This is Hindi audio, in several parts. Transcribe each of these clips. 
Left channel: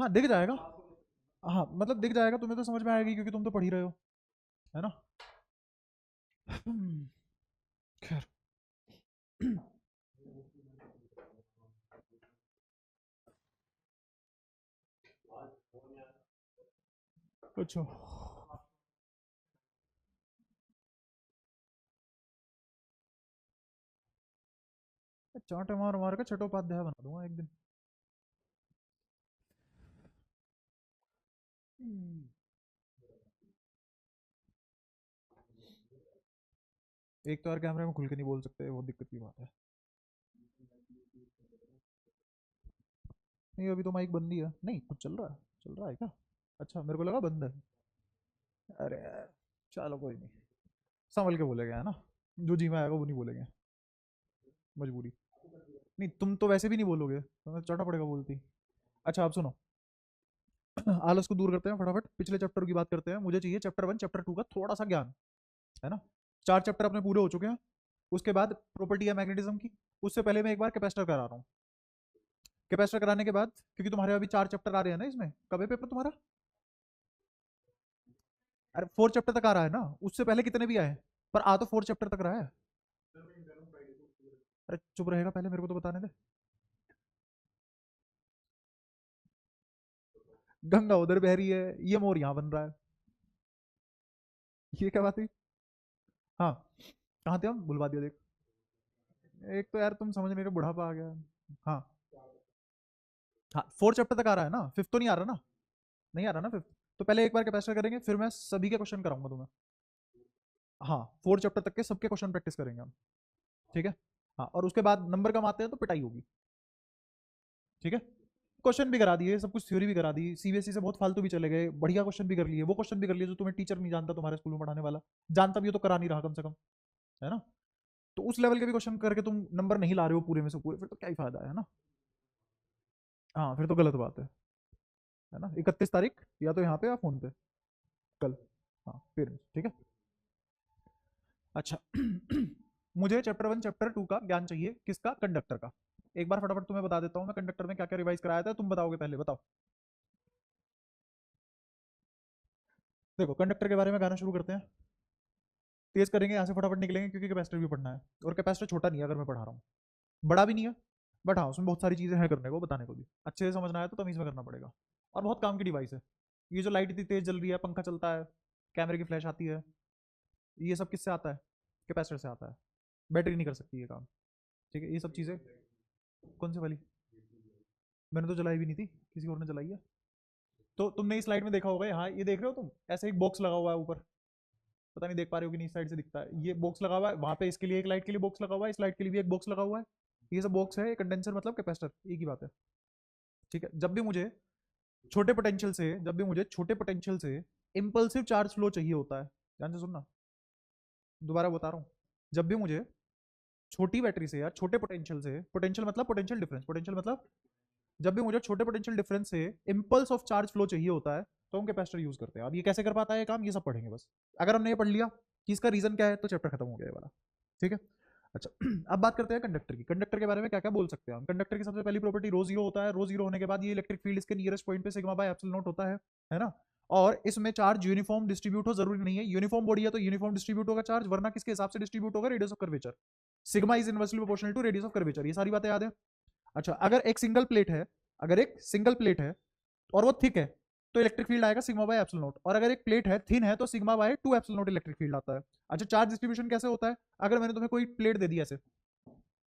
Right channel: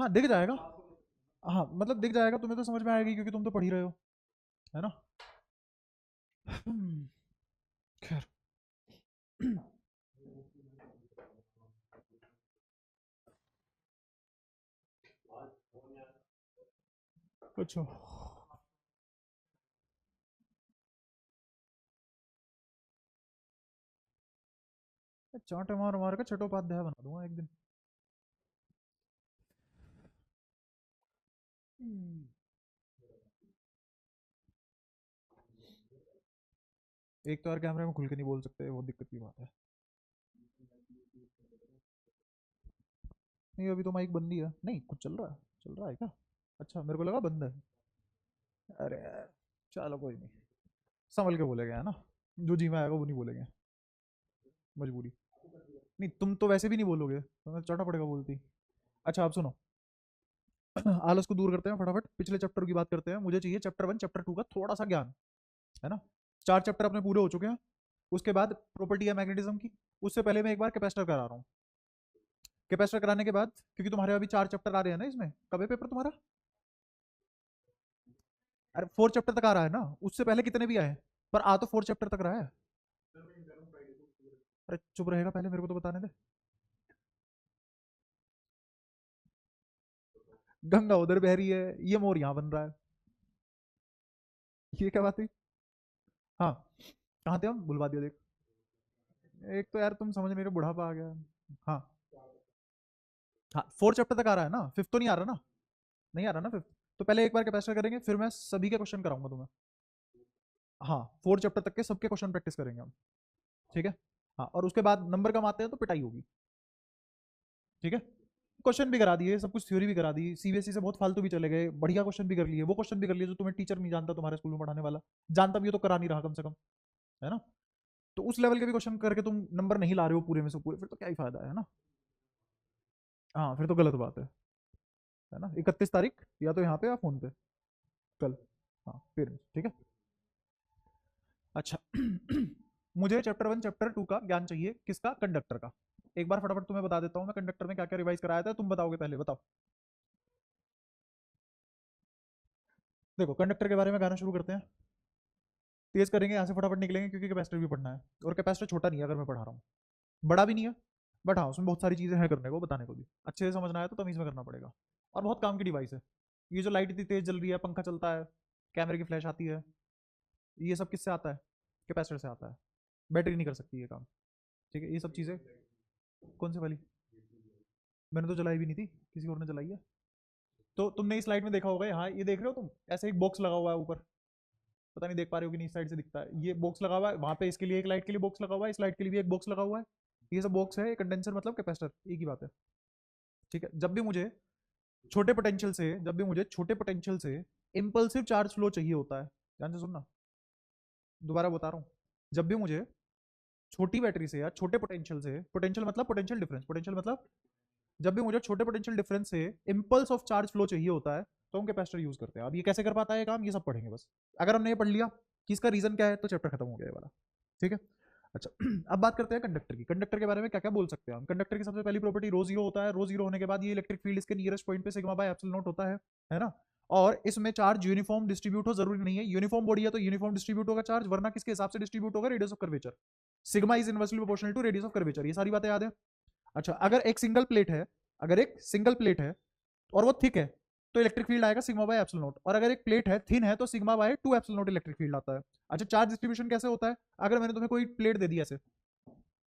हाँ दिख जाएगा। हाँ मतलब दिख जाएगा, तुम्हें तो समझ में आएगी क्योंकि तुम तो पढ़ ही रहे हो, है ना। खैर। अच्छा चाटे मार मार के छठोपाध्याय बना दूंगा एक दिन। एक तो यार कैमरे में खुल के नहीं बोल सकते, वो दिक्कत की बात है। नहीं अभी तो माइक बंद ही है, नहीं कुछ चल रहा है, चल रहा है क्या? अच्छा मेरे को लगा बंद है। अरे यार, चलो कोई नहीं, संभल के बोलेगा है ना, जो जी में आएगा वो नहीं बोलेंगे, मजबूरी। नहीं तुम तो वैसे भी नहीं बोलोगे, तुम्हें चौटा पड़ेगा बोलते ही। अच्छा आप सुनो, आलस को दूर करते हैं फटाफट, पिछले चैप्टर की बात करते हैं। मुझे चाहिए चैप्टर 1 चैप्टर 2 का थोड़ा सा ज्ञान, है ना। 4 चैप्टर अपने पूरे हो चुके हैं। उसके बाद प्रॉपर्टी है मैग्नेटिज्म की। उससे पहले मैं एक बार कैपेसिटर करा रहा हूँ। कैपेसिटर कराने के बाद, क्योंकि तुम्हारे अभी 4 चैप्टर आ रहे हैं ना इसमें, कब है पेपर तुम्हारा? अरे 4 चैप्टर तक आ रहा है ना, उससे पहले कितने भी आए, पर आ तो 4 चैप्टर तक रहा है। अरे चुप रहेगा पहले, मेरे को तो बताने दे। गंगा उधर बह रही है, ये मोर यहाँ बन रहा है, ये क्या बात है? हाँ, कहाँ थे हम, बुलवा दिया देख। एक तो यार तुम समझ नहीं रहे, बुढ़ापा आ गया। हाँ हाँ, 4 चैप्टर तक आ रहा है ना, फिफ्थ तो नहीं आ रहा ना? नहीं आ रहा ना फिफ्थ। तो पहले एक बार कैपेसिटर करेंगे, फिर मैं सभी के क्वेश्चन कराऊंगा तुम्हें। हाँ 4 चैप्टर तक के सबके क्वेश्चन प्रैक्टिस करेंगे हम। ठीक है। हाँ और उसके बाद नंबर कम आते हैं तो पिटाई होगी। ठीक है। क्वेश्चन भी करा दिए, सब कुछ थ्योरी भी करा दी, सीबीएसई से बहुत फालतू भी चले गए, बढ़िया क्वेश्चन भी कर लिए, वो क्वेश्चन भी कर लिए जो तुम्हें टीचर नहीं जानता तुम्हारे स्कूल में पढ़ाने वाला, जानता भी हो तो करा नहीं रहा कम से कम, है ना। तो उस लेवल के भी क्वेश्चन करके तुम नंबर नहीं ला रहे हो पूरे में से पूरे, फिर तो क्या ही फायदा है ना। हाँ फिर तो गलत बात है ना। 31 तारीख या तो यहाँ पे या फोन पे, कल। हाँ फिर ठीक है। अच्छा मुझे चैप्टर 1 चैप्टर 2 का ज्ञान चाहिए, किसका? कंडक्टर का। एक बार फटाफट तुम्हें बता देता हूँ मैं कंडक्टर में क्या क्या रिवाइज कराया था, तुम बताओगे पहले, बताओ। देखो कंडक्टर के बारे में गाना शुरू करते हैं, तेज करेंगे यहाँ से फटाफट निकलेंगे क्योंकि कैपेसिटर भी पढ़ना है, और कैपेसिटर छोटा नहीं है अगर मैं पढ़ा रहा हूँ, बड़ा भी नहीं है, बट हाँ उसमें बहुत सारी चीजें हैं करने को, बताने को भी अच्छे से समझना है तो तमीज में करना पड़ेगा। और बहुत काम की डिवाइस है। ये जो लाइट इतनी तेज जल रही है, पंखा चलता है, कैमरे की फ्लैश आती है, ये सब किससे आता है? कैपेसिटर से आता है। बैटरी नहीं कर सकती ये काम। ठीक है, ये सब चीजें। कौन सी वाली? मैंने तो जलाई भी नहीं थी, किसी और ने जलाई है। तो तुमने इस स्लाइड में देखा होगा, हाँ ये देख रहे हो तुम, ऐसे एक बॉक्स लगा हुआ है ऊपर, पता नहीं देख पा रहे हो कि नहीं, इस साइड से दिखता है, ये बॉक्स लगा हुआ है वहां पे, इसके लिए एक लाइट के लिए बॉक्स लगा हुआ है, इस लाइट के लिए भी एक बॉक्स लगा हुआ है। ये सब बॉक्स है, कंडेंसर मतलब कैपेसिटर, एक ही बात है। ठीक है, जब भी मुझे छोटे पोटेंशियल से इम्पल्सिव चार्ज फ्लो चाहिए होता है, ध्यान से सुनना, दोबारा बता रहा हूँ, जब भी मुझे छोटी बैटरी से या छोटे पोटेंशियल से, पोटेंशियल मतलब पोटेंशियल डिफरेंस, पोटेंशियल मतलब जब भी मुझे छोटे पोटेंशियल डिफरेंस से इंपल्स ऑफ चार्ज फ्लो चाहिए होता है, तो हम कैपेसिटर यूज करते हैं। अब ये कैसे कर पाता है ये काम, ये सब पढ़ेंगे बस। अगर हमने ये पढ़ लिया कि इसका रीजन क्या है, तो चैप्टर खत्म हो गया ये वाला। ठीक है। अच्छा अब बात करते हैं कंडक्टर की। कंडक्टर के बारे में क्या क्या बोल सकते हैं हम। कंडक्टर की सबसे पहली प्रॉपर्टी रो जीरो होता है। रो जीरो होने के बाद ये इलेक्ट्रिक फील्ड इसके नियरेस्ट पॉइंट पे सिग्मा बाय एप्सिलॉन नॉट होता है ना। और इसमें चार्ज यूनिफॉर्म डिस्ट्रीब्यूट हो जरूरी नहीं है, यूनिफॉर्म बॉडी है तो यूनिफॉर्म डिस्ट्रीब्यूट होगा चार्ज, वरना किसके हिसाब से डिस्ट्रीब्यूट होगा? Radius of curvature. Sigma is inversely proportional to radius of curvature, ये सारी बातें याद है। अच्छा अगर एक सिंगल प्लेट है और वो थिक है, तो इलेक्ट्रिक फील्ड आएगा सिग्मा बाय एप्सिलॉन नॉट, और अगर एक प्लेट है थिन है तो sigma by 2 epsilon not electric field आता है। अच्छा चार्ज डिस्ट्रीब्यूशन कैसे होता है? अगर मैंने तुम्हें कोई प्लेट दे दी ऐसे,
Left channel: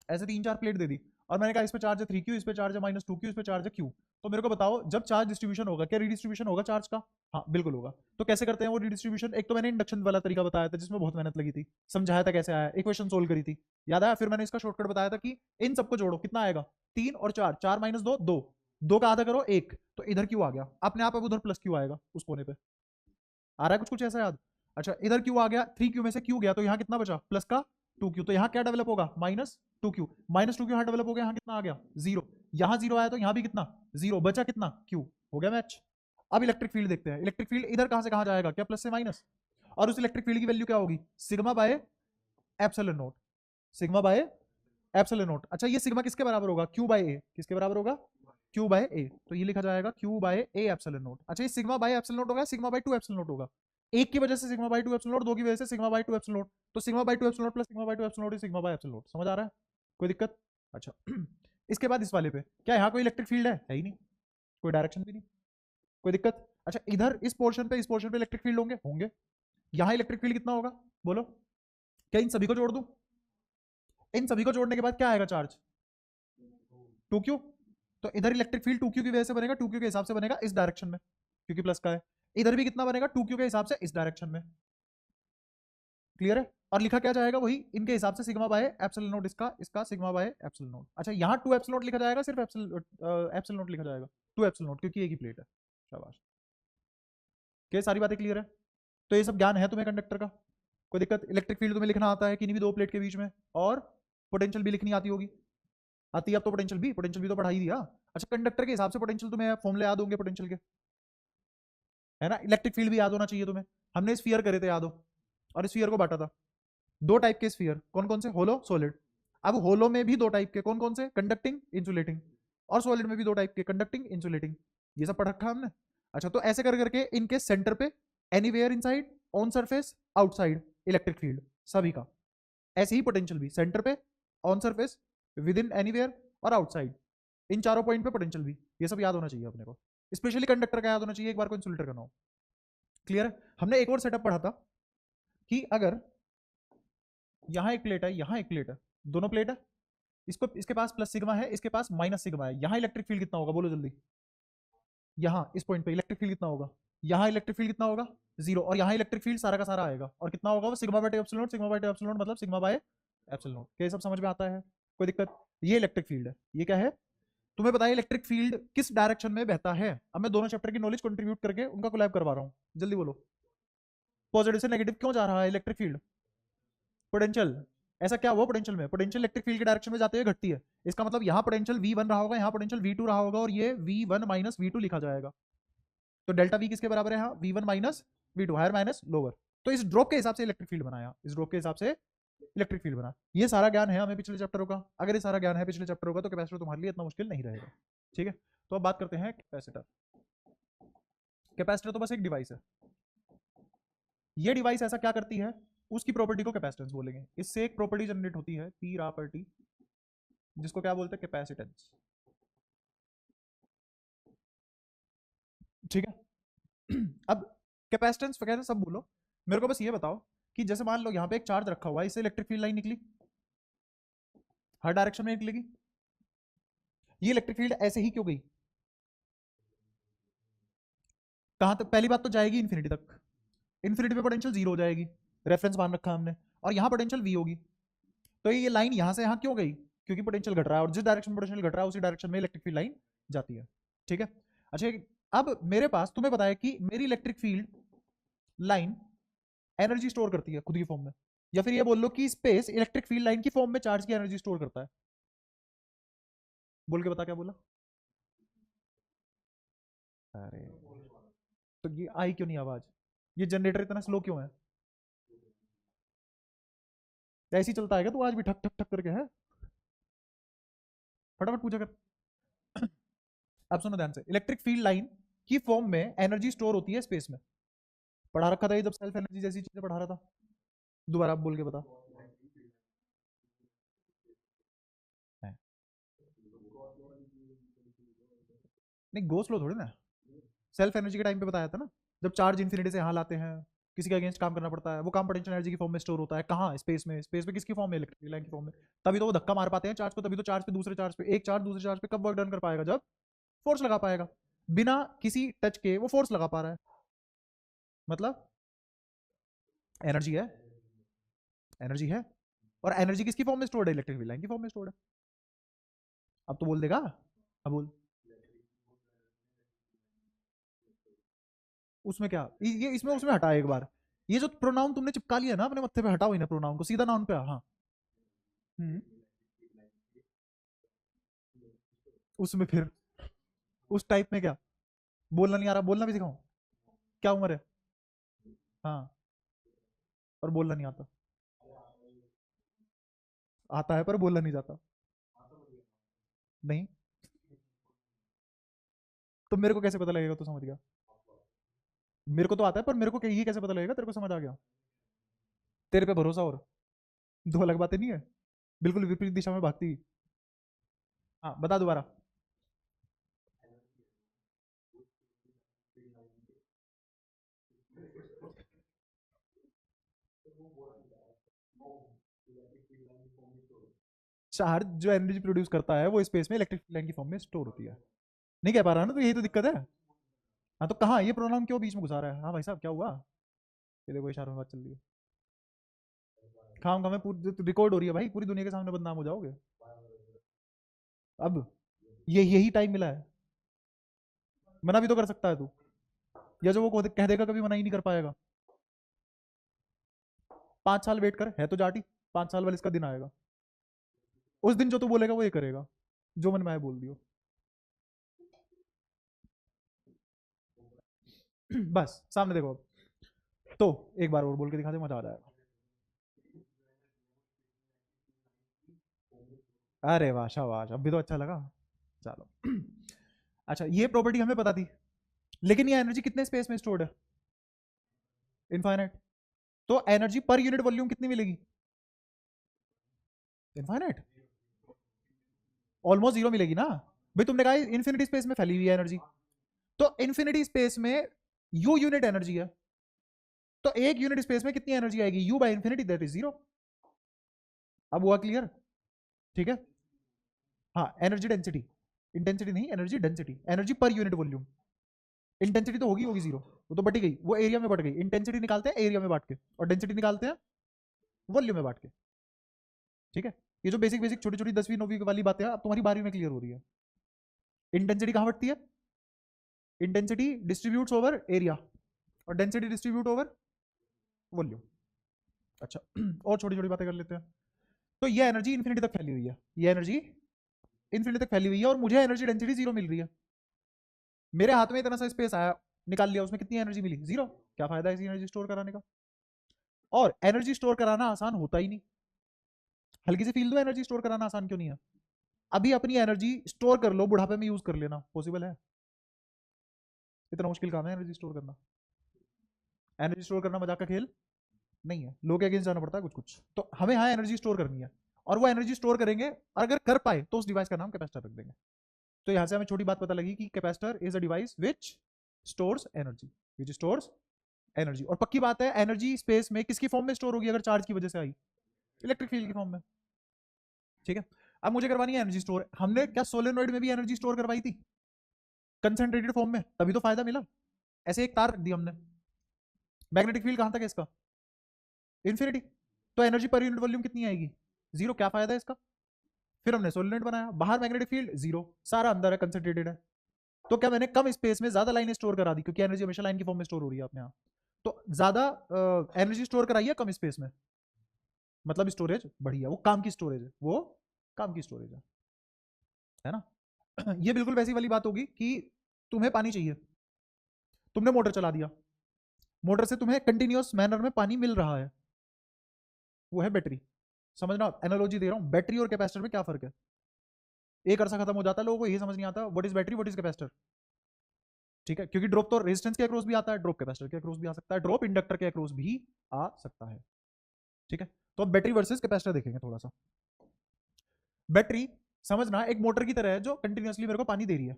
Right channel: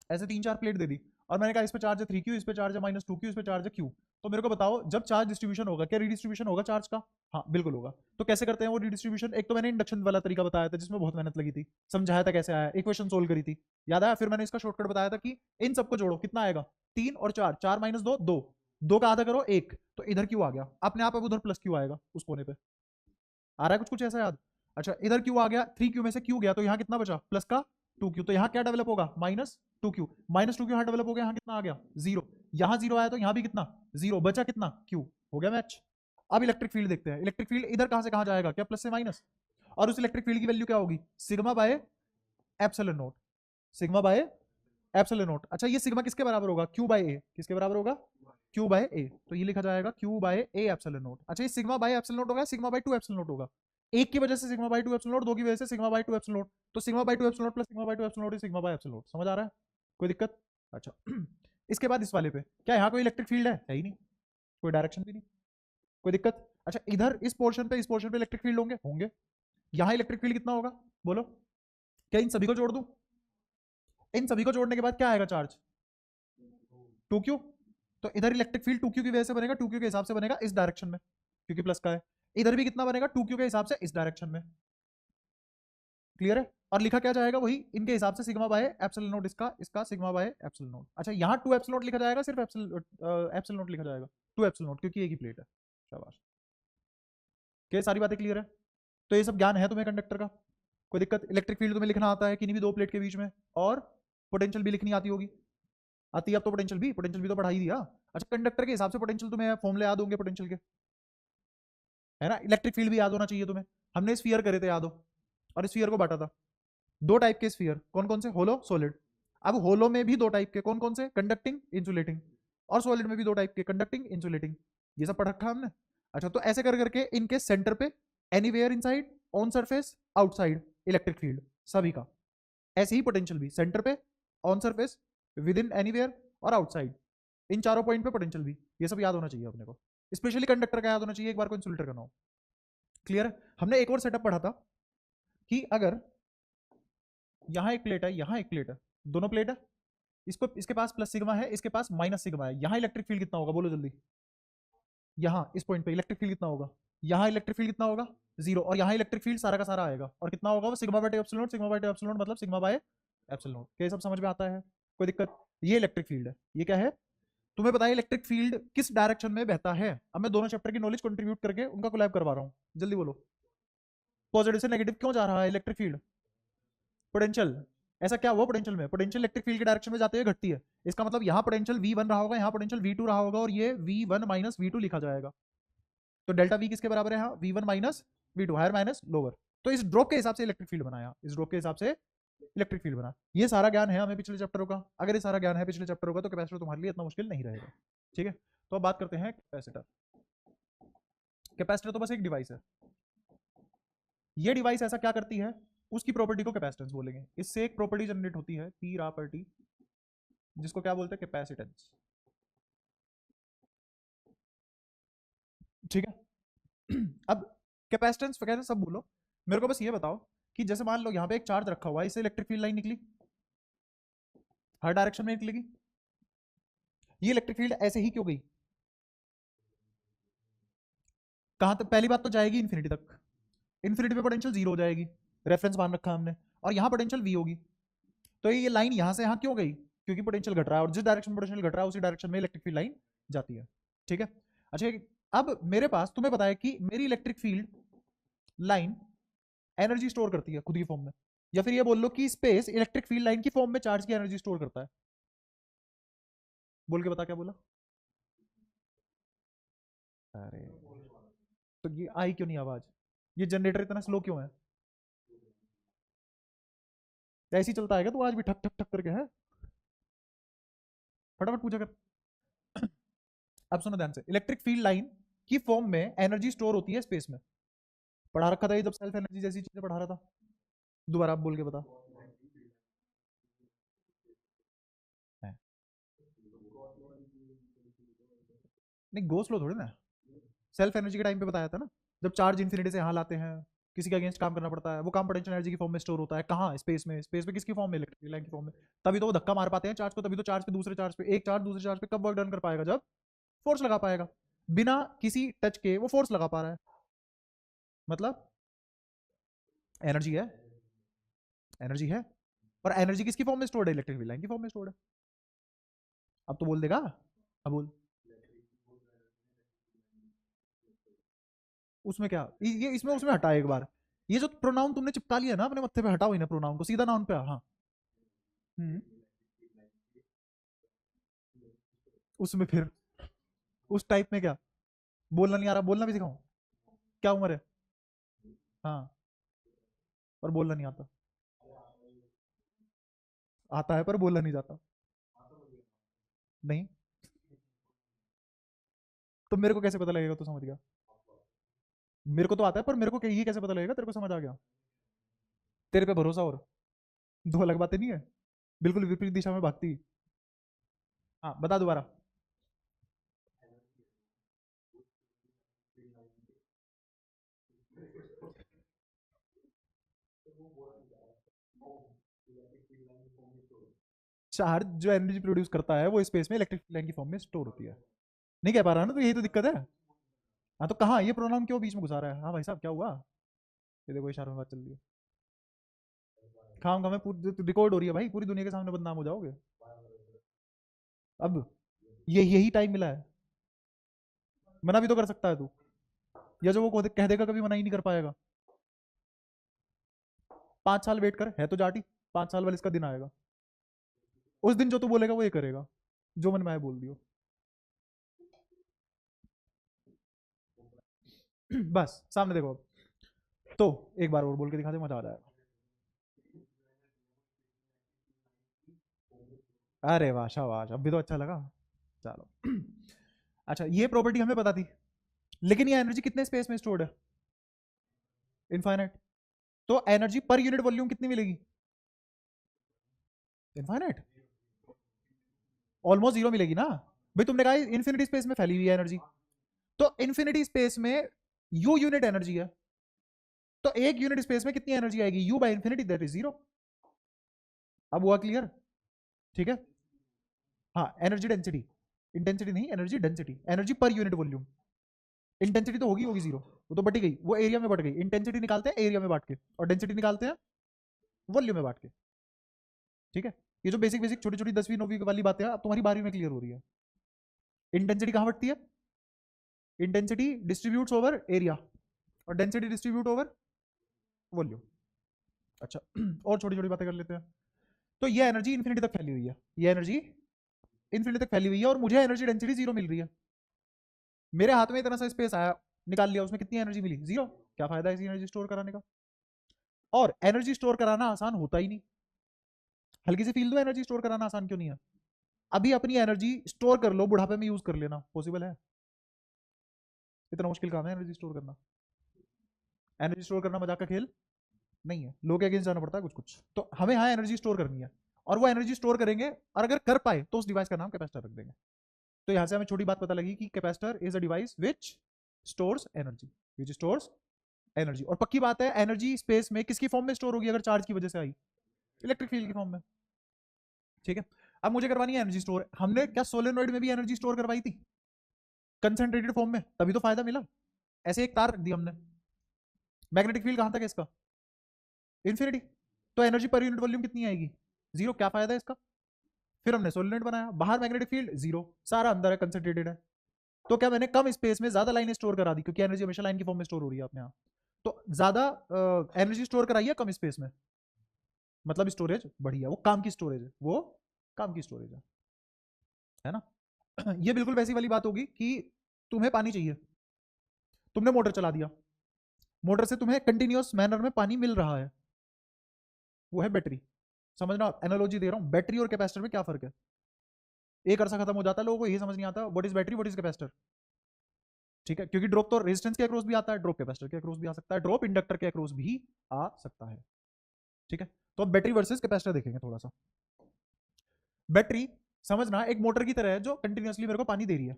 ऐसे 3 4 प्लेट दे दी, और मैंने कहा इस पे चार्ज है 3 क्यू, इस पे चार्ज है -2 क्यू, इस पे चार्ज है क्यू, तो मेरे को बताओ जब चार्ज डिस्ट्रीब्यूशन होगा क्या रीडिस्ट्रीब्यूशन होगा चार्ज का? हाँ बिल्कुल होगा। तो कैसे करते हैं वो रीडिस्ट्रीब्यूशन? एक तो मैंने इंडक्शन वाला तरीका बताया था जिसमें बहुत मेहनत लगी थी, समझाया था कैसे आया, इक्वेशन सोल्व करी थी, याद आया? फिर मैंने इसका शॉर्टकट बताया था कि इन सबको जोड़ो, कितना आएगा? 3 और 4, 4 - 2 2, 2 का आधा करो 1, तो इधर क्यों आ गया अपने आप, अब उधर प्लस क्यों आएगा उस कोने पे, आ रहा है कुछ कुछ ऐसा याद? अच्छा इधर क्यू आ गया, 3 क्यू में से क्यू गया तो यहाँ कितना बचा? प्लस का 2 क्यू, तो यहाँ क्या डेवलप होगा? -2 क्यू, -2 क्यू यहाँ डेवलप हो गया, यहाँ कितना आ गया? 0। यहाँ 0 आया तो यहाँ भी कितना? 0 बचा, कितना? क्यू। हो गया मैच। अब इलेक्ट्रिक फील्ड देखते हैं, इलेक्ट्रिक फील्ड इधर कहां से कहां जाएगा? क्या प्लस से माइनस? और उस इलेक्ट्रिक फील्ड की वैल्यू क्या होगी? Sigma by epsilon note, sigma by epsilon naught. अच्छा ये सिग्मा किसके बराबर होगा? क्यू बाय ए, किसके बराबर होगा? क्यू बाय ए, तो ये लिखा जाएगा Q by A epsilon naught. अच्छा, ये सिग्मा बाय एप्सिलॉन नोट होगा, सिग्मा बाय 2 एप्सिलॉन नोट होगा। एक की वजह से सिग्मा बाय 2 एप्सिलॉन नोट, दो की वजह से सिग्मा बाय 2 एप्सिलॉन नोट, तो sigma by 2 epsilon note plus sigma by 2 epsilon note sigma by epsilon note. समझ आ रहा है? कोई दिक्कत? अच्छा इसके बाद इस वाले पे क्या, यहाँ कोई इलेक्ट्रिक फील्ड है ही नहीं, कोई डायरेक्शन भी नहीं, कोई दिक्कत? अच्छा, इधर इस पोर्शन पे, इस पोर्शन पे इलेक्ट्रिक फील्ड होंगे होंगे। यहाँ इलेक्ट्रिक फील्ड कितना होगा बोलो? क्या इन सभी को जोड़ दो? इन सभी को जोड़ने के बाद क्या आएगा चार्ज? 2q। तो इधर इलेक्ट्रिक फील्ड 2q की वजह से बनेगा, 2q के हिसाब से बनेगा इस डायरेक्शन में, क्योंकि प्लस का है। इधर भी कितना बनेगा? 2q के हिसाब से इस डायरेक्शन में। क्लियर है? और लिखा क्या जाएगा? वही इनके हिसाब से सिग्मा बाय एप्सिलॉन नोट, इसका इसका सिग्मा बाय एप्सिलॉन नोट। अच्छा, यहाँ 2 एप्सिलॉन नोट लिखा जाएगा, सिर्फ एप्सिलॉन नोट लिखा जाएगा, 2 एप्सिलॉन नोट, क्योंकि एक ही प्लेट है। शाबाश, क्या सारी बातें क्लियर है? तो ये सब ज्ञान है तुम्हें कंडक्टर का? कोई दिक्कत? इलेक्ट्रिक फील्ड तुम्हें लिखना आता है किन्हीं भी दो प्लेट के बीच में, और पोटेंशियल भी लिखनी आती होगी। आती है अब तो, पोटेंशियल भी तो पढ़ाई दिया। अच्छा, कंडक्टर के हिसाब से पोटेंशियल तुम्हें फॉर्मूले याद होंगे पोटेंशियल के, है ना? इलेक्ट्रिक फील्ड भी याद होना चाहिए तुम्हें। हमने स्फीयर करे थे, याद हो? और स्फीयर को बांटा था दो टाइप के स्फीयर, कौन कौन से? होलो, सॉलिड। अब होलो में भी दो टाइप के, कौन कौन से? Conducting, insulating. और सॉलिड में भी दो टाइप के, कंडक्टिंग, इंसुलेटिंग। ये सब पढ़ रखा हमने। अच्छा, तो ऐसे कर करके इनके सेंटर पे anywhere inside, on surface, outside electric field सभी का। ऐसे ही पोटेंशियल भी सेंटर पे, on surface, with in anywhere और आउटसाइड, इन चारों पॉइंट पे पोटेंशियल भी। ये सब याद होना चाहिए अपने को। स्पेशली कंडक्टर का याद होना चाहिए, एक बार को इंसुलेटर का ना हो। क्लियर है? हमने एक और सेटअप पढ़ा था कि अगर यहाँ एक प्लेट है, यहाँ एक प्लेट है, दोनों प्लेट है, इसको, इसके पास प्लस सिग्मा है, इसके पास माइनस सिग्मा है, यहाँ इलेक्ट्रिक फील्ड कितना होगा बोलो जल्दी? यहाँ इस पॉइंट पे इलेक्ट्रिक फील्ड कितना होगा? यहाँ इलेक्ट्रिक फील्ड कितना होगा? 0। और यहाँ इलेक्ट्रिक फील्ड सारा का सारा आएगा, और कितना होगा वो? Sigma by epsilon naught, sigma by epsilon not मतलब सिग्मा बाय एप्सिलॉन नॉट। क्या सब समझ में आता है? कोई दिक्कत? ये इलेक्ट्रिक फील्ड है। ये क्या है? तुम्हें पता है इलेक्ट्रिक फील्ड किस डायरेक्शन में बहता है? अब मैं दोनों चैप्टर की नॉलेज कंट्रीब्यूट करके उनका कोलैब करवा रहा हूँ, जल्दी बोलो। पॉजिटिव से नेगेटिव क्यों जा रहा है इलेक्ट्रिक फील्ड? पोटेंशियल। ऐसा क्या हुआ पोटेंशियल में? पोटेंशियल इलेक्ट्रिक फील्ड के डायरेक्शन में जाते हुए घटती है। इसका मतलब यहाँ पोटेंशियल V1 रहा होगा, यहाँ पोटेंशियल V2 रहा होगा, और ये V1 माइनस V2 लिखा जाएगा। तो डेल्टा V किसके बराबर है? V1 minus V2, higher minus lower. तो इस ड्रॉप के हिसाब से इलेक्ट्रिक फील्ड बनाया, इस ड्रॉप के हिसाब से इलेक्ट्रिक फील्ड बना। ये सारा ज्ञान है हमें पिछले चैप्टरों का। अगर ये सारा ज्ञान है पिछले चैप्टरों का, तो कैपेसिटर तुम्हारे लिए इतना मुश्किल नहीं रहेगा। ठीक है, तो अब बात करते हैं कैपेसिटर। कैपेसिटर तो बस एक डिवाइस है। ये डिवाइस ऐसा क्या करती है, उसकी प्रॉपर्टी को कैपेसिटेंस बोलेंगे। इससे एक प्रॉपर्टी जनरेट होती है, पी प्रॉपर्टी, जिसको क्या बोलते हैं? कैपेसिटेंस। ठीक है अब कैपेसिटेंस वगैरह सब बोलो, मेरे को बस ये बताओ कि जैसे मान लो यहाँ पे एक चार्ज रखा हुआ है, इससे इलेक्ट्रिक फील्ड लाइन निकली, हर डायरेक्शन में निकलेगी। ये इलेक्ट्रिक फील्ड ऐसे ही क्यों गई? कहां तक? पहली बात तो जाएगी इन्फिनिटी तक, इन्फिनिटी पे पोटेंशियल 0 हो जाएगी, रेफरेंस मान रखा हमने, और यहाँ पोटेंशियल V होगी। तो ये लाइन यहाँ से यहाँ क्यों गई? क्योंकि पोटेंशियल घट रहा है, और जिस डायरेक्शन में पोटेंशियल घट रहा है उसी डायरेक्शन में इलेक्ट्रिक फील्ड लाइन जाती है। ठीक है? अच्छा, अब मेरे पास, तुम्हें पता है कि मेरी electric field line energy store करती है खुद की फॉर्म में, या फिर ये बोल लो कि स्पेस इलेक्ट्रिक फील्ड लाइन की फॉर्म में चार्ज की एनर्जी स्टोर करता है। बोल के बता क्या बोला? अरे, तो ये आई क्यों नहीं आवाज? ये जनरेटर इतना स्लो क्यों है? ऐसे ही चलता है क्या तू आज भी ठक ठक ठक करके? है, फटाफट पूछा कर। अब सुनो ध्यान से, इलेक्ट्रिक फील्ड लाइन की फॉर्म में एनर्जी स्टोर होती है स्पेस में। पढ़ा रखा था ये जब सेल्फ एनर्जी जैसी चीजें पढ़ा रहा था। दोबारा आप बोल के बता। है। नहीं, गो स्लो थोड़ी ना, सेल्फ एनर्जी के टाइम पे बताया था ना, जब चार्ज इन्फिनिटी से यहाँ लाते हैं, किसी के अगेंस्ट काम करना पड़ता है, वो काम पोटेंशियल एनर्जी की फॉर्म में स्टोर होता है। कहाँ? स्पेस में। स्पेस में किसकी फॉर्म में? इलेक्ट्रिक लाइन की फॉर्म में। तभी तो वो धक्का मार पाते हैं चार्ज को, तभी तो चार्ज पे दूसरे चार्ज पे, एक चार्ज दूसरे चार्ज पे कब वर्क डन कर पाएगा? जब फोर्स लगा पाएगा। बिना किसी टच के वो फोर्स लगा पा रहा है, मतलब एनर्जी है, एनर्जी है। और एनर्जी किसकी फॉर्म में स्टोर्ड है? इलेक्ट्रिक लाइन की फॉर्म में स्टोर्ड है। अब तो बोल देगा ना? अब बोल। उसमें क्या, ये इसमें उसमें हटा एक बार। ये जो प्रोनाउन तुमने चिपका लिया ना अपने मत्थे पे, हटाओ इन्हें प्रोनाउन को, सीधा नाउन पे। हाँ। हम्म। उसमें फिर उस टाइप में क्या? बोलना नहीं आ रहा? बोलना भी सिखाऊं? क्या उम्र है? हाँ, और बोलना नहीं आता? आता है पर बोलना नहीं जाता? नहीं। तो मेरे को कैसे पता लगेगा, तू समझ गया? मेरे को तो आता है, पर मेरे को ये कैसे पता लगेगा तेरे को समझ आ गया? तेरे पे भरोसा, और दो अलग बातें नहीं है, बिल्कुल विपरीत दिशा में भागती है। हाँ बता दोबारा। चार्ज जो एनर्जी प्रोड्यूस करता है वो स्पेस में इलेक्ट्रिक लाइन की फॉर्म में स्टोर होती है। नहीं कह पा रहा ना, तो यही तो दिक्कत है। हाँ तो कहाँ ये प्रोनाउन क्यों बीच में घुसा रहा है? हाँ भाई साहब क्या हुआ? ये देखो इशारों में बात चल रही है। खाऊंगा मैं, पूरी रिकॉर्ड हो रही है भाई, पूरी दुनिया के सामने बदनाम हो जाओगे। अब ये यही टाइम मिला है, मना भी तो कर सकता है तू, या जो वो खुद कह देगा कभी मना ही नहीं कर पाएगा। 5 साल वेट कर, है तो जाटी, 5 साल वाले इसका दिन आएगा, उस दिन जो तू बोलेगा वो ये करेगा, जो मन में आए बोल दियो। बस सामने देखो अब। तो एक बार और बोल के दिखा दे, मजा आ जाएगा। अरे वाह शाबाश, अब भी तो अच्छा लगा। चलो अच्छा, ये प्रॉपर्टी हमें पता थी, लेकिन ये एनर्जी कितने स्पेस में स्टोर्ड है? इनफाइनाइट। तो एनर्जी पर यूनिट वॉल्यूम कितनी मिलेगी? इनफाइनाइट, ऑलमोस्ट जीरो मिलेगी ना। भाई तुमने कहा इन्फिनिटी स्पेस में फैली हुई है एनर्जी, तो इन्फिनिटी स्पेस में यू यूनिट एनर्जी है, तो एक यूनिट स्पेस में कितनी एनर्जी आएगी? You by infinity, that is zero. अब हुआ क्लियर? ठीक है। हाँ एनर्जी डेंसिटी, इंटेंसिटी नहीं, energy density, energy per unit volume. Intensity तो होगी होगी जीरो, वो तो बटी गई, वो एरिया में बढ़ गई। इंटेंसिटी निकालते हैं एरिया में बांट के, और डेंसिटी निकालते हैं वॉल्यूम में बांट के। ठीक है, ये जो बेसिक बेसिक छोटी छोटी 10वीं 9वीं वाली बातें हैं अब तुम्हारी 12वीं में क्लियर हो रही है। इंटेंसिटी कहाँ बढ़ती है? इंटेंसिटी डिस्ट्रीब्यूट्स ओवर एरिया, और डेंसिटी डिस्ट्रीब्यूट ओवर वॉल्यूम। अच्छा और छोटी छोटी बातें कर लेते हैं। तो ये एनर्जी इन्फिनिटी तक फैली हुई है, ये एनर्जी इन्फिनिटी तक फैली हुई है, और मुझे एनर्जी डेंसिटी जीरो मिल रही है। मेरे हाथ में इतना सा स्पेस आया, निकाल लिया, उसमें कितनी एनर्जी मिली? जीरो। क्या फायदा है इसी एनर्जी स्टोर कराने का? और एनर्जी स्टोर कराना आसान होता ही नहीं। हल्की सी फील दो, एनर्जी स्टोर कराना आसान क्यों नहीं है? अभी अपनी एनर्जी स्टोर कर लो, बुढ़ापे में यूज कर लेना, पॉसिबल है? इतना मुश्किल काम है एनर्जी स्टोर करना? एनर्जी स्टोर करना मजाक का खेल नहीं है, लोग अगेंस्ट जाना पड़ता है कुछ कुछ। तो हमें यहाँ एनर्जी स्टोर करनी है, और वो एनर्जी स्टोर करेंगे, और अगर कर पाए तो उस डिवाइस का नाम कैपेसिटर रख देंगे। तो यहाँ से हमें छोटी बात पता लगी कि capacitor is a device which stores energy, which stores energy. और पक्की बात है, एनर्जी स्पेस में किसकी फॉर्म में स्टोर होगी अगर चार्ज की वजह से आई? इलेक्ट्रिक फील्ड की फॉर्म में। ठीक है, अब मुझे करवानी है एनर्जी स्टोर। हमने क्या सोलेनॉइड में भी एनर्जी स्टोर करवाई थी कंसेंट्रेटेड फॉर्म में? तभी तो फायदा मिला। ऐसे एक तार रख दी हमने, मैग्नेटिक फील्ड कहां तक है इसका? इन्फिनिटी। तो एनर्जी पर यूनिट वॉल्यूम कितनी आएगी? जीरो। क्या फायदा है इसका? फिर हमने सोलेनॉइड बनाया, बाहर मैग्नेटिक फील्ड जीरो, सारा अंदर है, कंसेंट्रेटेड है। तो क्या मैंने कम स्पेस में ज्यादा लाइनें स्टोर करा दी, क्योंकि एनर्जी हमेशा लाइन की फॉर्म में स्टोर हो रही है अपने यहाँ। तो ज्यादा एनर्जी स्टोर कराई है कम स्पेस में, मतलब स्टोरेज बढ़िया, वो काम की स्टोरेज है, वो काम की स्टोरेज है ना? ये बिल्कुल वैसी वाली बात होगी कि तुम्हें पानी चाहिए, तुमने मोटर चला दिया, मोटर से तुम्हें कंटिन्यूअस मैनर में पानी मिल रहा है, वो है बैटरी। समझना, एनालॉजी दे रहा हूँ, बैटरी और कैपेसिटर में क्या फर्क है? एक अरसा खत्म हो जाता है, लोगों को यही समझ नहीं आता what is battery what is capacitor. ठीक है, क्योंकि ड्रॉप तो रेजिस्टेंस के अक्रॉस भी आता है, ड्रॉप कैपेसिटर के अक्रॉस भी आ सकता है, ड्रॉप इंडक्टर के अक्रॉस भी आ सकता है। ठीक है, तो अब बैटरी वर्सेस कैपेसिटर देखेंगे थोड़ा सा। बैटरी समझना एक मोटर की तरह है जो कंटिन्यूअसली मेरे को पानी दे रही है।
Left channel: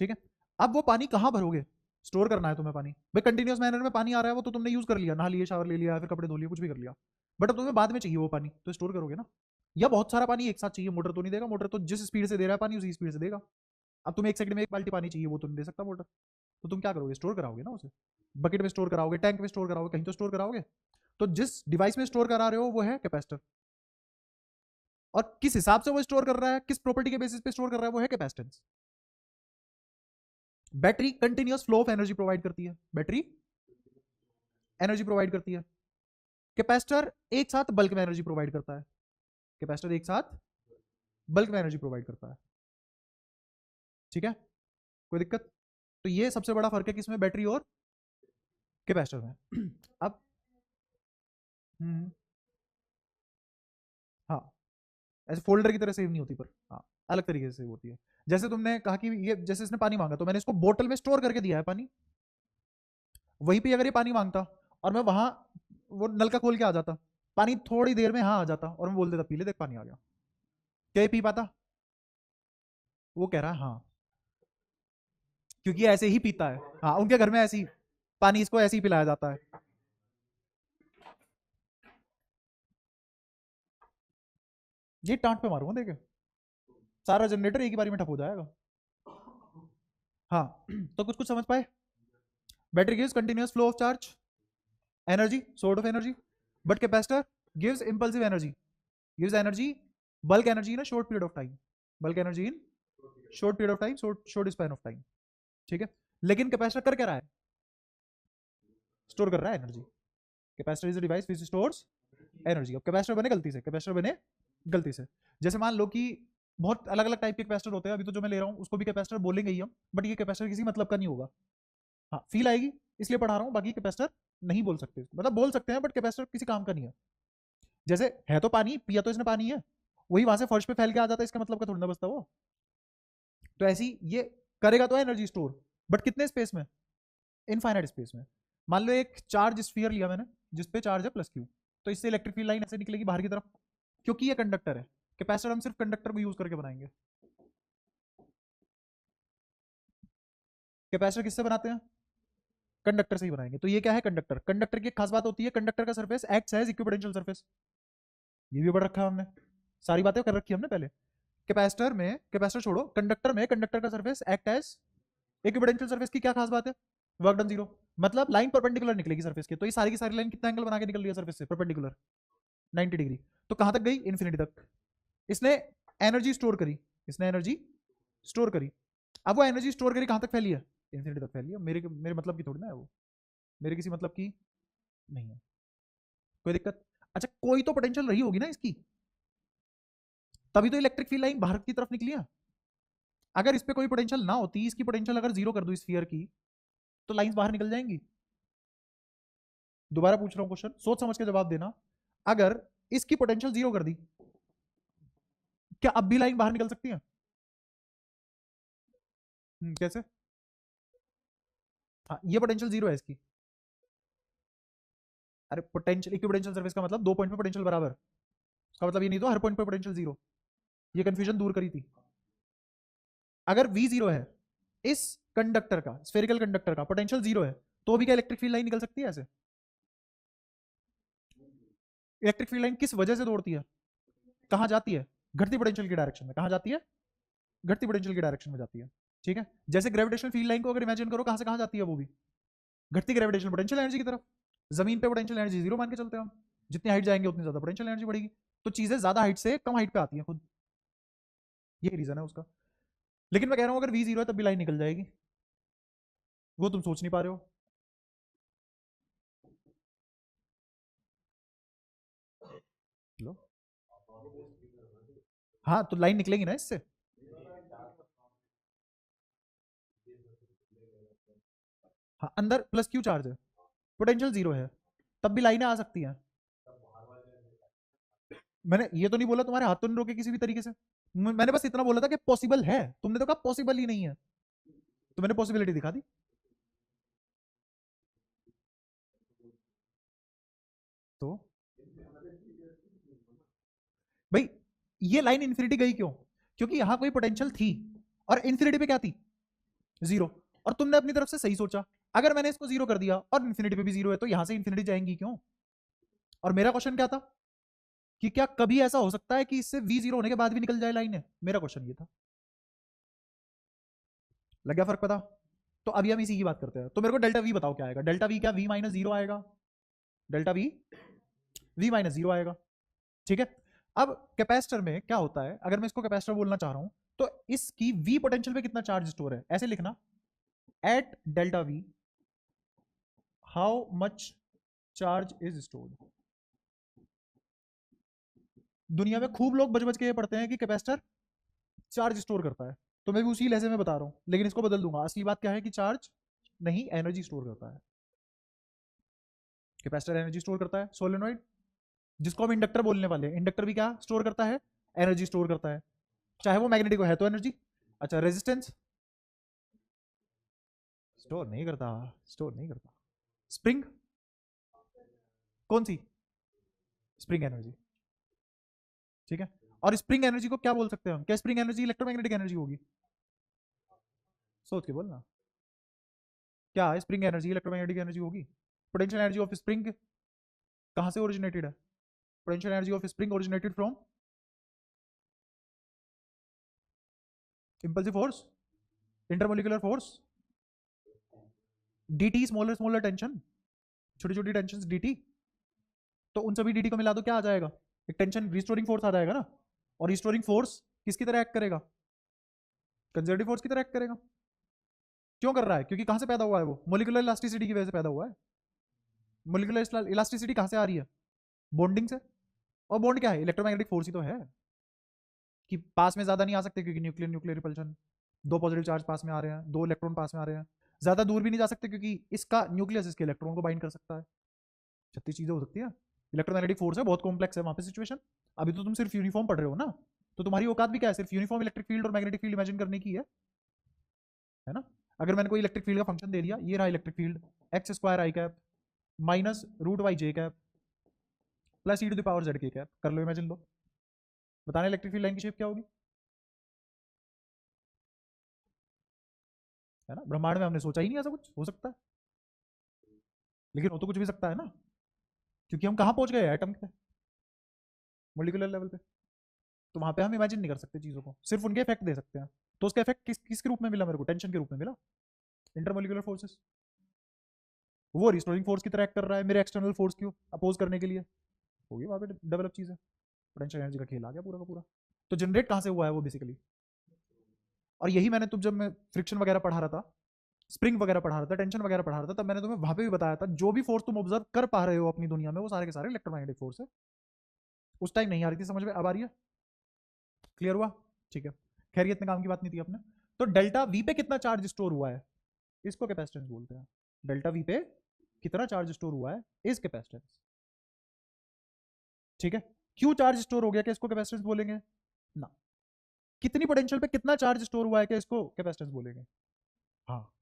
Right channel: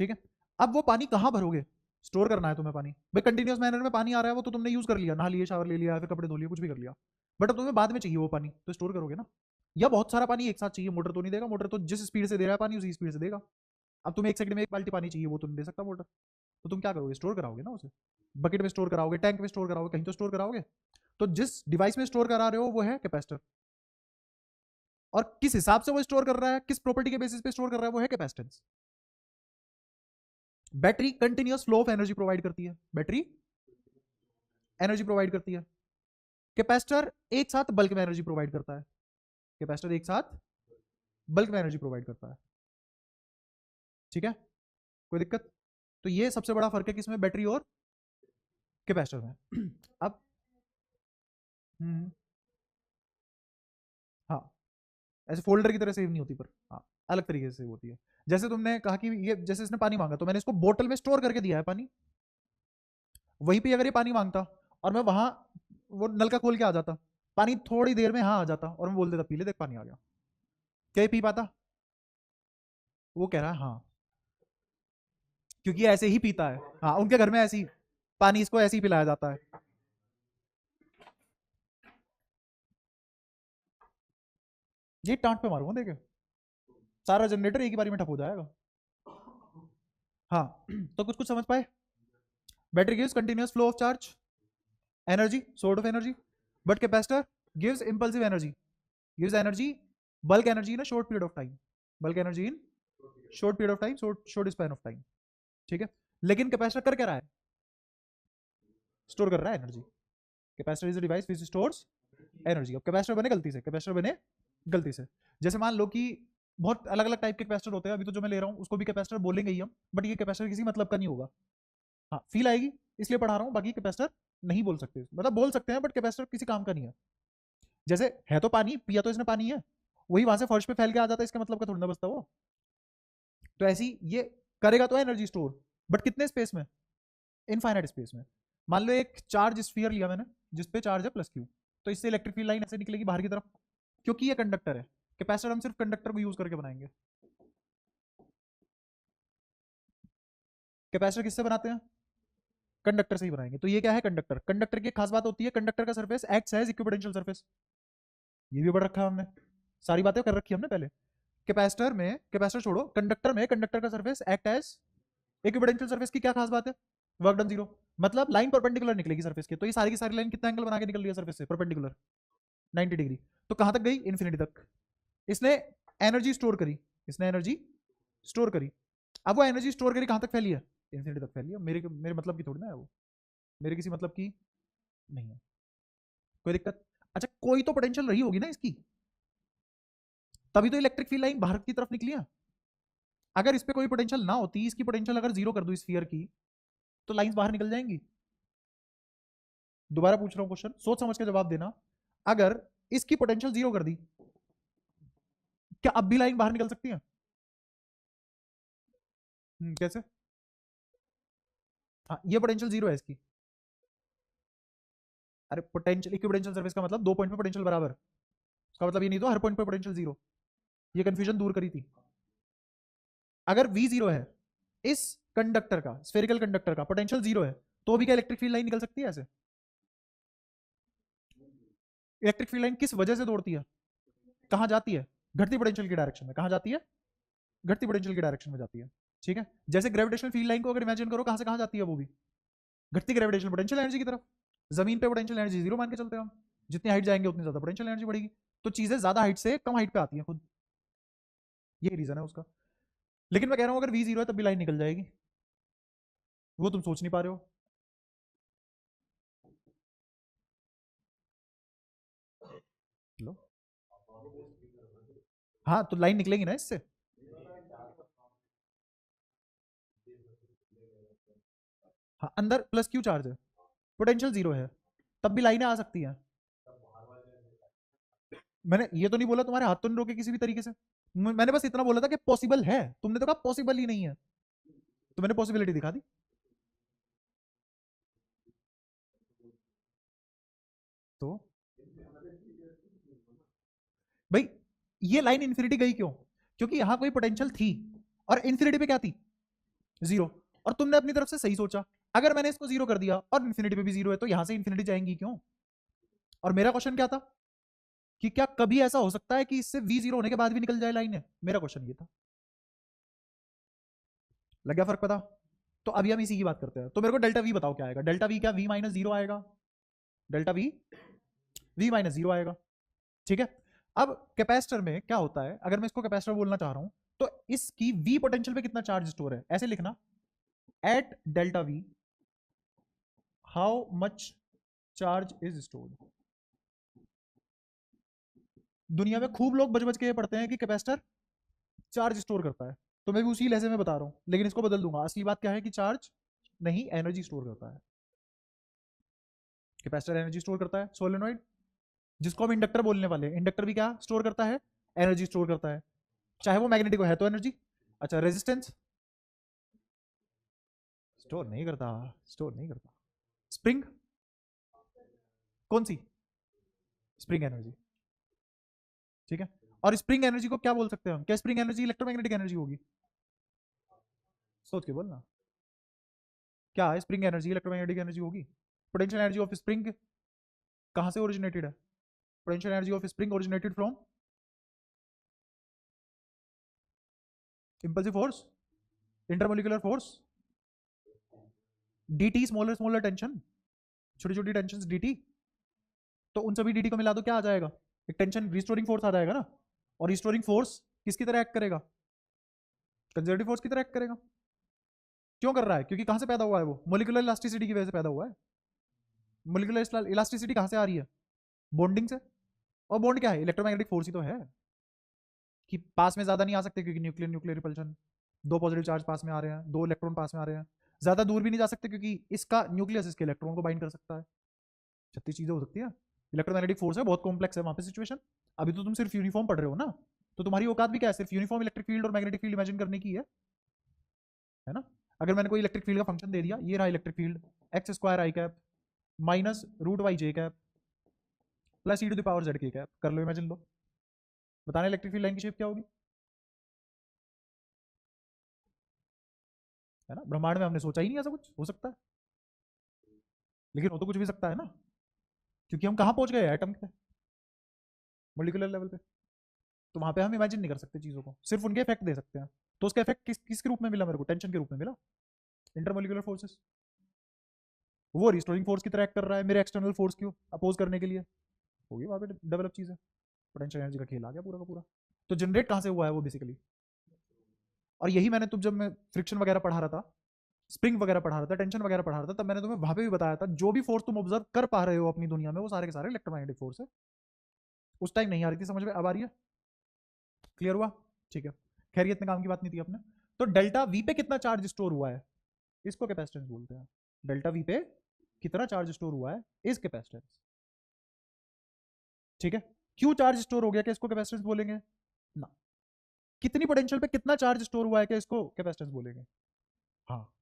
ठीक है, अब वो पानी कहाँ भरोगे? स्टोर करना है तुम्हें पानी, भाई कंटिन्यूअस मैनर में पानी आ रहा है, वो तो तुमने यूज कर लिया, नहा लिया, शावर ले लिया, फिर कपड़े धो लिए, कुछ भी कर लिया, बट अब तुम्हें बाद में चाहिए वो पानी, तो स्टोर करोगे ना? या बहुत सारा पानी एक साथ चाहिए, मोटर तो नहीं देगा, मोटर तो जिस स्पीड से दे रहा है पानी उसी स्पीड से देगा। अब तुम्हें एक सेकंड में एक बाल्टी पानी चाहिए, वो तो नहीं दे सकता मोटर, तो तुम क्या करोगे? स्टोर कराओगे ना उसे, बकेट में स्टोर कराओगे, टैंक में स्टोर कराओगे, कहीं तो स्टोर कराओगे। तो जिस डिवाइस में स्टोर करा रहे हो वो है कैपेसिटर, और किस हिसाब से वो स्टोर कर रहा है, किस प्रॉपर्टी के बेसिस पे स्टोर कर रहा है, वो है capacitance. Battery continuous flow of energy provide करती है, बैटरी एनर्जी प्रोवाइड करती है। कैपेसिटर एक साथ बल्क में एनर्जी प्रोवाइड करता है, कैपेसिटर एक साथ बल्क में एनर्जी प्रोवाइड करता है। ठीक है, कोई दिक्कत? तो ये सबसे बड़ा फर्क है किसमें, बैटरी और कैपेसिटर में। अब हम्म, हाँ, ऐसे फोल्डर की तरह सेव नहीं होती, पर हाँ अलग तरीके से सेव होती है। जैसे तुमने कहा कि ये जैसे इसने पानी मांगा तो मैंने इसको बोतल में स्टोर करके दिया है पानी, वहीं पे अगर ये पानी मांगता और मैं वहां वो नलका खोल के आ जाता, पानी थोड़ी देर में हाँ आ जाता और मैं बोल देता पी ले देख पानी आ गया, क्या ये पी पाता? वो कह रहा हाँ, क्योंकि ऐसे ही पीता है। हाँ, उनके घर में ऐसे ही पानी इसको ऐसे ही पिलाया जाता है। ये टांट पे मारूंगा देखे, सारा जनरेटर एक ही बारी में ठप हो जाएगा। हाँ तो कुछ कुछ समझ पाए? Battery gives continuous flow of charge, energy, sort of energy, but capacitor gives impulsive energy, gives energy, bulk energy in a short period of time, bulk energy in short period of time, short span of time. ठीक है, लेकिन कैपेसिटर कर क्या रहा है? स्टोर कर रहा है energy. Capacitor is a device which stores energy. अब कैपेसिटर बने गलती से, कैपेसिटर बने गलती से, जैसे मान लो कि बहुत अलग अलग टाइप के कैपेसिटर होते हैं, अभी तो जो मैं ले रहा हूँ उसको भी कैपेसिटर बोलेंगे ही हम, बट ये कैपेसिटर किसी मतलब का नहीं होगा। हाँ फील आएगी इसलिए पढ़ा रहा हूँ, बाकी कैपेसिटर नहीं बोल सकते, मतलब बोल सकते हैं बट कैपेसिटर किसी काम का नहीं है। जैसे है तो पानी, पिया तो इसने पानी है, वही वहां से फर्श पे फैल के आ जाता है, इसका मतलब का थोड़ा ना बचता वो। तो ऐसी ये करेगा तो एनर्जी स्टोर, बट कितने स्पेस में? इनफाइनाइट स्पेस में। मान लो एक चार्ज स्फीयर लिया मैंने जिसपे चार्ज है प्लस क्यू, तो इससे इलेक्ट्रिक फील्ड लाइन ऐसे निकलेगी बाहर की तरफ, क्योंकि ये कंडक्टर है। कैपेसिटर हम सिर्फ कंडक्टर को यूज करके बनाएंगे। कैपेसिटर किससे बनाते हैं? कंडक्टर से ही बनाएंगे। तो ये क्या है? कंडक्टर। कंडक्टर की एक खास बात होती है, कंडक्टर का surface acts as equipotential surface. ये भी पढ़ रखा है हमने, सारी बातें कर रखी है हमने पहले। कैपेसिटर में, कैपेसिटर छोड़ो, कंडक्टर में कंडक्टर का surface act as equipotential surface की क्या खास बात है? Work done zero. मतलब लाइन परपेंडिकुलर निकलेगी सरफेस के, तो ये सारी की सारी लाइन कितना एंगल बना के निकल रही है सरफेस से? Perpendicular 90 degree. तो कहां तक गई? इन्फिनिटी तक। इसने एनर्जी स्टोर करी, इसने एनर्जी स्टोर करी। अब वो एनर्जी स्टोर करी कहां तक फैली है? इन्फिनिटी तक फैली है। मेरे मेरे मतलब की थोड़ी ना है वो, मेरे किसी मतलब की नहीं है, कोई दिक्कत? अच्छा कोई तो पोटेंशियल रही होगी ना इसकी, तभी तो इलेक्ट्रिक फील्ड लाइन बाहर की तरफ निकली है। अगर इस पे कोई पोटेंशियल ना होती, इसकी पोटेंशियल अगर जीरो कर दो स्फीयर की, तो लाइन बाहर निकल जाएंगी। दोबारा पूछ रहा हूँ क्वेश्चन, सोच समझ के जवाब देना। अगर इसकी पोटेंशियल जीरो कर दी, क्या अब भी लाइन बाहर निकल सकती है? कैसे? हाँ ये पोटेंशियल जीरो है इसकी। अरे पोटेंशियल, इक्विपोटेंशियल सरफेस का मतलब दो पॉइंट पे पोटेंशियल बराबर, इसका मतलब ये नहीं तो हर पॉइंट पे पोटेंशियल जीरो। ये कंफ्यूजन दूर करी थी। अगर v जीरो है, इस कंडक्टर का, स्फेरिकल कंडक्टर का पोटेंशियल जीरो है, तो भी क्या इलेक्ट्रिक फील्ड लाइन निकल सकती है ऐसे? इलेक्ट्रिक फील्ड लाइन किस वजह से दौड़ती है, कहाँ जाती है? घटती पोटेंशियल की डायरेक्शन में। कहाँ जाती है? घटती पोटेंशियल की डायरेक्शन में जाती है। ठीक है, जैसे ग्रेविटेशनल फील्ड लाइन को अगर इमेजिन करो, कहाँ से कहाँ जाती है वो भी? घटती ग्रेविटेशनल पोटेंशियल एनर्जी की तरफ। जमीन पे पोटेंशियल एनर्जी जीरो मान के चलते हैं हम, जितनी हाइट जाएंगे उतनी ज्यादा पोटेंशियल एनर्जी बढ़ेगी, तो चीजें ज्यादा हाइट से कम हाइट पे आती है खुद, ये रीजन है उसका। लेकिन मैं कह रहा हूँ अगर v जीरो है तब भी लाइन निकल जाएगी, वो तुम सोच नहीं पा रहे हो। लो, हाँ तो लाइन निकलेगी ना इससे। हाँ, अंदर प्लस क्यू चार्ज है, पोटेंशियल जीरो है, तब भी लाइनें आ सकती हैं। मैंने ये तो नहीं बोला तुम्हारे हाथ तो नहीं रोके किसी भी तरीके से, मैंने बस इतना बोला था कि पॉसिबल है, तुमने तो कहा पॉसिबल ही नहीं है, तो मैंने पॉसिबिलिटी दिखा दी। तो भाई ये लाइन इन्फिनिटी गई क्यों? क्योंकि यहां कोई पोटेंशियल थी और इन्फिनिटी पे क्या थी? जीरो। और तुमने अपनी तरफ से सही सोचा, अगर मैंने इसको जीरो कर दिया और इन्फिनिटी पे भी जीरो है, तो यहां से इन्फिनिटी जाएंगी क्यों? और मेरा क्वेश्चन क्या था कि क्या कभी ऐसा हो सकता है कि इससे v जीरो होने के बाद भी निकल जाए लाइन? मेरा क्वेश्चन ये था। लग गया फर्क पता? तो अभी हम इसी की बात करते हैं। तो मेरे को डेल्टा वी बताओ क्या आएगा? डेल्टा वी क्या? v माइनस जीरो आएगा। Delta we v minus zero आएगा। ठीक है, अब कैपेसिटर में क्या होता है, अगर मैं इसको कैपेसिटर बोलना चाह रहा हूं, तो इसकी v पोटेंशियल पे कितना चार्ज स्टोर है, ऐसे लिखना, at delta V how much charge is stored. दुनिया में खूब लोग बच बच के ये पढ़ते हैं कि कैपेसिटर चार्ज स्टोर करता है, तो मैं भी उसी लहजे में बता रहा हूँ, लेकिन इसको बदल दूंगा। असली बात क्या है कि चार्ज नहीं, एनर्जी स्टोर करता है। कैपेसिटर एनर्जी स्टोर करता है। सोलेनोइड, जिसको हम इंडक्टर बोलने वाले हैं, इंडक्टर भी क्या स्टोर करता है? एनर्जी स्टोर करता है। चाहे वो मैग्नेटिक है तो एनर्जी, अच्छा रेजिस्टेंस स्टोर नहीं करता, स्टोर नहीं करता। स्प्रिंग कौन सी? स्प्रिंग एनर्जी, ठीक है। और स्प्रिंग एनर्जी को क्या बोल सकते हैं हम? क्या स्प्रिंग एनर्जी इलेक्ट्रोमैग्नेटिक एनर्जी होगी? सोच के बोलना, क्या स्प्रिंग एनर्जी इलेक्ट्रोमैग्नेटिक एनर्जी होगी? पोटेंशियल एनर्जी ऑफ स्प्रिंग कहां से ओरिजिनेटेड है? Potential energy of spring originated from impulsive force, intermolecular force, dt, smaller smaller tension, छोटी छोटी टेंशन dt। तो उन सभी dt को मिला दो, क्या आ जाएगा? एक टेंशन रिस्टोरिंग फोर्स आ जाएगा ना। और रिस्टोरिंग फोर्स किसकी तरह एक्ट करेगा? कंजर्वेटिव फोर्स की तरह एक्ट करेगा। क्यों कर रहा है? क्योंकि कहां से पैदा हुआ है वो? मोलिकुलर इलास्टिसिटी की वजह से पैदा हुआ है। मोलिकुलर इलास्टिसिटी कहां से आ रही है? बॉन्डिंग से। और बॉन्ड क्या है? इलेक्ट्रोमैग्नेटिक फोर्स ही तो है। कि पास में ज्यादा नहीं आ सकते क्योंकि न्यूक्लियर न्यूक्लियर रिपल्शन, दो पॉजिटिव चार्ज पास में आ रहे हैं, दो इलेक्ट्रॉन पास में आ रहे हैं। ज्यादा दूर भी नहीं जा सकते क्योंकि इसका न्यूक्लियस इसके इलेक्ट्रॉन को बाइंड कर सकता है। छत्तीस चीजें हो सकती है। इलेक्ट्रोमैग्नेटिक फोर्स है, बहुत कॉम्प्लेक्स है वहां पे सिचुएशन। अभी तो तुम सिर्फ यूनिफॉर्म पढ़ रहे हो ना, तो तुम्हारी औकात भी क्या है? सिर्फ यूनिफॉर्म इलेक्ट्रिक फील्ड और मैग्नेटिक फील्ड इमेजिन करने की है ना। अगर मैंने कोई इलेक्ट्रिक फील्ड का फंक्शन दे दिया, ये रहा electric field, X square I cap minus root Y J cap plus E to the power Z K cap, कर लो इमेजिन लो, बताना इलेक्ट्रिक फील्ड लाइन की शेप क्या होगी? है ना, ब्रह्मांड में हमने सोचा ही नहीं ऐसा कुछ हो सकता है, लेकिन हो तो कुछ भी सकता है ना, क्योंकि हम कहाँ पहुंच गए एटम पे, मोलिकुलर लेवल पे। तो वहां पे हम इमेजिन नहीं कर सकते चीजों को, सिर्फ उनके इफेक्ट दे सकते हैं। तो उसका इफेक्ट किसके रूप में मिला मेरे को? टेंशन के रूप में मिला। इंटरमोलिकुलर फोर्सेस, वो रिस्टोरिंग फोर्स की तरह एक्ट कर रहा है मेरे एक्सटर्नल फोर्स को अपोज करने के लिए। होगी वहां पे डेवलप चीजें, पोटेंशियल एनर्जी का खेल आ गया पूरा का पूरा। तो जनरेट कहाँ से हुआ है वो बेसिकली? और यही मैंने तुम जब मैं फ्रिक्शन वगैरह पढ़ा रहा था, स्प्रिंग वगैरह पढ़ा रहा था, टेंशन वगैरह पढ़ा रहा था, तब मैंने तुम्हें वहां पे भी बताया था जो भी फोर्स तुम ऑब्जर्व कर पा रहे हो अपनी दुनिया में, वो सारे के सारे इलेक्ट्रोमैग्नेटिक फोर्स है। उस टाइम नहीं आ रही थी समझ में, अब आ रही है? क्लियर हुआ? ठीक है, खैर ये इतने काम की बात नहीं थी अपने। तो डेल्टा वी पे कितना चार्ज स्टोर हुआ है, इसको कैपेसिटेंस बोलते हैं। डेल्टा वी पे कितना चार्ज स्टोर हुआ है, इस कैपेसिटेंस। ठीक है, क्यों चार्ज स्टोर हो गया, क्या इसको कैपेसिटेंस बोलेंगे ना। कितनी पोटेंशियल पे कितना चार्ज स्टोर हुआ है, क्या इसको कैपेसिटेंस बोलेंगे? हाँ,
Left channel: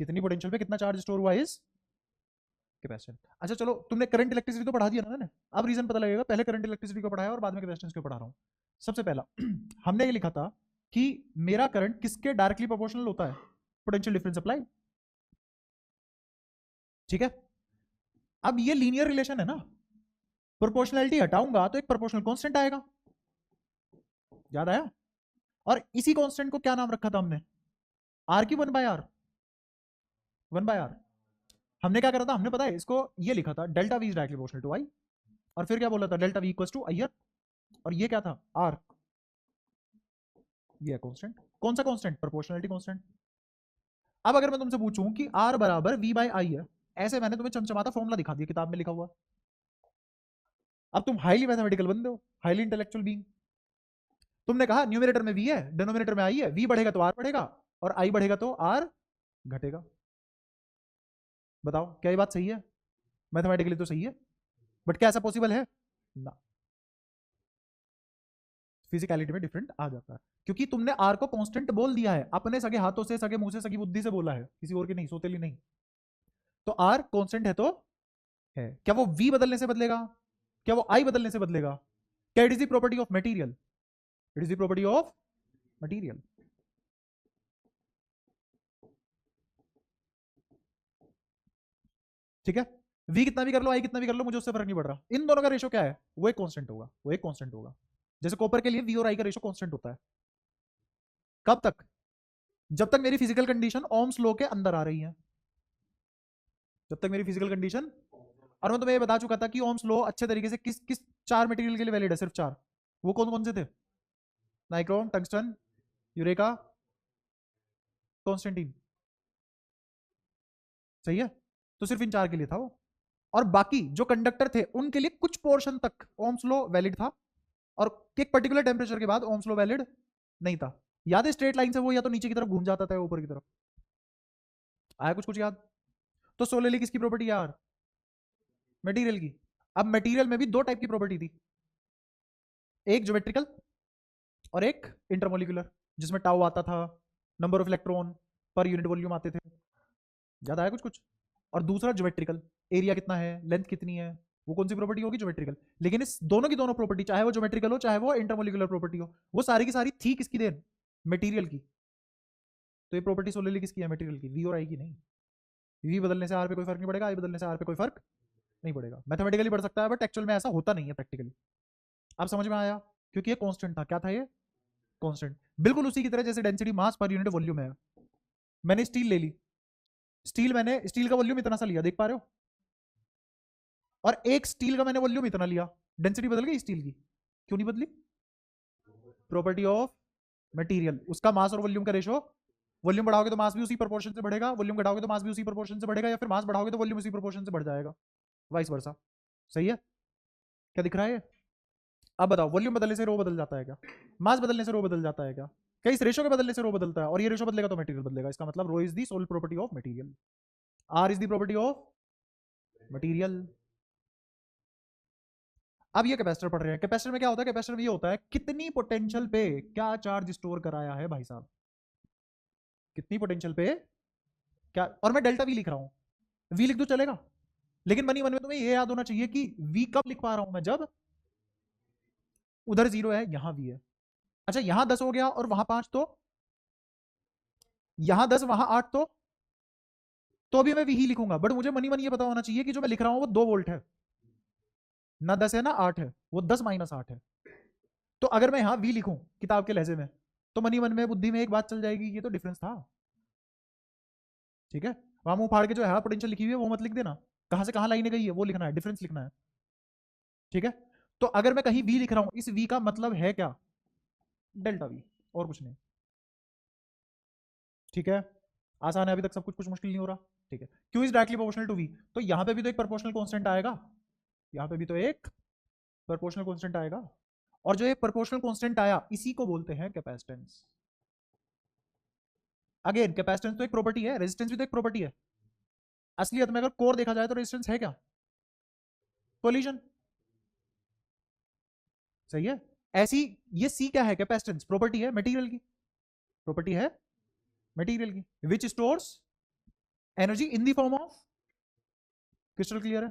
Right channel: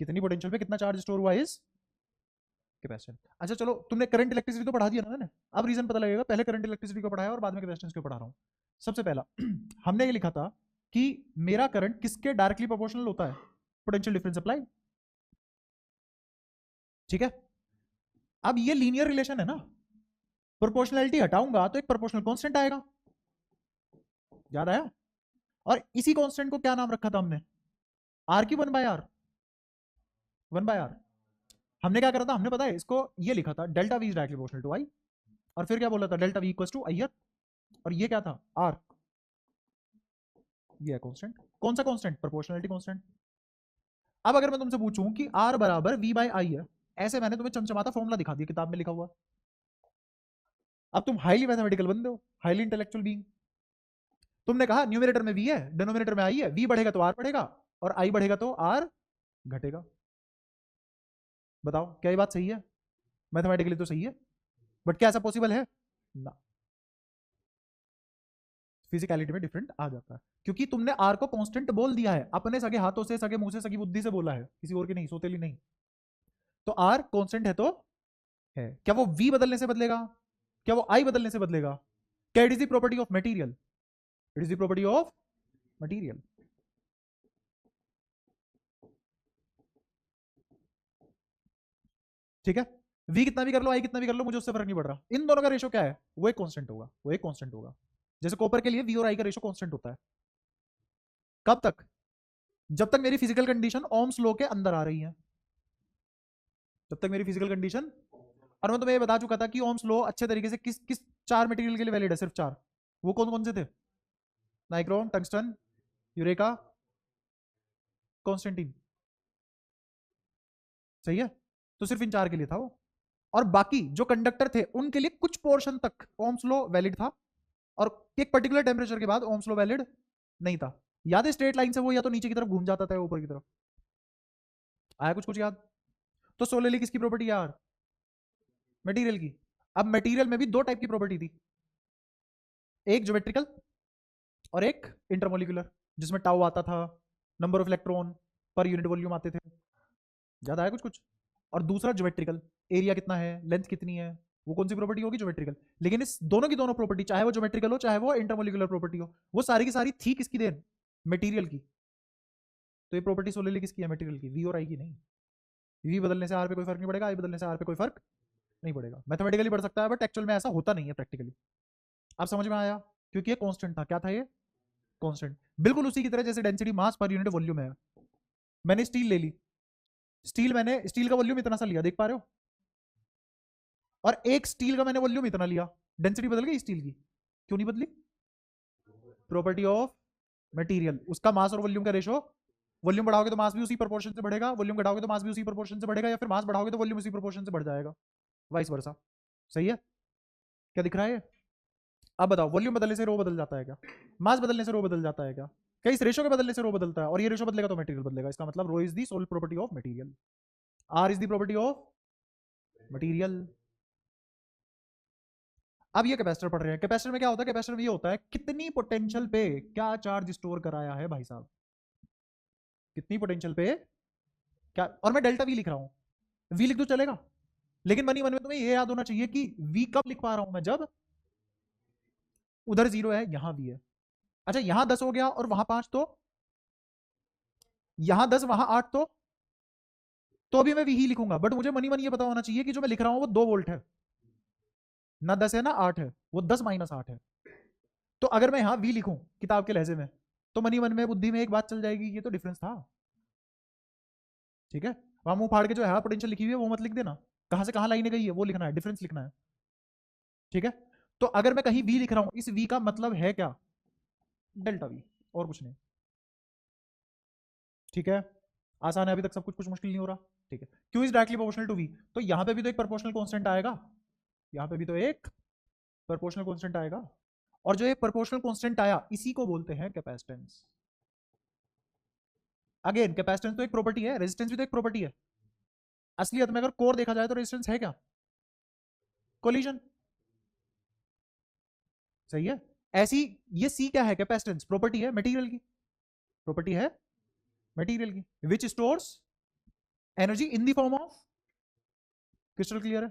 कितनी पोटेंशियल पे कितना चार्ज स्टोर हुआ है इस कैपेसिटेंस। अच्छा चलो, तुमने करंट इलेक्ट्रिसिटी तो पढ़ा दिया ना मैंने, अब रीजन पता लगेगा। पहले करंट इलेक्ट्रिसिटी को पढ़ाया और बाद में कैपेसिटेंस को पढ़ा रहा हूँ। सबसे पहला हमने ये लिखा था कि मेरा करंट किसके डायरेक्टली प्रोपोर्शनल होता है? Potential difference apply. ठीक है, अब ये लीनियर रिलेशन है ना, प्रोपोर्शनलिटी हटाऊंगा तो एक प्रोपोर्शनल कांस्टेंट आएगा, याद आया? और इसी कांस्टेंट को क्या नाम रखा था हमने? आर की one by R, one by R. हमने क्या करा था? हमने पता है इसको ये लिखा था delta V is directly proportional to I, और फिर क्या बोला था? Delta V equals to I F, और ये क्या था? आर, ये कांस्टेंट। कौन सा कांस्टेंट? Proportionality constant. अब अगर मैं तुमसे पूछूं कि आर बराबर वी बाय आई है, ऐसे मैंने तुम्हें चमचमाता फॉर्मूला दिखा दिया किताब में लिखा हुआ। अब तुम हाईली मैथमेटिकल बंदे हो, हाईली इंटेलेक्चुअल बीइंग। तुमने कहा न्यूमरेटर में वी है, डिनोमिनेटर में आई है, वी बढ़ेगा तो आर बढ़ेगा, और आई बढ़ेगा तो आर घटेगा। बताओ क्या ये बात सही है? मैथमेटिकली तो सही है, बट क्या ऐसा पॉसिबल है ना? फिजिकलिटी में डिफरेंट आ जाता है, क्योंकि तुमने आर को कांस्टेंट बोल दिया है, अपने सगे हाथों से, सगे मुंह से, सगी बुद्धि से बोला है, किसी और के नहीं, सोतेली नहीं। तो आर कांस्टेंट है तो है, क्या वो वी बदलने से बदलेगा? क्या वो आई बदलने से बदलेगा? क्या it is the property of material? It is the property of material. ठीक है, वी कितना भी कर लो, आई कितना भी कर लो, मुझे उससे फर्क नहीं पड़ रहा। इन दोनों का रेशो क्या है? वो एक कांस्टेंट होगा, वो एक कांस्टेंट होगा। जैसे कॉपर के लिए वी और आई का रेशो कांस्टेंट होता है। कब तक? जब तक मेरी फिजिकल कंडीशन ओम्स लॉ के अंदर आ रही है, जब तक मेरी फिजिकल कंडीशन। और मैं तुम्हें ये बता चुका था कि ओम्स लॉ अच्छे तरीके से किस किस चार मटेरियल के लिए वैलिड है, सिर्फ चार। वो कौन कौन से थे? Nichrome, tungsten, eureka, Constantine. सही है, तो सिर्फ इन चार के लिए था वो। और बाकी जो कंडक्टर थे उनके लिए कुछ पोर्शन तक ओम्स लॉ वैलिड था, और एक पर्टिकुलर टेम्परेचर के बाद ओम्स लॉ वैलिड नहीं था। याद है स्ट्रेट लाइन से वो या तो नीचे की तरफ घूम जाता था, ऊपर की तरफ। आया कुछ कुछ याद? तो सोलेली किसकी प्रॉपर्टी है यार? मटेरियल की। अब मटेरियल में भी दो टाइप की प्रॉपर्टी थी, एक ज्योमेट्रिकल और एक इंटरमोलिकुलर। जिसमें टाउ आता था, number of electron per unit volume आते थे, याद आया कुछ कुछ। और दूसरा ज्योमेट्रिकल, एरिया कितना है, लेंथ कितनी है, वो कौन सी प्रॉपर्टी होगी, ज्योमेट्रिकल। लेकिन इस दोनों की दोनों प्रॉपर्टी, चाहे वो ज्योमेट्रिकल हो चाहे वो इंटरमोलिकुलर प्रॉपर्टी हो, वो सारी की सारी थी किसकी देन, मटेरियल की। तो ये प्रॉपर्टी सोलनली किसकी है, मटेरियल की। वी और आई की नहीं। वी बदलने से आर पे कोई फर्क नहीं पड़ेगा, आई बदलने से आर पे कोई फर्क नहीं पड़ेगा। मैथमेटिकली पढ़ सकता है बट एक्चुअल में ऐसा होता नहीं है प्रैक्टिकली। आप समझ में आया, क्योंकि ये कांस्टेंट था। क्या था ये, कांस्टेंट। बिल्कुल उसी की तरह जैसे density mass per unit volume है। मैंने स्टील ले ली, स्टील का वॉल्यूम इतना सा लिया, देख पा रहे हो, और एक स्टील का मैंने वॉल्यूम इतना लिया, डेंसिटी बदल गई स्टील की, क्यों नहीं बदली, प्रॉपर्टी ऑफ मटेरियल। उसका मास और वॉल्यूम का रेशो, वॉल्यूम बढ़ाओगे तो मास भी उसी प्रोपोर्शन से बढ़ेगा, वॉल्यूम घटाओगे तो मास भी उसी प्रोपोर्शन से बढ़ेगा, या फिर मास बढ़ाओगे तो वॉल्यूम उसी प्रोपोर्शन से बढ़ जाएगा, वाइस वर्सा। सही है, क्या दिख रहा है। अब बताओ, वॉल्यूम बदलने से रो बदल जाता है क्या, मास बदलने से रो बदल जाता है क्या, क्या इस रेशो के बदलने से रो बदलता है, और ये रेशो बदलेगा तो मटेरियल बदलेगा। इसका मतलब rho is the sole property of material, R is the property of material. अब ये कैपेसिटर पढ़ रहे हैं। कैपेसिटर में क्या होता है, कैपेसिटर में ये होता है कितनी पोटेंशियल पे क्या चार्ज स्टोर कराया है भाई साहब, कितनी पोटेंशियल पे क्या। और मैं डेल्टा वी लिख रहा हूं, वी लिख दो चलेगा, लेकिन मनी मन में तुम्हें ये याद होना चाहिए कि वी कब लिख पा रहा हूं मैं, जब उधर 0 है यहां वी है। अच्छा यहां 10 हो गया और वहां 5, तो यहां 10 वहां 8, तो भी मैं वी ही लिखूंगा, बट मुझे मनी मन ये पता होना चाहिए कि जो मैं लिख रहा हूं वो 2 वोल्ट है, ना 10 है ना 8 है, वो 10 माइनस 8 है। तो अगर मैं यहां वी लिखूं किताब के लहजे में, तो मनी मन में बुद्धि में एक बात चल जाएगी, ये तो डिफरेंस था। ठीक है, वहां मुंह फाड़ के जो यहाँ पोटेंशियल लिखी हुई है वो मत लिख देना, कहां से कहां लाइनें गई है वो लिखना है, डिफरेंस लिखना है। ठीक है, तो अगर मैं कहीं वी लिख रहा हूं, इस वी का मतलब है क्या, डेल्टा वी, और कुछ नहीं। ठीक है, आसान है, अभी तक सब कुछ कुछ मुश्किल नहीं हो रहा। ठीक है, Q is directly proportional to V, तो यहां पे भी तो एक प्रोपोर्शनल कांस्टेंट आएगा, यहां पे भी तो एक प्रोपोर्शनल कांस्टेंट आएगा, और जो ये प्रोपोर्शनल कांस्टेंट आया इसी को बोलते हैं कैपेसिटेंस। अगेन कैपेसिटेंस तो एक प्रॉपर्टी है, रेजिस्टेंस भी तो एक प्रॉपर्टी है। असलियत में अगर कोर देखा जाए तो रेजिस्टेंस है क्या, कोलिजन। सही है, ऐसी ये सी क्या है, कैपेसिटेंस प्रॉपर्टी है मटेरियल की, प्रॉपर्टी है मटेरियल की, which stores energy in the form of, crystal clear है।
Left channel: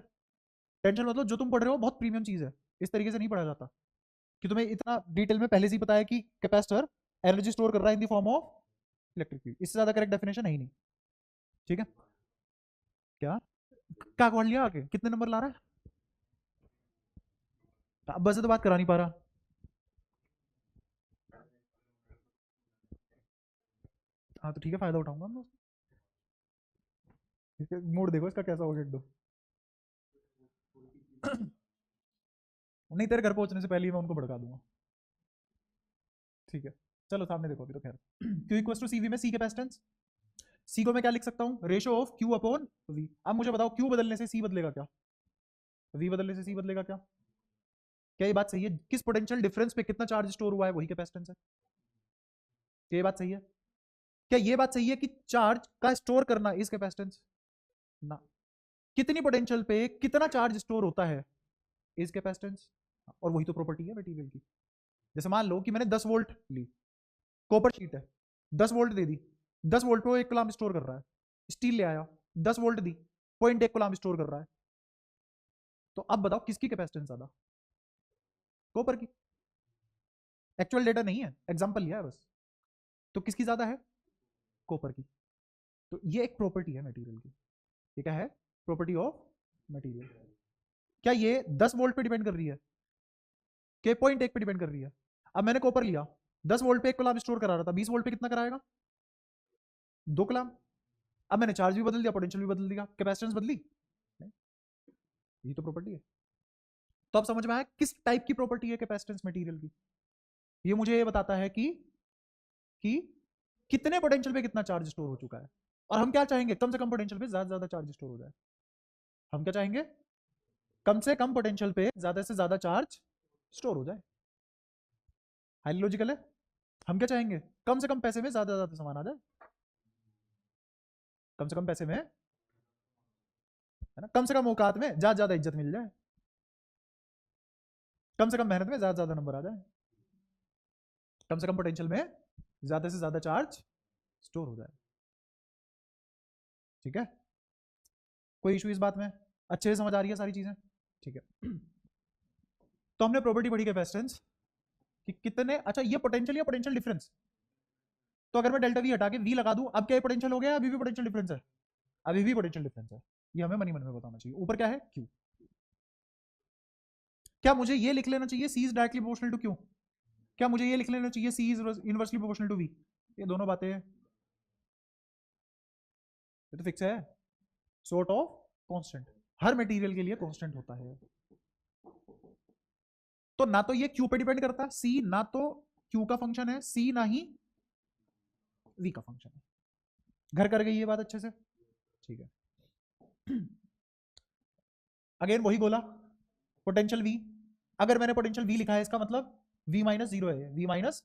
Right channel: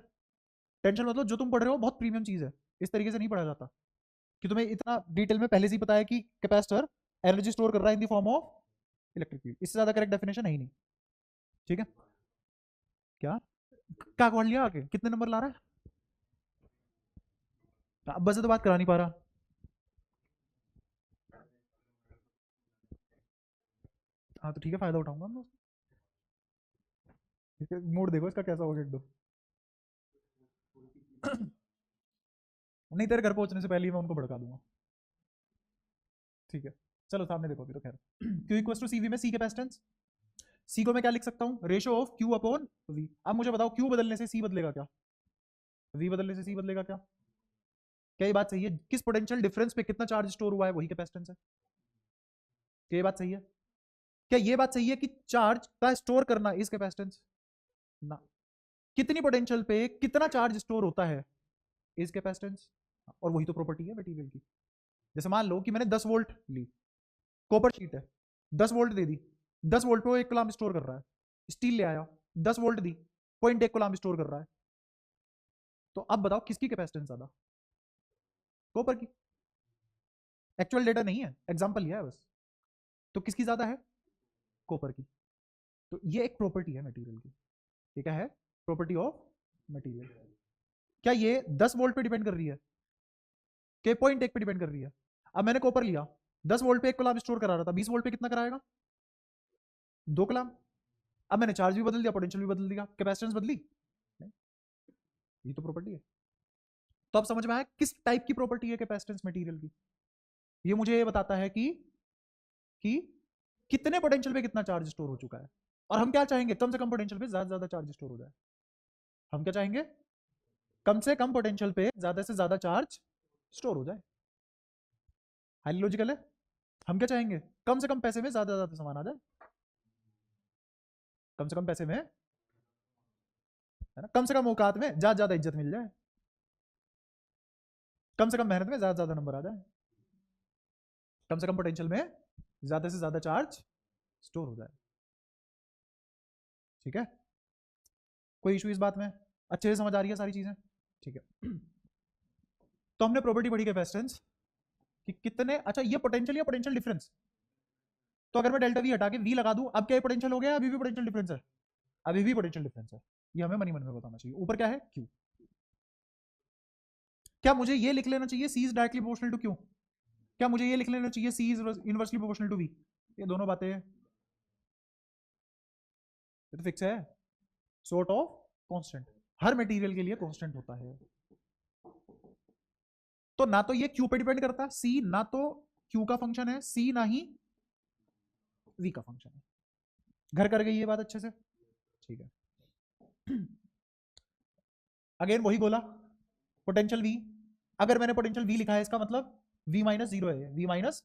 टेंशन मतलब जो तुम पढ़ रहे हो बहुत प्रीमियम चीज है, इस तरीके से नहीं पढ़ा जाता कि तुम्हें इतना डिटेल में पहले से ही पता है कि कैपेसिटर एनर्जी स्टोर कर रहा है in the form of electric field, इससे ज्यादा करेक्ट डेफिनेशन है ही नहीं। ठीक है, क्या क्या पढ़ लिया आगे, कितने नंबर ला रहा है, बस से तो बात करा नहीं पा रहा। हाँ तो ठीक है, फायदा उठाऊंगा मैं उसका। मूड देखो इसका कैसा हो एकदम। नहीं, तेरे घर पहुंचने से पहले ही मैं उनको भड़का दूंगा। ठीक है, चलो सामने देखो अभी तो खैर। क्यू इक्वल टू सीवी में सी कैपेसिटेंस, सी को मैं क्या लिख सकता हूँ, ratio of Q upon V. अब मुझे बताओ क्यू बदलने से सी बदलेगा क्या, वी बदलने से सी बदलेगा क्या, क्या ये बात सही है, किस पोटेंशियल डिफरेंस पे कितना चार्ज स्टोर हुआ है वही कैपेसिटेंस है, क्या ये बात सही है, क्या ये बात सही है कि चार्ज का स्टोर करना इज कैपेसिटेंस ना, कितनी पोटेंशियल पे कितना चार्ज स्टोर होता है इज कैपेसिटेंस, और वही तो प्रॉपर्टी है मटेरियल की। जैसे मान लो कि मैंने 10 वोल्ट ली, कॉपर शीट है, 10 वोल्ट दे दी, 10 वोल्ट पे वो 1 कूलम्ब स्टोर कर रहा है, स्टील ले आया 10 वोल्ट दी, 0.1 कूलम्ब स्टोर कर रहा है, तो अब बताओ किसकी कैपेसिटेंस ज्यादा, कॉपर की। एक्चुअल डेटा नहीं है, एग्जांपल लिया है बस, तो किसकी ज्यादा है, कॉपर की। तो ये एक प्रॉपर्टी है मटेरियल की, ये क्या है, प्रॉपर्टी ऑफ मटेरियल। क्या ये 10 वोल्ट पे डिपेंड कर रही है, के 0.1 पे डिपेंड कर रही है। अब मैंने कॉपर लिया, 10 वोल्ट पे 1 कूलम्ब स्टोर करा रहा था, 20 वोल्ट पे कितना कराएगा, 2 कूलम्ब। अब मैंने चार्ज भी बदल दिया, पोटेंशियल भी बदल दिया, कैपेसिटेंस बदली, ये तो प्रॉपर्टी है। तो अब समझ में आया किस टाइप की प्रॉपर्टी है कैपेसिटेंस मटेरियल की। ये मुझे ये बताता है कि कितने पोटेंशियल पे कितना चार्ज स्टोर हो चुका है, और हम क्या चाहेंगे, कम से कम पोटेंशियल पे ज्यादा से ज्यादा चार्ज स्टोर हो जाए। हम क्या चाहेंगे, कम से कम पोटेंशियल पे ज्यादा से ज्यादा चार्ज स्टोर हो जाए। हाईली लॉजिकल है। हम क्या चाहेंगे, कम से कम पैसे में ज्यादा से ज्यादा सामान आ जाए, कम से कम पैसे में, है ना, कम से कम औकात में ज्यादा ज्यादा इज्जत मिल जाए, कम से कम मेहनत में ज्यादा ज्यादा नंबर आ जाए, कम से कम पोटेंशियल में ज्यादा से ज्यादा चार्ज स्टोर हो जाए। ठीक है, कोई इशू इस बात में? अच्छे से समझ आ रही है सारी चीजें? ठीक है। तो हमने प्रॉपर्टी पढ़ी कैपेसिटेंस कि कितने, अच्छा ये पोटेंशियल या पोटेंशियल डिफरेंस, तो अगर मैं डेल्टा वी हटा के वी लगा दूं, अब क्या पोटेंशियल हो गया? अभी भी पोटेंशियल डिफरेंस है, अभी भी पोटेंशियल डिफरेंस है। ये हमें मनी में बताना चाहिए। ऊपर क्या है? क्यू। क्या मुझे ये लिख लेना चाहिए C is directly proportional to Q? क्या मुझे ये लिख लेना चाहिए C is inversely proportional to V? ये दोनों बातें ये तो फिक्स है, सॉर्ट ऑफ कांस्टेंट, हर मटेरियल के लिए कांस्टेंट होता है। तो ना तो ये क्यू पे डिपेंड करता, सी ना तो क्यू का फंक्शन है, सी ना ही वी का फंक्शन है। घर कर गई ये बात अच्छे से? ठीक है। अगेन वही बोला, पोटेंशियल वी, अगर मैंने पोटेंशियल वी लिखा है इसका मतलब वी माइनस जीरो है, वी माइनस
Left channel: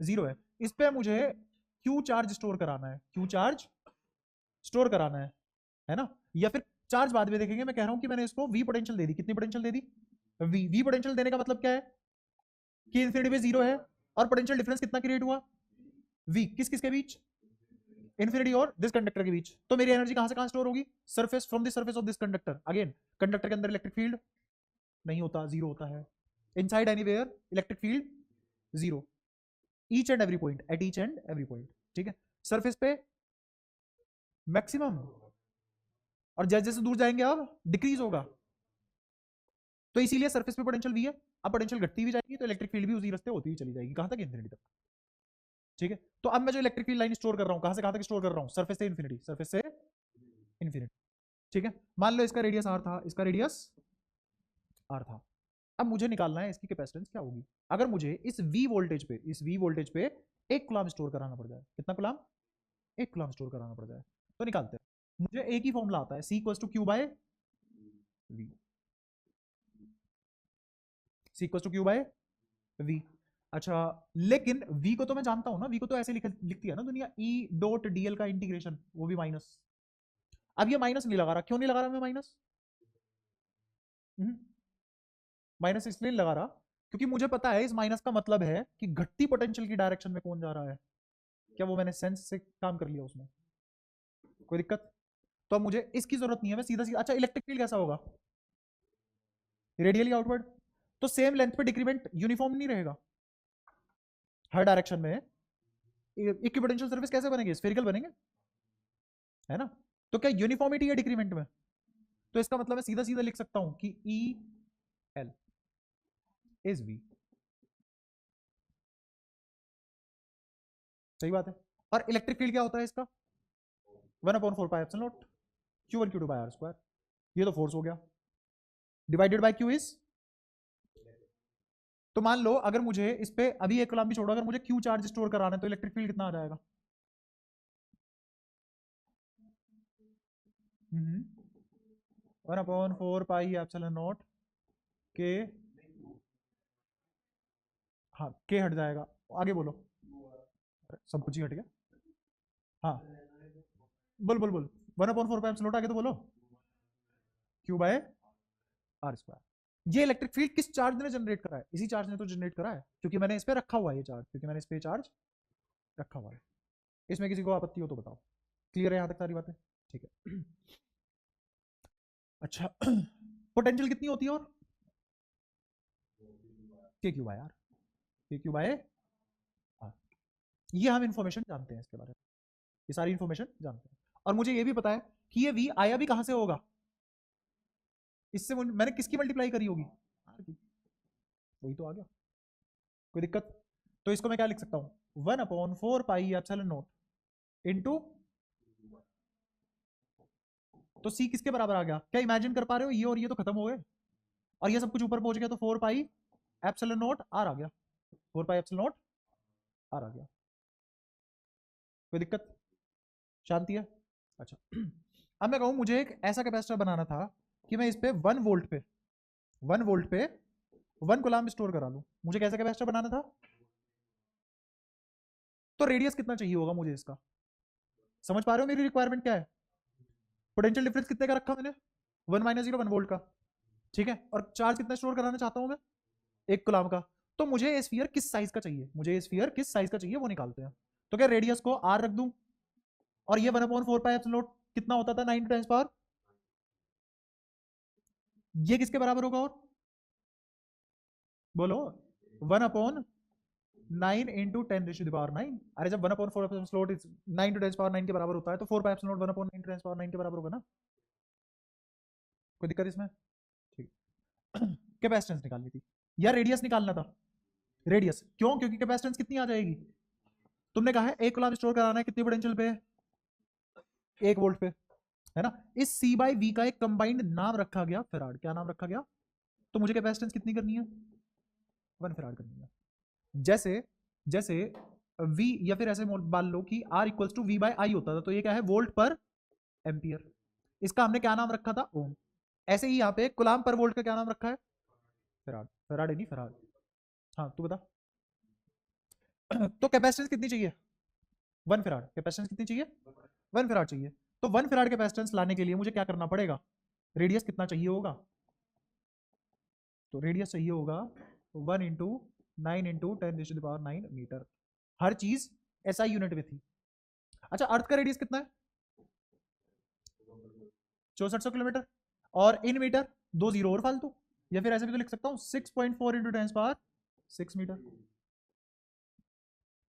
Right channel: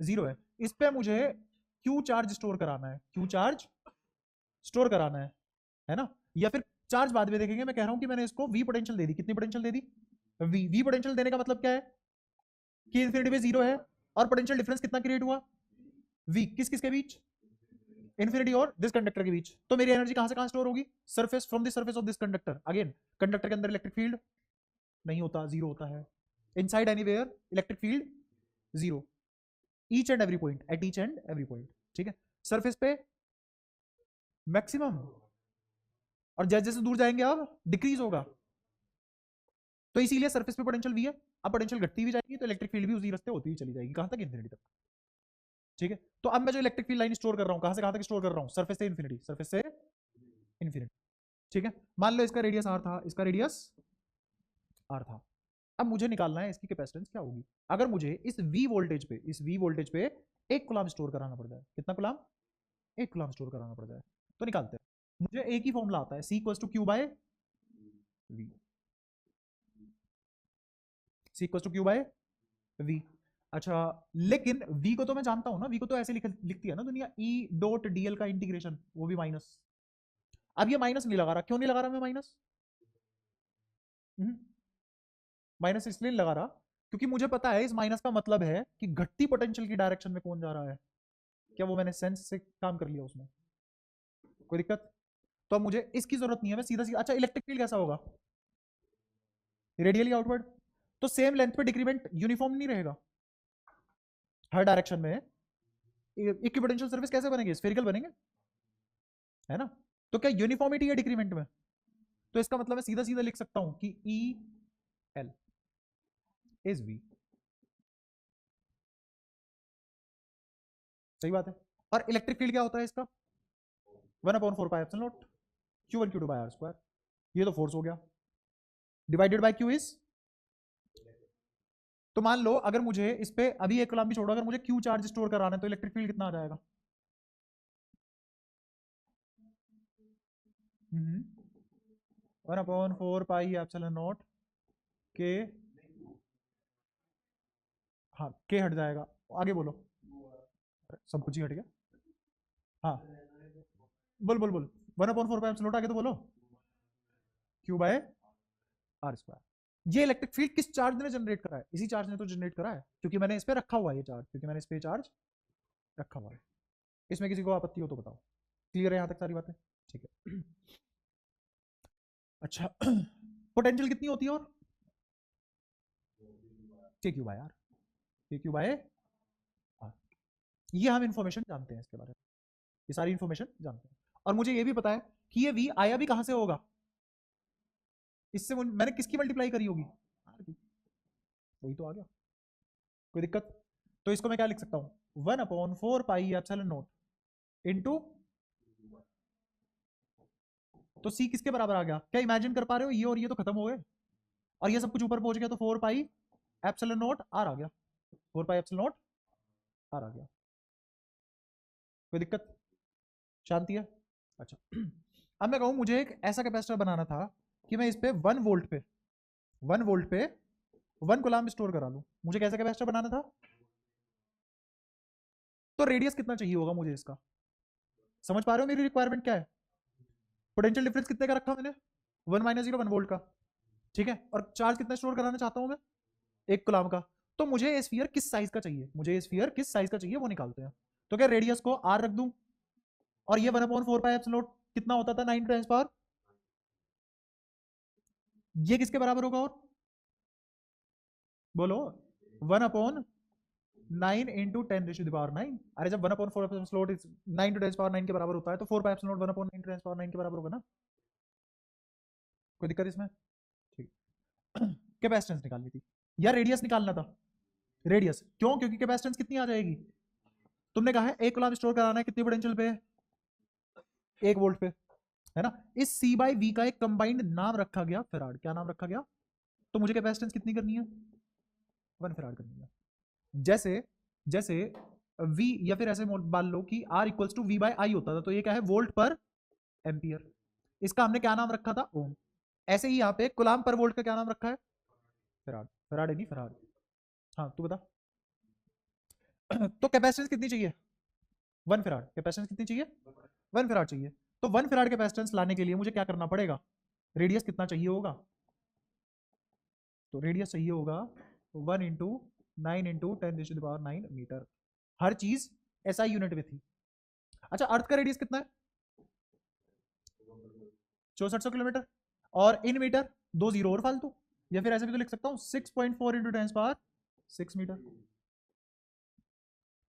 जीरो है। इस पे मुझे क्यू चार्ज स्टोर कराना है, क्यू चार्ज स्टोर कराना है ना? या फिर चार्ज बाद में देखेंगे। मैं कह रहा हूं कि मैंने इसको वी पोटेंशियल दे दी। कितनी पोटेंशियल दे दी? वी। वी पोटेंशियल देने का मतलब क्या है कि इंफिनिटी में जीरो है और पोटेंशियल डिफरेंस कितना क्रिएट हुआ? वी। किस किस के बीच? इंफिनिटी और दिस कंडक्टर के बीच। तो मेरी एनर्जी कहां से कहां स्टोर होगी? Surface, from the surface of this conductor. Again conductor के अंदर इलेक्ट्रिक फील्ड नहीं होता, जीरो होता है। Inside anywhere electric field zero, each and every point, at each and every point. ठीक है, सरफेस पे मैक्सिमम, और जैसे जैसे दूर जाएंगे आप डिक्रीज होगा। तो इसीलिए सरफेस पे पोटेंशियल वी है। अब पोटेंशियल घटती भी जाएगी तो इलेक्ट्रिक फील्ड भी उसी रास्ते होती ही चली जाएगी, कहां तक? इंफिनिटी तक। ठीक है, तो अब मैं जो इलेक्ट्रिक फील्ड लाइन स्टोर कर रहा हूं, कहां से कहां तक स्टोर कर रहा हूं? सरफेस से इंफिनिटी, सरफेस से इंफिनिटी। ठीक है, मान लो इसका रेडियस आर था, इसका रेडियस आर था। अब मुझे निकालना है इसकी कैपेसिटेंस क्या होगी। अगर मुझे इस वी वोल्टेज पे, इस वी वोल्टेज पे 1 कूलम स्टोर कराना पड़ जाए, कितना कूलम? 1 कूलम स्टोर कराना पड़ जाए, तो निकालते हैं। मुझे एक ही फॉर्मूला आता है, C equals to Q by V, C equals to Q by V. अच्छा, लेकिन v को तो मैं जानता हूं ना, v को तो ऐसे लिखती है ना दुनिया, e डॉट dl का इंटीग्रेशन, वो भी माइनस। अब ये माइनस नहीं लगा रहा, क्यों नहीं लगा रहा मैं माइनस? माइनस इसलिए लगा रहा क्योंकि मुझे पता है इस माइनस का मतलब है कि घटती पोटेंशियल की डायरेक्शन में कौन जा रहा है। क्या वो मैंने सेंस से काम कर लिया उसमें? कोई दिक्कत? तो अब मुझे इसकी जरूरत नहीं है, मैं सीधा सीधा। अच्छा, इलेक्ट्रिक फील्ड कैसा होगा? Radially outward. तो सेम लेंथ पे डिक्रीमेंट यूनिफॉर्म नहीं रहेगा हर डायरेक्शन में। इक्विपोटेंशियल सरफेस कैसे बनेंगे? स्फेरिकल बनेंगे, है ना? तो क्या यूनिफॉर्मिटी है डिक्रीमेंट में? तो इसका मतलब मैं सीधा सीधा लिख सकता हूं कि ई एल इज वी। सही बात है। और इलेक्ट्रिक फील्ड क्या होता है इसका? 1/4πε0 Q1 Q2 bye are square. ये तो फोर्स हो गया, डिवाइडेड बाय क्यू इज। तो मान लो अगर मुझे इस पे अभी एक कॉलम भी छोड़ो, अगर मुझे क्यू चार्ज स्टोर कराना है तो इलेक्ट्रिक फील्ड कितना आ जाएगा? 1/4πε0 के, हाँ के हट जाएगा। आगे बोलो, सब कुछ ही हट गया। हाँ बोल बोल बोल, 1/4πε0 आगे तो बोलो, क्यू बाय आर स्क्वायर। ये इलेक्ट्रिक फील्ड किस चार्ज ने जनरेट करा है? इसी चार्ज ने तो जनरेट करा है, क्योंकि मैंने इस पे रखा हुआ है ये चार्ज, क्योंकि मैंने इस पे चार्ज रखा हुआ है। इसमें किसी को आपत्ति हो तो बताओ। क्लियर है यहाँ तक सारी बातें? ठीक है। अच्छा, पोटेंशियल कितनी होती है? और के क्यू बाय आर, के क्यू बाय आर। ये हम इंफॉर्मेशन जानते हैं इसके बारे में, ये सारी इंफॉर्मेशन जानते हैं। और मुझे ये भी पता है कि ये वी आया भी कहां से होगा, इससे मैंने किसकी मल्टीप्लाई करी होगी, वही तो आ गया। कोई दिक्कत? तो इसको मैं क्या लिख सकता हूं? 1/4πε0 इंटू, तो सी किसके बराबर आ गया? क्या इमेजिन कर पा रहे हो? ये और ये तो खत्म हो गए और ये सब कुछ ऊपर पहुंच गया, तो 4πε0 आर आ गया, 4πε0 आर आ गया। कोई दिक्कत? शांति है? अच्छा, अब मैं कहूं मुझे एक ऐसा कैपेसिटर बनाना था कि मैं इस पे 1 वोल्ट पे 1 कूलम स्टोर करा लूं। मुझे कैसा कैपेसिटर बनाना था? तो रेडियस कितना चाहिए होगा मुझे इसका? समझ पा रहे हो मेरी रिक्वायरमेंट क्या है? पोटेंशियल डिफरेंस कितने का रखा मैंने? 1 - 0 1 वोल्ट का। ठीक है, और चार्ज कितना स्टोर कराना चाहता हूं मैं? 1 कूलम का। तो मुझे ये स्फीयर किस साइज का चाहिए, मुझे ये स्फीयर किस साइज का चाहिए वो निकालते हैं। तो क्या रेडियस को r रख दूं, और ये 1/4 कितना होता था 9 × 10⁻, ये किसके बराबर होगा, और बोलो 1/9 × 10⁹9। अरे जब 1/4 इज 9 × 10⁻9 के बराबर होता है तो 4π 1/9 × 10⁻9 के बराबर होगा ना, कोई दिक्कत इसमें? ठीक। कैपेसिटेंस निकालनी थी या रेडियस निकालना था, रेडियस क्यों, क्योंकि कैपेसिटेंस कितनी आ जाएगी, तुमने कहा है 1 कूलम्ब स्टोर कराना है, कितनी पोटेंशियल पे है, 1 वोल्ट पे, है ना। इस C/V का एक कंबाइंड नाम रखा गया फैराड, क्या नाम रखा गया, तो मुझे कैपेसिटेंस कितनी करनी है, 1 फैराड करनी है। जैसे जैसे V, या फिर ऐसे मान लो कि R = V/I होता था, तो ये क्या है, वोल्ट पर एम्पियर, इसका हमने क्या नाम रखा था, ओम। ऐसे ही यहाँ पे कूलम्ब पर वोल्ट का क्या नाम रखा है, फैराड, फैराड है नहीं फैराड। हाँ तू बता। तो कैपेसिटेंस कितनी चाहिए, 1 फैराड, कैपेसिटेंस कितनी चाहिए, 1 फैराड चाहिए। तो 1 फैराड कैपेसिटेंस लाने के लिए मुझे क्या करना पड़ेगा, रेडियस कितना चाहिए होगा, तो रेडियस चाहिए होगा 1 × 9 × 10⁹9 मीटर। हर चीज SI यूनिट में थी। अच्छा अर्थ का रेडियस कितना है, 6400 किलोमीटर, और इन मीटर 2 जीरो और फालतू, या फिर ऐसे भी तो लिख सकता हूँ 6.4 × 10⁻6 मीटर,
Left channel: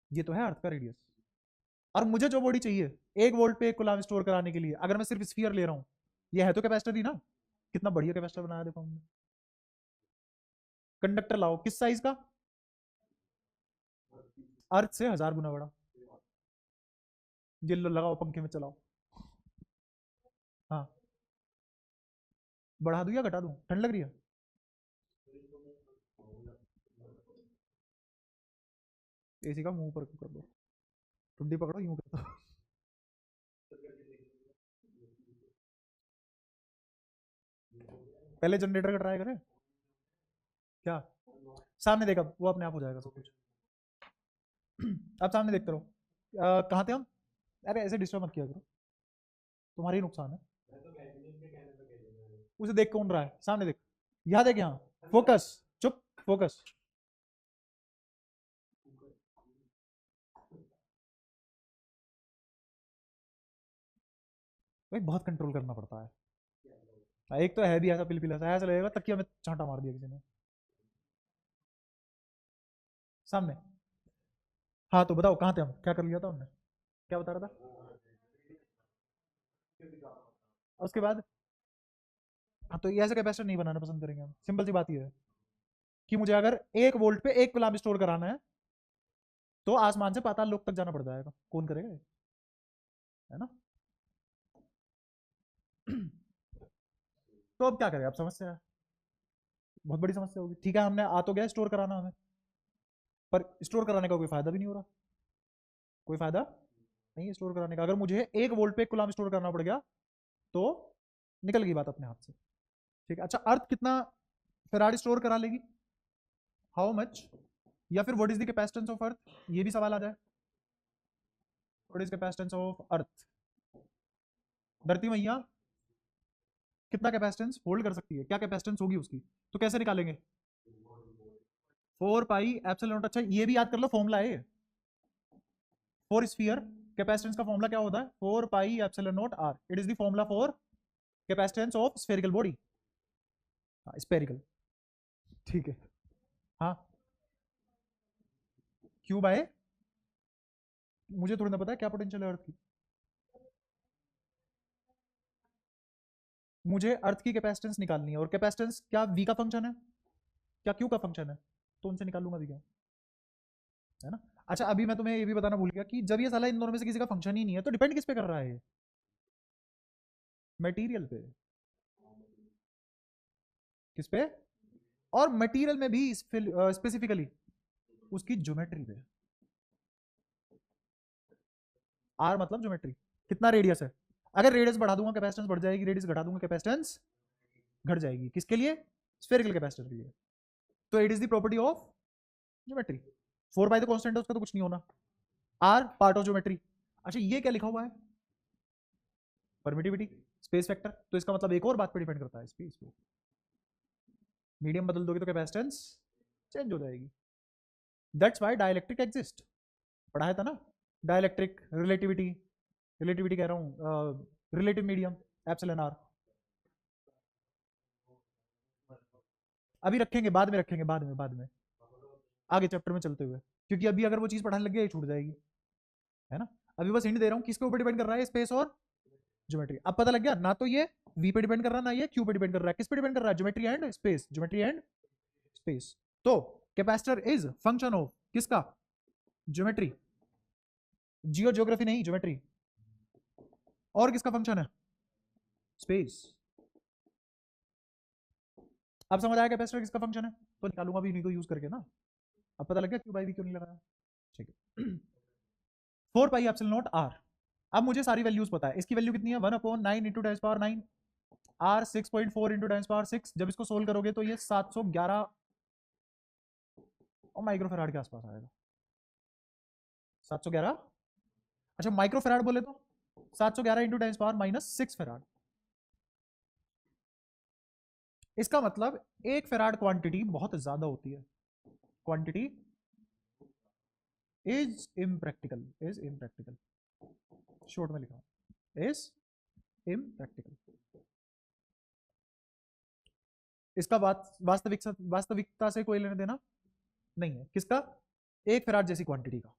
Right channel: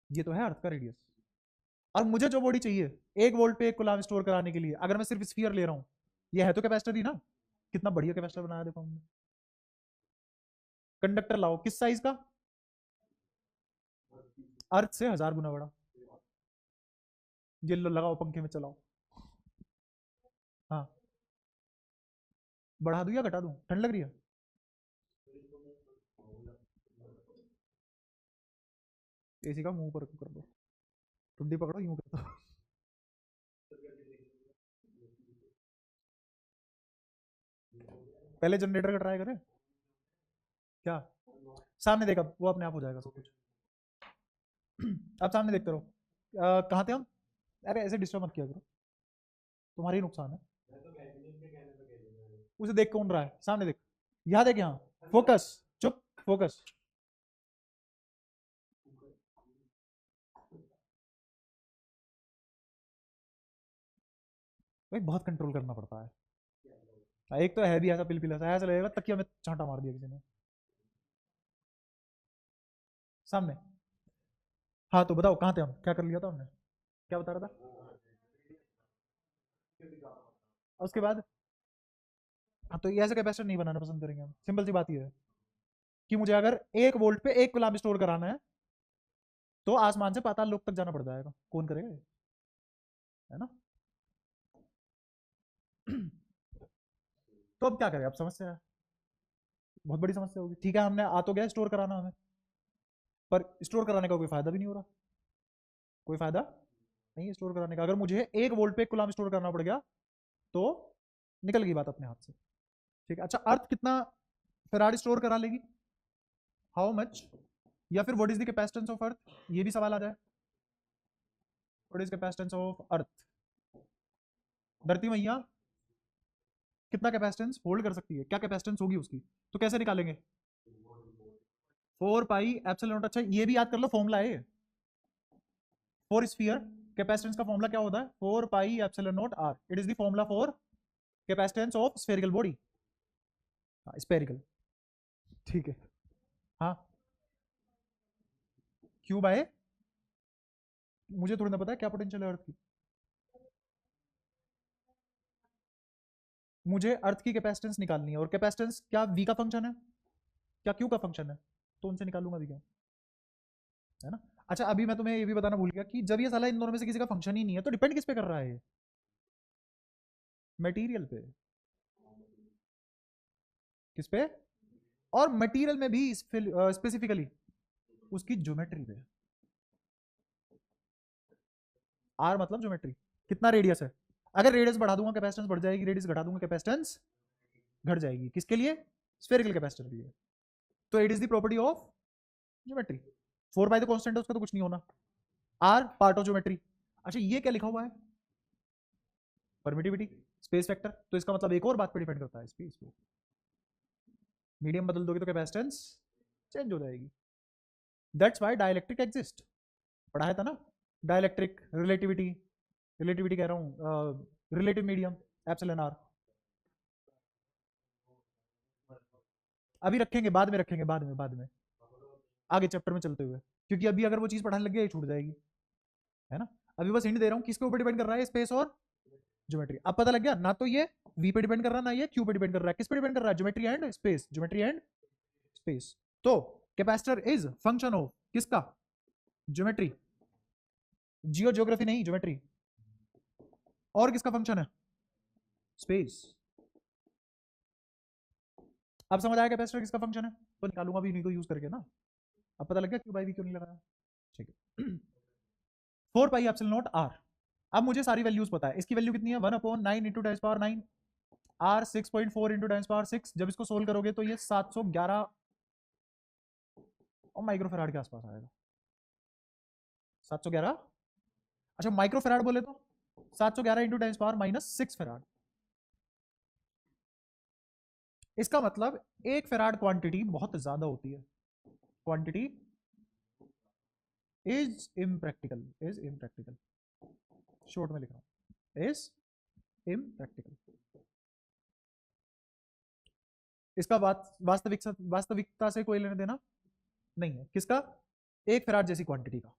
ये तो है अर्थ का रेडियस। और मुझे जो बॉडी चाहिए 1 वोल्ट पे 1 कूलम्ब स्टोर कराने के लिए, अगर मैं सिर्फ स्फीयर ले रहा हूँ, ये है तो कैपेसिटर ही ना, कितना बढ़िया कैपेसिटर बना देता हूँ। कंडक्टर लाओ किस साइज का, अर्थ से 1000 गुना बड़ा, जिल्लो लगाओ पंखे में चलाओ। हाँ बढ़ा दूं या घटा दूं, ठंड लग रही है, एसी का मुंह पर कर दो, ठंडी पकड़ो यूं कर दो। पहले जनरेटर का ट्राई करें क्या, सामने देखा वो अपने आप हो जाएगा सब कुछ। अब सामने देखते रहो, कहाँ थे हम, अरे ऐसे डिस्टर्ब मत किया करो, तुम्हारा ही नुकसान है। उसे देख कौन रहा है, सामने देख, यहाँ देख, यहाँ फोकस, चुप फोकस। भाई बहुत कंट्रोल करना पड़ता है, एक तो है भी ऐसा पिल ऐसा लगेगा तकिया में चांटा मार दिया किसी ने, सामने। हाँ तो बताओ कहाँ थे हम, क्या कर लिया था हमने, क्या बता रहा था, उसके बाद। हाँ तो ये ऐसे कैपेसिटर नहीं बनाना पसंद करेंगे हम, सिंपल सी बात ये है कि मुझे अगर 1 वोल्ट पे 1 कूलम्ब स्टोर कराना है तो आसमान से पाताल लोक तक जाना पड़ जाएगा, कौन करेगा ये? है ना। तो अब क्या करें, आप समझते हैं, बहुत बड़ी समस्या होगी। ठीक है हमने आ तो गया स्टोर कराना हमें, पर स्टोर कराने का कोई फायदा भी नहीं हो रहा, कोई फायदा नहीं है स्टोर कराने का। अगर मुझे 1 वोल्ट पे 1 कूलम्ब स्टोर करना पड़ गया तो निकल गई बात अपने हाथ से। ठीक है, अच्छा अर्थ कितना फैराड स्टोर करा लेगी, हाउ मच, या फिर what is the capacitance of earth, ये भी सवाल आ जाए, what is capacitance of earth, धरती मैया कितना कैपेसिटेंस होल्ड कर सकती है, क्या कैपेसिटेंस होगी उसकी, तो कैसे निकालेंगे, 4πε0। अच्छा ये भी याद कर लो फॉर्मूला है, फॉर स्फीयर कैपेसिटेंस का फॉर्मूला क्या होता है, 4πε0r, it is the formula for capacitance of spherical body, spherical, ठीक है। हाँ क्यू बाय, मुझे थोड़ी ना पता है क्या पोटेंशियल है अर्थ की, मुझे अर्थ की कैपेसिटेंस निकालनी है, और कैपेसिटेंस क्या वी का फंक्शन है, क्या क्यू का फंक्शन है, तो उनसे निकालूंगा मैं क्या, है ना। अच्छा अभी मैं तुम्हें ये भी बताना भूल गया कि जब ये साला इन दोनों में से किसी का फंक्शन ही नहीं है तो डिपेंड किस पे कर रहा है, मटेरियल पे, किस पे, और मटेरियल में भी स्पेसिफिकली उसकी ज्योमेट्री में, आर मतलब ज्योमेट्री, कितना रेडियस है, अगर रेडियस बढ़ा दूंगा कैपेसिटेंस बढ़ जाएगी, रेडियस घटा दूंगा कैपेसिटेंस घट जाएगी, किसके लिए, स्फेरिकल कैपेसिटर के लिए। तो it is the property of geometry, 4 by the constant है उसका तो कुछ नहीं होना, आर पार्ट ऑफ ज्योमेट्री। अच्छा ये क्या लिखा हुआ है, परमिटिविटी, स्पेस फैक्टर, तो इसका मतलब एक और बात पर डिपेंड करता है, स्पेस पे मीडियम बदल दोगे तो कैपेसिटेंस चेंज हो जाएगी। दैट्स वाई डायलैक्ट्रिक एग्जिस्ट, पढ़ाया था ना, डायलैक्ट्रिक, रिलेटिविटी, रिलेटिविटी कह रहा हूँ, रिलेटिव मीडियम, एप्सिलॉन आर। अभी रखेंगे, बाद में रखेंगे, बाद में आगे चैप्टर में चलते हुए, क्योंकि अभी अगर वो चीज पढ़ाने लग गया ये छूट जाएगी, है ना। अभी बस हिंट दे रहा हूँ किसके ऊपर डिपेंड कर रहा है, स्पेस और ज्योमेट्री। अब पता लग गया, ना तो ये v पे डिपेंड कर रहा है, ना ये q पे डिपेंड कर रहा है, किस पे डिपेंड कर रहा है, geometry and space, geometry and space. तो कैपेसिटर इज फंक्शन ऑफ किसका, ज्योमेट्री, जियो ज्योग्राफी नहीं, ज्योमेट्री। और किसका फंक्शन है, स्पेस। अब समझ आया कैपेसिटर किसका फंक्शन है, तो निकालूंगा भी इन्हीं को यूज करके ना। अब पता लग गया क्यू बाई वी क्यों नहीं लगाया, ठीक है। 4 पाई एप्सिलॉन नॉट आर। अब मुझे सारी वैल्यूज पता है, इसकी वैल्यू कितनी है, 1/9 इंटू 10⁻9, आर 6.4 इंटू 10⁻6। जब इसको सोल्व करोगे तो ये 711 और माइक्रोफेराड के आसपास आएगा, 711। अच्छा माइक्रोफेराड बोले तो 711 इंटू 10⁻6 फेराड। इसका मतलब एक फेराड क्वांटिटी बहुत ज्यादा होती है, quantity is impractical, is impractical, short में लिखा इज इम्प्रैक्टिकल। इसका वास्तविकता से कोई लेने देना नहीं है, किसका, एक फेराड जैसी क्वांटिटी का,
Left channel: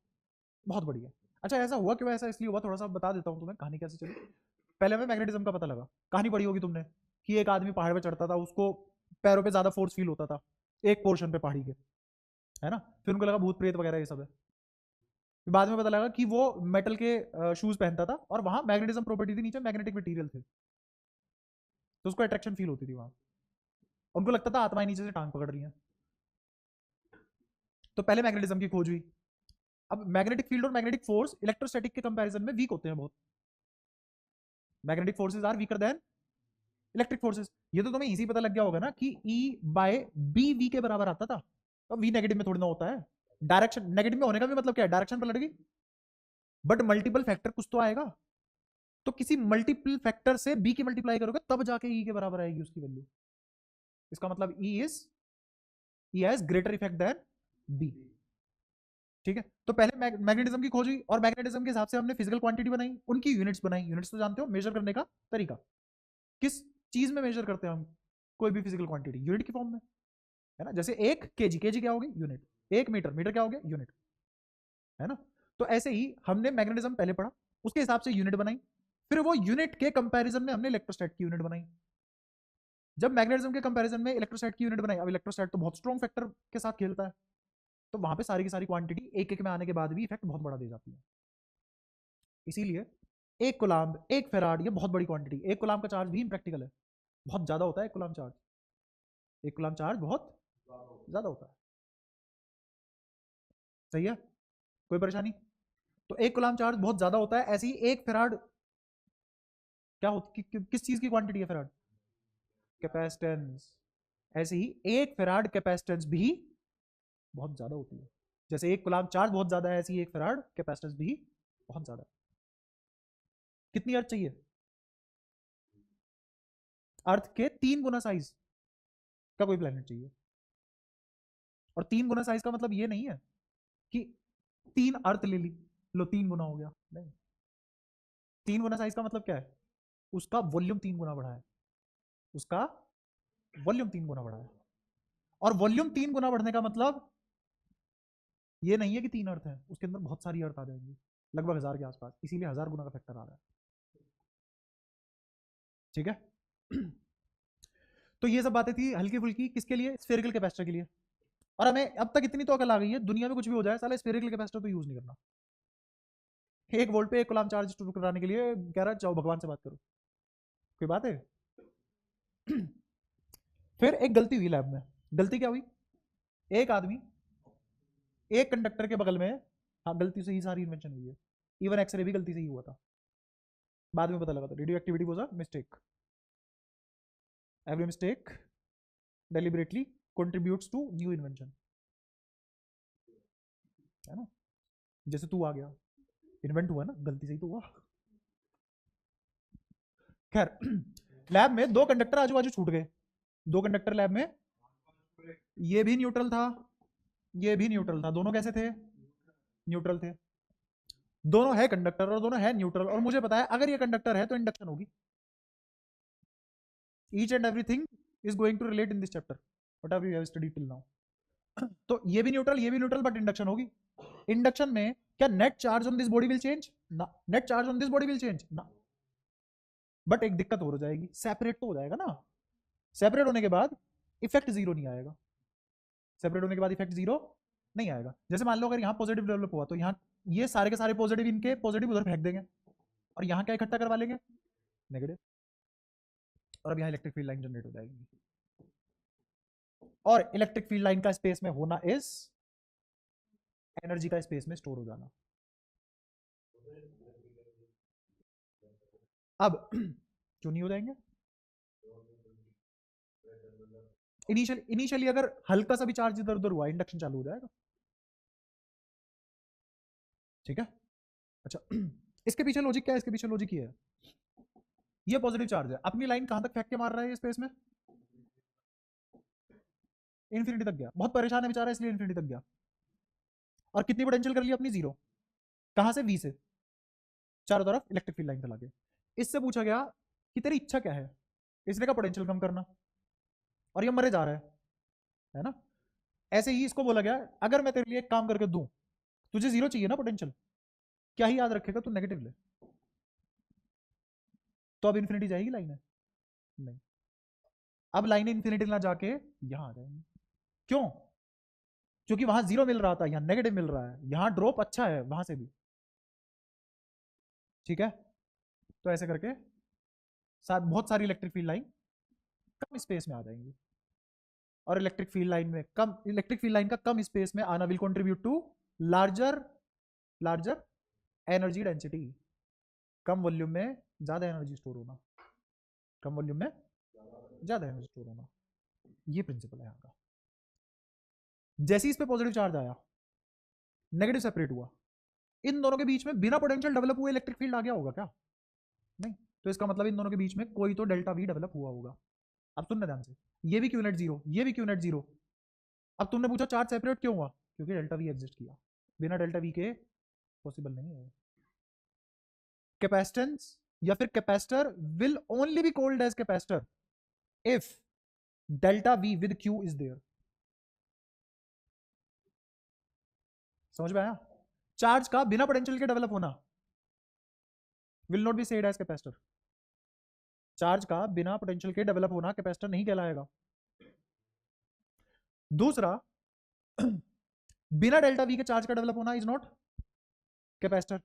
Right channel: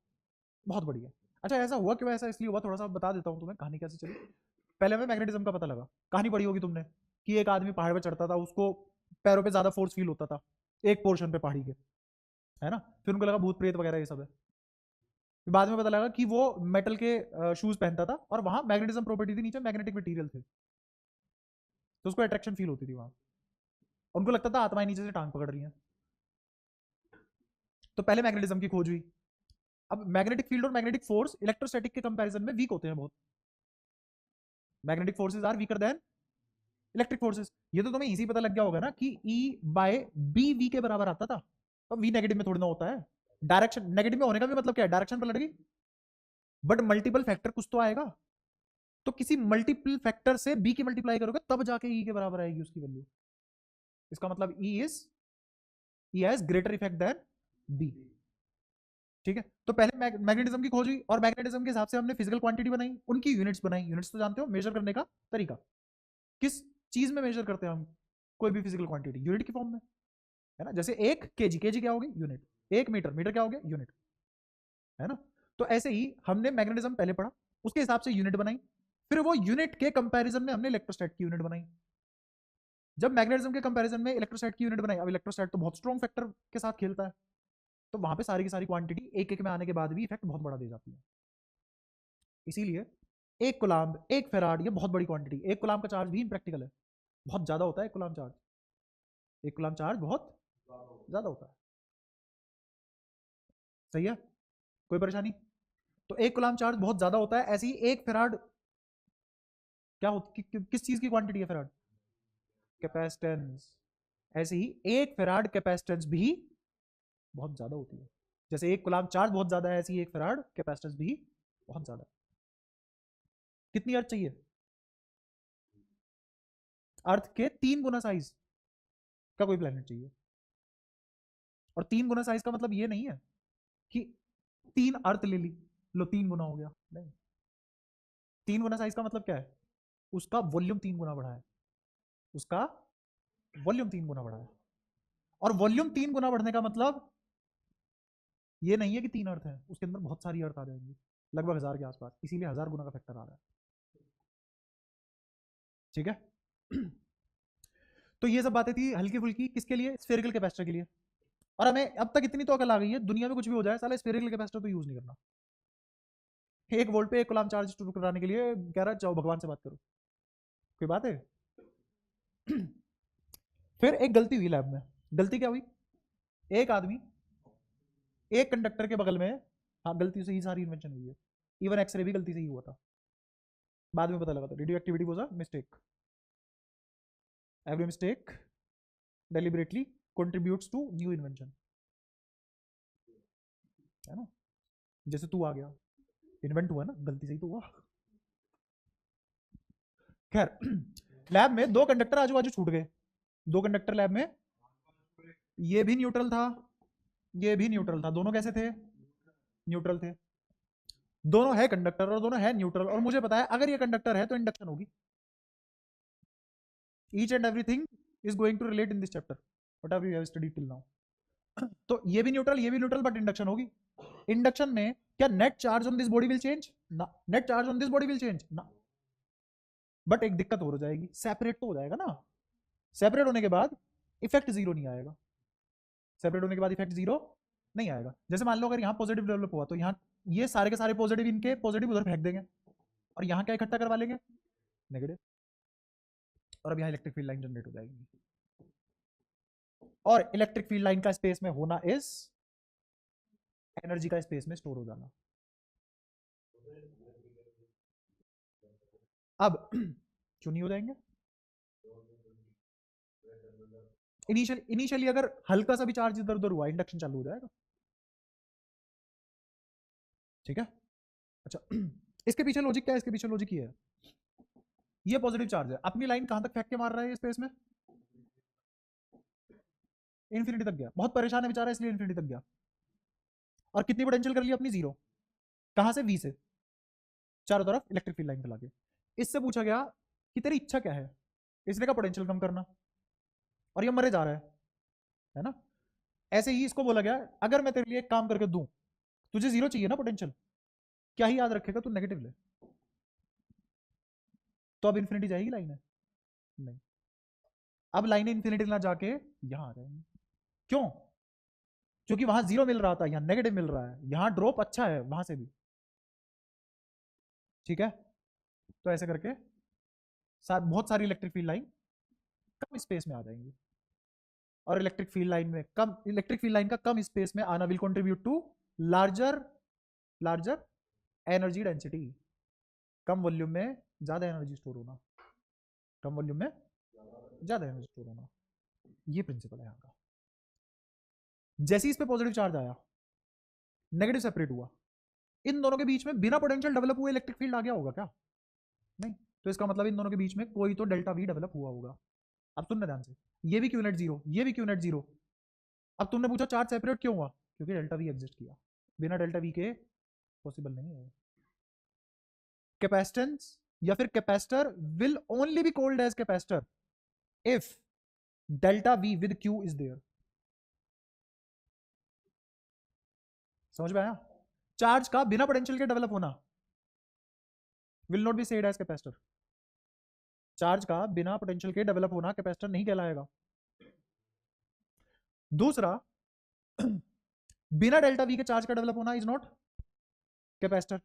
बहुत बढ़िया। अच्छा ऐसा हुआ क्यों, ऐसा इसलिए हुआ, थोड़ा सा बता देता हूँ तुम्हें कहानी कैसे चली। पहले हमें मैग्नेटिज्म का पता लगा, कहानी पढ़ी होगी तुमने, कि एक आदमी पहाड़ पे चढ़ता था, उसको पैरों पे ज्यादा फोर्स फील होता था एक पोर्शन पे पहाड़ी के, है ना। फिर उनको लगा भूत प्रेत वगैरह ये सब है। फिर बाद में पता लगा कि वो मेटल के शूज पहनता था और वहां मैग्नेटिज्म प्रॉपर्टी के नीचे मैग्नेटिक मटेरियल थे, तो उसको अट्रैक्शन फील होती थी वहां, उनको लगता था आत्माएं नीचे से टांग पकड़ रही हैं। तो पहले मैग्नेटिज्म की खोज हुई। अब मैग्नेटिक फील्ड और मैग्नेटिक फोर्स इलेक्ट्रोस्टैटिक के कंपैरिजन में वीक होते हैं बहुत, magnetic forces are weaker than electric forces. ये तो तुम्हें इजी पता लग गया होगा ना कि E बाय बी वी के बराबर आता था, तो वी नेगेटिव में थोड़ी ना होता है, डायरेक्शन नेगेटिव में होने का भी मतलब क्या है, डायरेक्शन पलट गई, बट मल्टीपल फैक्टर कुछ तो आएगा, तो किसी मल्टीपल फैक्टर से बी की मल्टीप्लाई करोगे तब जाके ई के बराबर आएगी उसकी वैल्यू। इसका मतलब E has greater effect than B, ठीक है। तो पहले मैग्नेटिज्म की खोज हुई और मैग्नेटिज्म के हिसाब से हमने फिजिकल क्वांटिटी बनाई, उनकी यूनिट्स बनाई। यूनिट्स तो जानते हो, मेजर करने का तरीका, किस चीज में मेजर करते हैं हम कोई भी फिजिकल क्वांटिटी, यूनिट की फॉर्म में, है ना। जैसे 1 केजी, केजी क्या होगी, यूनिट। 1 मीटर, मीटर क्या हो गया, यूनिट, है ना। तो ऐसे ही हमने मैग्नेटिज्म पहले पढ़ा, उसके हिसाब से यूनिट बनाई, फिर वो यूनिट के कंपैरिजन में हमने इलेक्ट्रोस्टैट की यूनिट बनाई। जब मैग्नेटिज्म के कंपैरिजन में इलेक्ट्रोस्टैट की यूनिट बनाई, अब इलेक्ट्रोस्टैट तो बहुत स्ट्रॉन्ग फैक्टर के साथ खेलता है, तो वहां पे सारी की सारी क्वांटिटी एक एक में आने के बाद भी इफेक्ट बहुत बड़ा दे जाती है। इसीलिए एक कुलाम्ब, एक फेराड, ये बहुत बड़ी क्वांटिटी। एक कुलाम्ब का चार्ज भी इम्प्रैक्टिकल है, बहुत ज्यादा होता है एक कुलाम्ब चार्ज, एक कुलाम्ब चार्ज बहुत ज्यादा होता है, सही है, कोई परेशानी। तो एक कुलाम्ब चार्ज बहुत ज्यादा होता है, ऐसे ही एक फेराड क्या किस चीज की क्वांटिटी है फेराड, कैपेसिटेंस। ऐसे ही एक फेराड कैपेसिटेंस भी बहुत ज्यादा होती है, जैसे एक कुलाम्ब चार्ज बहुत ज्यादा है, ऐसी एक फेराड कैपेसिटेंस भी बहुत ज्यादा। कितनी अर्थ चाहिए, अर्थ के 3 गुना साइज का कोई प्लेनेट चाहिए। और 3 गुना साइज का मतलब ये नहीं है कि 3 अर्थ ले ली, लो 3 गुना हो गया, नहीं। 3 गुना साइज का मतलब क्या है, उसका वॉल्यूम 3 गुना बढ़ा है, उसका वॉल्यूम 3 गुना बढ़ा है। और वॉल्यूम 3 गुना बढ़ने का मतलब ये नहीं है कि 3 अर्थ है, उसके अंदर बहुत सारी अर्थ आ जाएंगी, लगभग 1000 के आसपास, इसीलिए 1000 गुना का फैक्टर आ रहा है, ठीक है। तो ये सब बातें थी हल्की फुल्की, किसके लिए, स्फेरिकल कैपेसिटर के लिए। और हमें अब तक इतनी तो अकल आ गई है, दुनिया में कुछ भी हो जाए साला स्फेरिकल कैपेसिटर तो यूज नहीं करना। 1 वोल्ट पे 1 कूलम्ब चार्ज शुरू कराने के लिए कह रहा है जाओ भगवान से बात करो, कोई बात है। फिर एक गलती हुई लैब में, गलती क्या हुई, एक आदमी एक कंडक्टर के बगल में, हाँ गलती से ही सारी इन्वेंशन हुई है, इवन एक्सरे भी गलती से ही हुआ था, बाद में पता लगा था radio activity was a mistake, every mistake deliberately contributes to new invention, है ना। जैसे तू आ गया, इन्वेंट हुआ ना, गलती से ही तो हुआ। खैर लैब में 2 कंडक्टर आजू बाजू छूट गए, 2 कंडक्टर लैब में, ये भी न्यूट्रल था ये भी न्यूट्रल था, दोनों कैसे थे? न्यूट्रल थे। दोनों है कंडक्टर और दोनों है न्यूट्रल, और मुझे पता है अगर ये कंडक्टर है तो इंडक्शन होगी। Each and everything is going to relate in this chapter whatever you have studied till now. तो ये भी न्यूट्रल बट इंडक्शन होगी। इंडक्शन में क्या net charge on this body will change? ना, net charge on this body will change ना। बट एक दिक्कत हो जाएगी, सेपरेट तो हो जाएगा ना। सेपरेट होने के बाद इफेक्ट जीरो नहीं आएगा। सेपरेट होने के बाद इफेक्ट जीरो नहीं आएगा। जैसे मान लो अगर यहाँ पॉजिटिव डेवलप हुआ तो यहाँ ये सारे के सारे पॉजिटिव इनके पॉजिटिव उधर फेंक देंगे, और यहाँ क्या इकट्ठा करवा लेंगे? नेगेटिव। और अब यहाँ इलेक्ट्रिक फील्ड लाइन जनरेट हो जाएगी। और इलेक्ट्रिक फील्ड लाइन का स्पेस में होना इज एनर्जी का स्पेस में स्टोर हो जाना। अब क्यों नहीं हो जाएंगे? इनिशियली अगर हल्का सा भी चार्ज इधर उधर हुआ, इंडक्शन चालू हो जाएगा। ठीक है, अच्छा इसके पीछे लॉजिक क्या है? इसके पीछे लॉजिक ये है, ये पॉजिटिव चार्ज है, अपनी लाइन कहां तक फेंक के मार रहा है स्पेस में? इन्फिनिटी तक गया। बहुत परेशान है बेचारा, इसलिए इन्फिनिटी तक गया। और कितनी पोटेंशियल कर ली अपनी? जीरो। कहां से? वी से। चारों तरफ इलेक्ट्रिक फील्ड लाइन फैला के। इससे पूछा गया कि तेरी इच्छा क्या है? इसने का पोटेंशियल कम करना, और ये मरे जा रहा है ना। ऐसे ही इसको बोला गया अगर मैं तेरे लिए एक काम करके दूं, तुझे जीरो चाहिए ना पोटेंशियल, क्या ही याद रखेगा तू? नेगेटिव ले। तो अब इन्फिनिटी जाएगी लाइन? नहीं। अब लाइन इन्फिनिटी ना जाके यहां आ जाएंगे। क्यों? क्योंकि वहां जीरो मिल रहा था, यहाँ नेगेटिव मिल रहा है, यहाँ ड्रॉप अच्छा है वहां से भी। ठीक है, तो ऐसे करके बहुत सारी इलेक्ट्रिक फील्ड लाइन कम स्पेस में आ जाएंगी। और इलेक्ट्रिक फील्ड लाइन का कम स्पेस में आना will contribute to larger energy density. कम वॉल्यूम में ज्यादा एनर्जी स्टोर होना, कम वॉल्यूम में ज्यादा एनर्जी स्टोर होना, ये प्रिंसिपल है यहाँ का। जैसे इस पे पॉजिटिव चार्ज आया, नेगेटिव सेपरेट हुआ, इन दोनों के बीच में बिना पोटेंशियल डेवलप हुए इलेक्ट्रिक फील्ड आ गया होगा क्या? नहीं। तो इसका मतलब इन दोनों के बीच में कोई तो डेल्टा वी डेवलप हुआ होगा। अब सुनना ध्यान से, ये भी क्यू नेट जीरो, ये भी क्यू नेट जीरो। अब तुमने पूछा चार्ज सेपरेट क्यों हुआ? क्योंकि डेल्टा वी एग्जिस्ट किया। बिना डेल्टा वी के पॉसिबल नहीं है। कैपेसिटेंस या फिर capacitor will only be called as capacitor if delta V with Q is there. समझ में आया? चार्ज का बिना पोटेंशियल के डेवलप होना will not be said as capacitor. Charge का बिना पोटेंशियल के डेवलप होना कैपेसिटर नहीं कहलाएगा। दूसरा, बिना डेल्टा वी के चार्ज का डेवलप होना इज नॉट कैपेसिटर,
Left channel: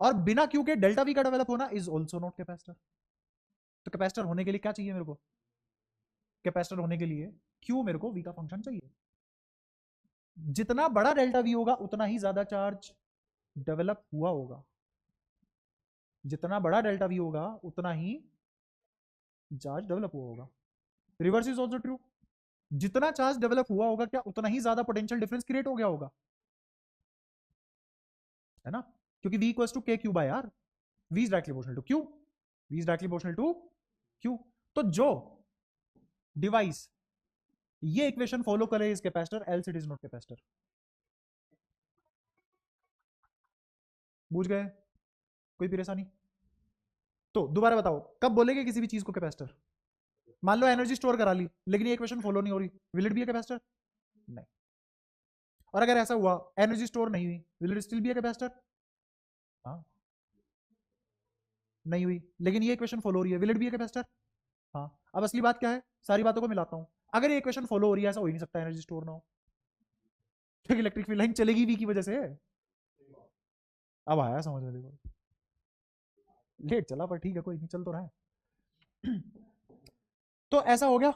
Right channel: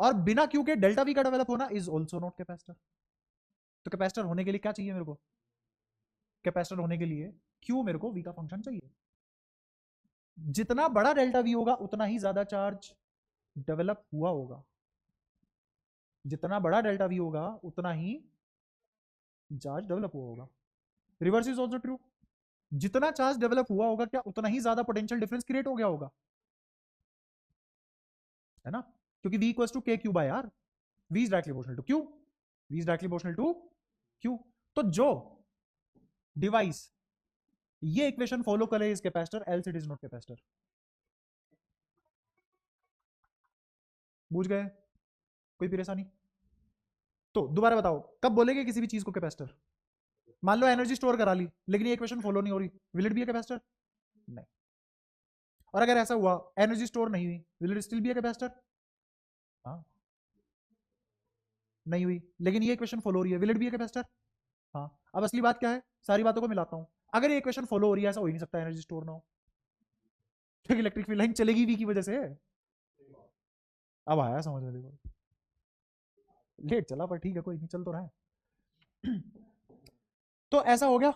और बिना क्यू के डेल्टा वी का डेवलप होना इज ऑल्सो नॉट कैपेसिटर। तो कैपेसिटर होने के लिए क्या चाहिए मेरे को? कैपेसिटर होने के लिए क्यू मेरे को वी का फंक्शन चाहिए। जितना बड़ा डेल्टा वी होगा उतना ही ज्यादा चार्ज डेवलप हुआ होगा। जितना बड़ा डेल्टा वी होगा उतना ही चार्ज डेवलप हुआ होगा। Reverse is also true. जितना चार्ज डेवलप हुआ होगा क्या उतना ही ज्यादा पोटेंशियल डिफरेंस क्रिएट हो गया होगा, है ना? क्योंकि v equals to k Q by r, v is directly proportional to q, v is directly proportional to q। तो जो डिवाइस ये इक्वेशन फॉलो करे is capacitor, else it is not capacitor. बुझ गए? कोई परेशानी? तो दोबारा बताओ, कब बोलेंगे किसी भी चीज को कैपेसिटर? मान लो एनर्जी स्टोर करा ली लेकिन ये इक्वेशन फॉलो नहीं हो रही, will it be a capacitor? नहीं। और अगर ऐसा हुआ एनर्जी स्टोर नहीं हुई, will it still be a capacitor? हाँ। नहीं हुई लेकिन ये इक्वेशन फॉलो हो रही है, will it be a capacitor? हाँ। अब असली बात क्या है, सारी बातों को मिलाता हूं। अगर ये इक्वेशन फॉलो हो रही है, ऐसा हो ही नहीं सकता एनर्जी स्टोर ना हो, क्योंकि इलेक्ट्रिक फील्ड लाइन चलेगी भी की वजह से। अब आया समझ में? देखो लेट चला पर ठीक है, कोई नहीं, चल तो रहा है। तो ऐसा हो गया,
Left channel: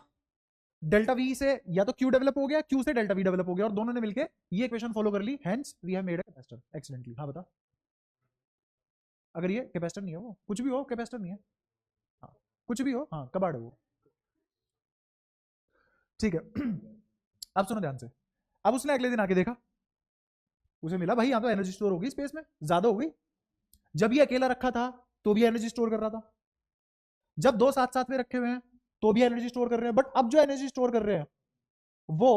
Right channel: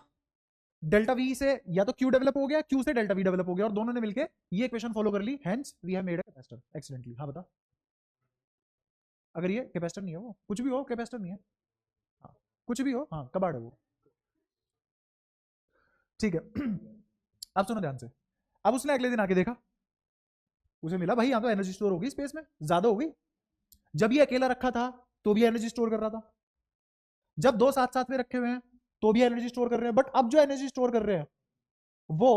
डेल्टा वी से या तो क्यू डेवलप हो गया, क्यू से डेल्टा वी डेवलप हो गया, और दोनों ने मिलकर ये इक्वेशन फॉलो कर ली, hence we have made a capacitor accidentally. हाँ बता, अगर ये कैपेसिटर नहीं हो, कुछ भी हो कैपेसिटर नहीं है, हाँ, कुछ भी हो, हाँ कबाड़ हो, ठीक है। अब सुनो ध्यान से। अब उसने अगले दिन आके देखा, उसे मिला भाई यहाँ पे एनर्जी स्टोर होगी स्पेस में, ज्यादा हो गई। जब ये अकेला रखा था तो भी एनर्जी स्टोर कर रहा था, जब दो साथ साथ में रखे हुए हैं तो भी एनर्जी स्टोर कर रहे हैं, बट अब जो एनर्जी स्टोर कर रहे हैं वो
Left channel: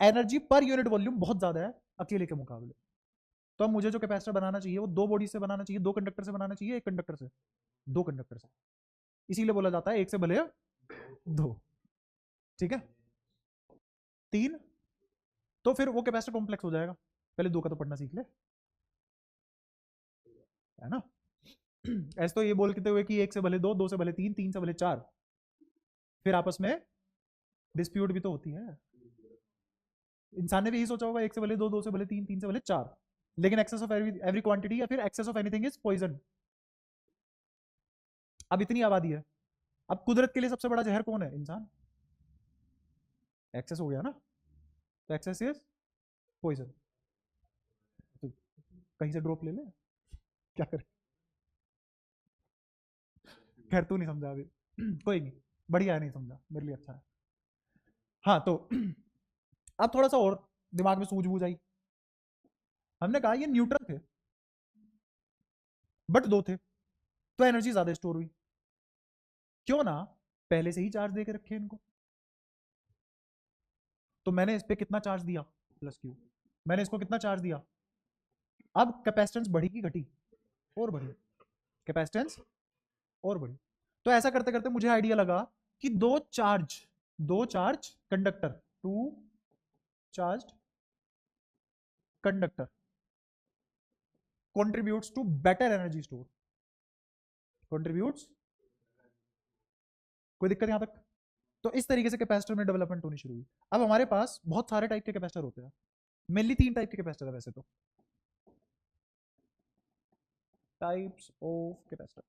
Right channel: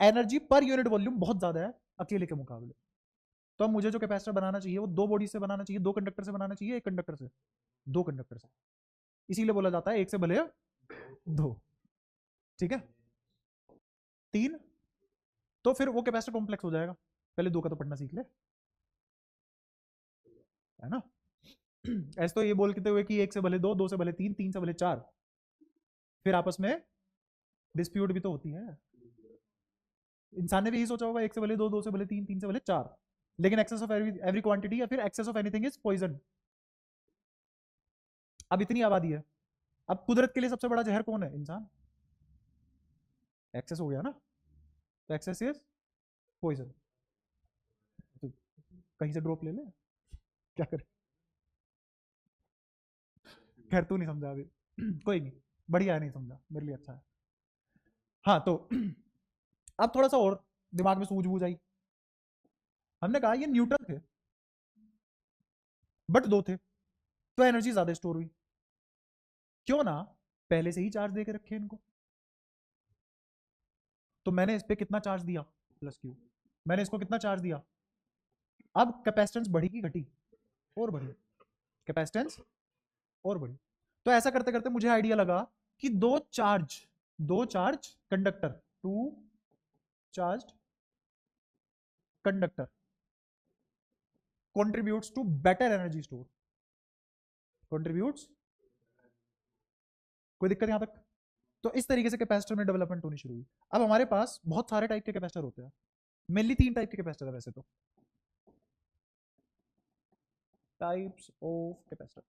एनर्जी पर यूनिट वॉल्यूम बहुत ज्यादा है अकेले के मुकाबले। तो मुझे जो कैपेसिटर बनाना चाहिए वो दो बॉडी से बनाना चाहिए, दो कंडक्टर से बनाना चाहिए, एक कंडक्टर से, दो कंडक्टर से। इसीलिए बोला जाता है एक से भले दो। ठीक है, तीन। तो फिर वो कैपेसिटर कॉम्प्लेक्स हो जाएगा। पहले दो का तो पढ़ना सीख ले, है ना। ऐसे तो ये बोलते हुए कि एक से भले दो, दो से भले तीन, तीन से भले चार, फिर आपस में डिस्प्यूट भी तो होती है। इंसान ने भी यही सोचा होगा एक से भले दो, दो से भले तीन, तीन से भले चार। लेकिन एक्सेस ऑफ एवरी क्वांटिटी या फिर excess of anything is poison. अब इतनी आबादी है, अब कुदरत के लिए सबसे बड़ा जहर कौन है? इंसान। एक्सेस हो गया ना, तो एक्सेस इज पॉइजन। कहीं से ड्रॉप ले ले, क्या करे। खैर तू नहीं समझा अभी, कोई नहीं, बढ़िया है, नहीं समझा, मेरे लिए अच्छा है। हाँ तो अब थोड़ा सा और दिमाग में सूझबूझ आई। हमने कहा ये न्यूट्रल थे, बट दो थे, तो एनर्जी ज्यादा स्टोर हुई। क्यों ना पहले से ही चार्ज दे के रखे इनको। तो मैंने इस पे कितना चार्ज दिया? Plus Q. मैंने इसको कितना चार्ज दिया? अब कैपेसिटेंस बढ़ी की घटी? और बढ़ी। कैपेसिटेंस और बढ़ी। तो ऐसा करते करते मुझे आइडिया लगा कि दो charge conductor, two charge conductor contributes to better energy store, contributes। कोई दिक्कत यहां तक? तो इस तरीके से कैपेसिटर में डेवलपमेंट होनी शुरू हुई। अब हमारे पास बहुत सारे टाइप के कैपेसिटर होते हैं, मेनली तीन टाइप के कैपेसिटर है वैसे तो। टाइप्स ऑफ कैपेसिटर,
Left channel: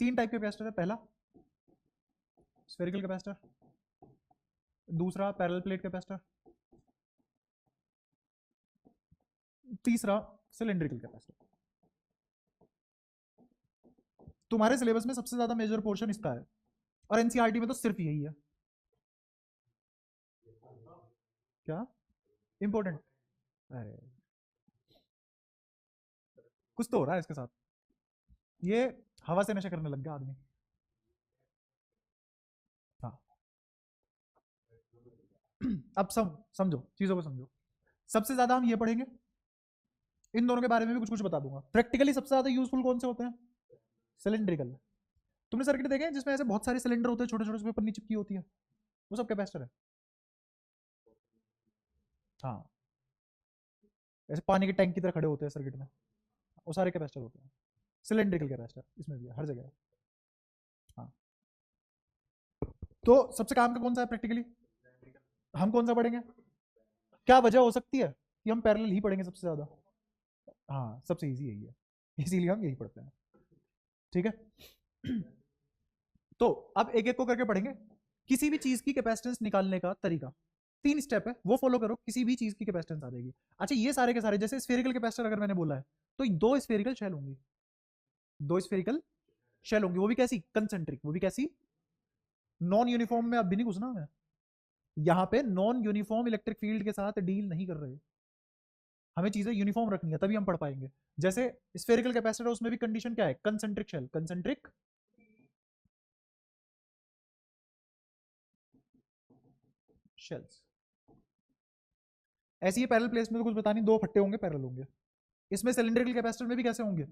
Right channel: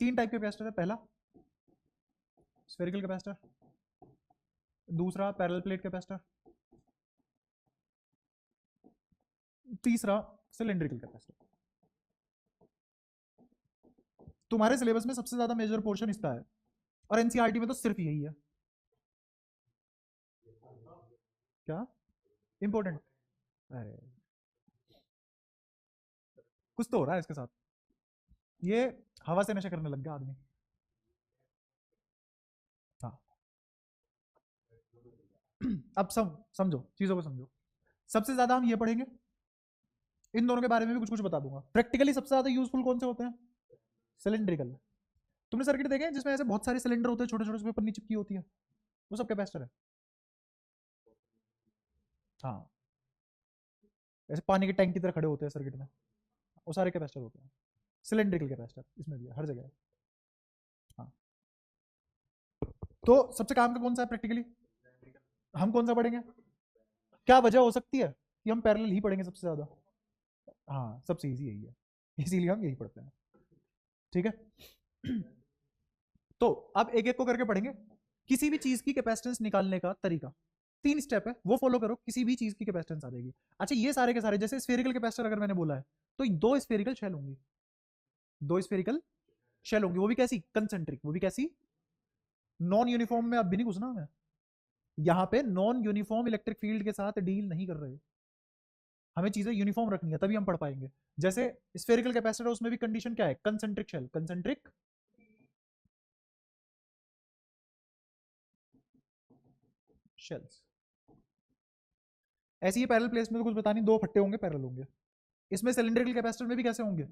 तीन टाइप के कैपेसिटर है। पहला स्फेरिकल कैपेसिटर, दूसरा पैरेलल प्लेट कैपेसिटर, तीसरा सिलेंड्रिकल कैपेसिटर। तुम्हारे सिलेबस में सबसे ज्यादा मेजर पोर्शन इसका है, और एनसीईआरटी में तो सिर्फ यही है। क्या इंपॉर्टेंट? अरे कुछ तो हो रहा है इसके साथ, ये हवा से नशा करने लग गया आदमी। हाँ अब समझो चीजों को समझो। सबसे ज्यादा हम ये पढ़ेंगे, इन दोनों के बारे में भी कुछ कुछ बता दूंगा। प्रैक्टिकली सबसे ज्यादा यूजफुल कौन से होते हैं? सिलेंड्रिकल। तुमने सर्किट देखे हैं जिसमें ऐसे बहुत सारे सिलेंडर होते हैं, छोटे छोटे, उसमें पन्नी चिपकी होती है, वो सब कैपेसिटर है। हाँ, ऐसे पानी के टैंक की तरह खड़े होते हैं सर्किट में, वो सारे कैपेसिटर होते हैं। सिलेंड्रिकल कैपेसिटर इसमें भी है, हर जगह है। हाँ, तो सबसे काम का कौन सा है प्रैक्टिकली? हम कौन सा पढ़ेंगे? क्या वजह हो सकती है कि हम पैरेलल ही पढ़ेंगे सबसे ज्यादा? हाँ, सबसे इजी यही है, इसीलिए हम यही पढ़ते हैं। ठीक है, तो अब एक एक को करके पढ़ेंगे। किसी भी चीज की कैपेसिटेंस निकालने का तरीका, तीन स्टेप है, वो फॉलो करो, किसी भी चीज की कैपेसिटेंस आ जाएगी। अच्छा, ये सारे के सारे, जैसे स्फेरिकल कैपेसिटर अगर मैंने बोला है, तो दो स्फेरिकल शेल होंगी, दो स्फेरिकल शेल होंगी, वो भी कैसी? कंसेंट्रिक। वो भी कैसी? नॉन यूनिफॉर्म में अब भी नहीं घुसना मैं, यहाँ पे नॉन यूनिफॉर्म इलेक्ट्रिक फील्ड के साथ डील नहीं कर रहे, हमें चीजें यूनिफॉर्म रखनी है तभी हम पढ़ पाएंगे। जैसे स्फेरिकल कैपेसिटर, उसमें भी कंडीशन क्या है? Concentric shell, concentric shells. ऐसे ही पैरेलल प्लेस में तो कुछ बता नहीं, दो फट्टे होंगे, पैरेलल होंगे। इसमें सिलेंड्रिकल कैपेसिटर में भी कैसे होंगे?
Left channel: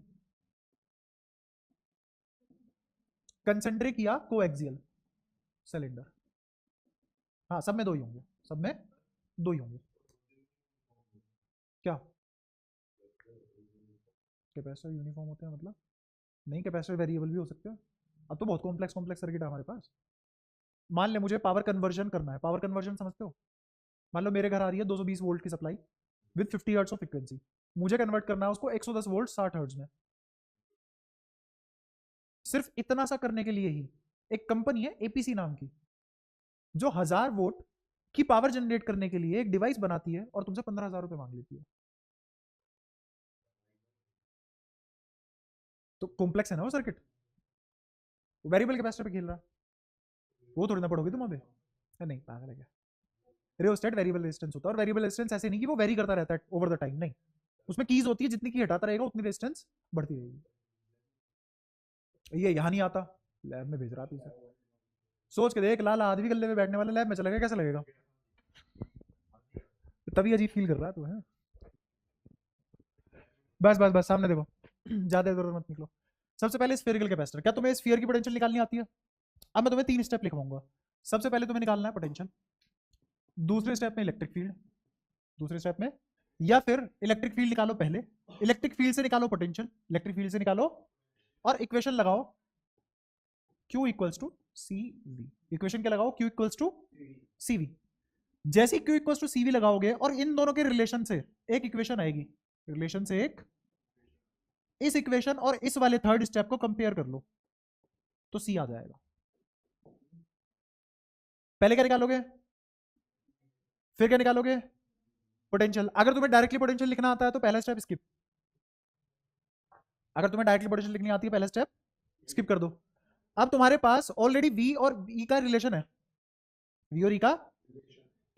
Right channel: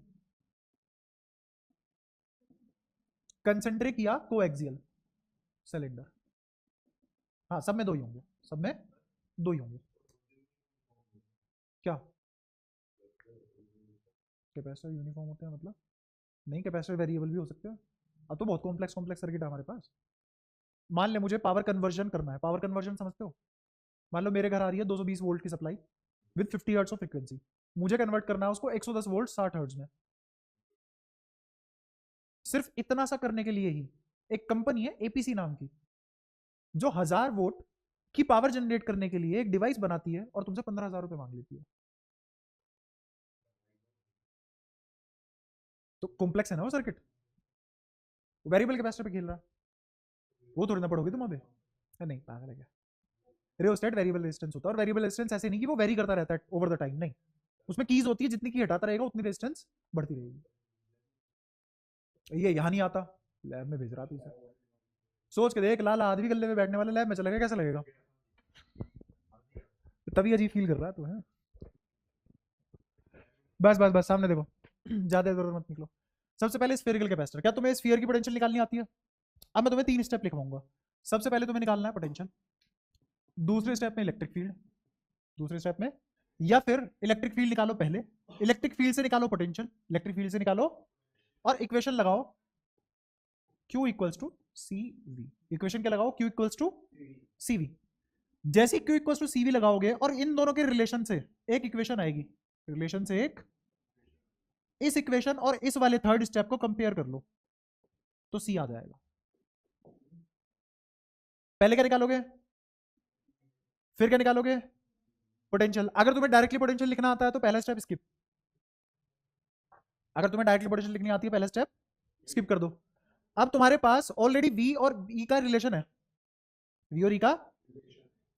कंसेंट्रिक या कोएक्सियल सिलेंडर। हाँ, सब में दो ही होंगे, सब में दो ही होंगे। क्या कैपेसिटर यूनिफॉर्म होते हैं मतलब? नहीं, कैपेसिटर वेरिएबल भी हो सकते हैं। अब तो बहुत कॉम्प्लेक्स कॉम्प्लेक्स सर्किट है हमारे पास। मान ले मुझे पावर कन्वर्जन करना है, पावर कन्वर्जन समझते हो? मान लो मेरे घर आ रही है 220 वोल्ट की supply with 50 hertz of frequency, मुझे कन्वर्ट करना है उसको 110 वोल्ट 60 हर्ट्ज में। सिर्फ इतना सा करने के लिए ही एक कंपनी है एपीसी नाम की, जो 1000 वोल्ट की पावर जनरेट करने के लिए एक डिवाइस बनाती है और तुमसे 15,000 रुपए मांग लेती है। तो कॉम्प्लेक्स है ना वो सर्किट, वेरिएबल कैपेसिटर पे खेल रहा है, वो थोड़ी ना पढ़ोगे तुम अबे। नहीं, पागल है क्या? रियोस्टेट वेरिएबल रेजिस्टेंस होता है, और वेरिएबल रेजिस्टेंस ऐसे नहीं कि वो वेरी करता रहता है ओवर द टाइम, नहीं, उसमें कीज होती है, जितनी की हटाता रहेगा उतनी रेजिस्टेंस बढ़ती रहेगी। ये यहाँ नहीं आता, लैब में भेज रहा तू इसे। सोच के देख, लाल आदमी गले में बैठने वाला लैब में चला गया, कैसा लगेगा? तभी अजीब फील कर रहा तो है। बस बस बस सामने देखो, ज्यादा इधर मत निकलो। सबसे पहले स्फेरिकल कैपेसिटर, क्या तुम्हें स्फीयर की पोटेंशियल निकालनी आती है? अब मैं तुम्हें 3 स्टेप लिखवाऊंगा। सबसे पहले तुम्हें निकालना है पोटेंशियल, दूसरे स्टेप में इलेक्ट्रिक फील्ड, दूसरे स्टेप में, या फिर इलेक्ट्रिक फील्ड निकालो पहले, इलेक्ट्रिक फील्ड से निकालो पोटेंशियल, इलेक्ट्रिक फील्ड से निकालो और इक्वेशन लगाओ Q equals to C V. Equation क्या लगाओ? Q equals to C V. जैसे ही Q equals to C V लगाओगे और इन दोनों के रिलेशन से एक इक्वेशन आएगी, रिलेशन से एक, इस इक्वेशन और इस वाले थर्ड स्टेप को कंपेयर कर लो तो सी आ जाएगा। पहले क्या निकालोगे, फिर क्या निकालोगे? पोटेंशियल। अगर तुम्हें डायरेक्टली पोटेंशियल लिखना आता है तो पहला स्टेप स्किप, अगर तुम्हें डायरेक्टली पोटेंशियल लिखनी आती है पहला स्टेप स्किप कर दो। अब तुम्हारे पास ऑलरेडी V और E का रिलेशन है, V और E का,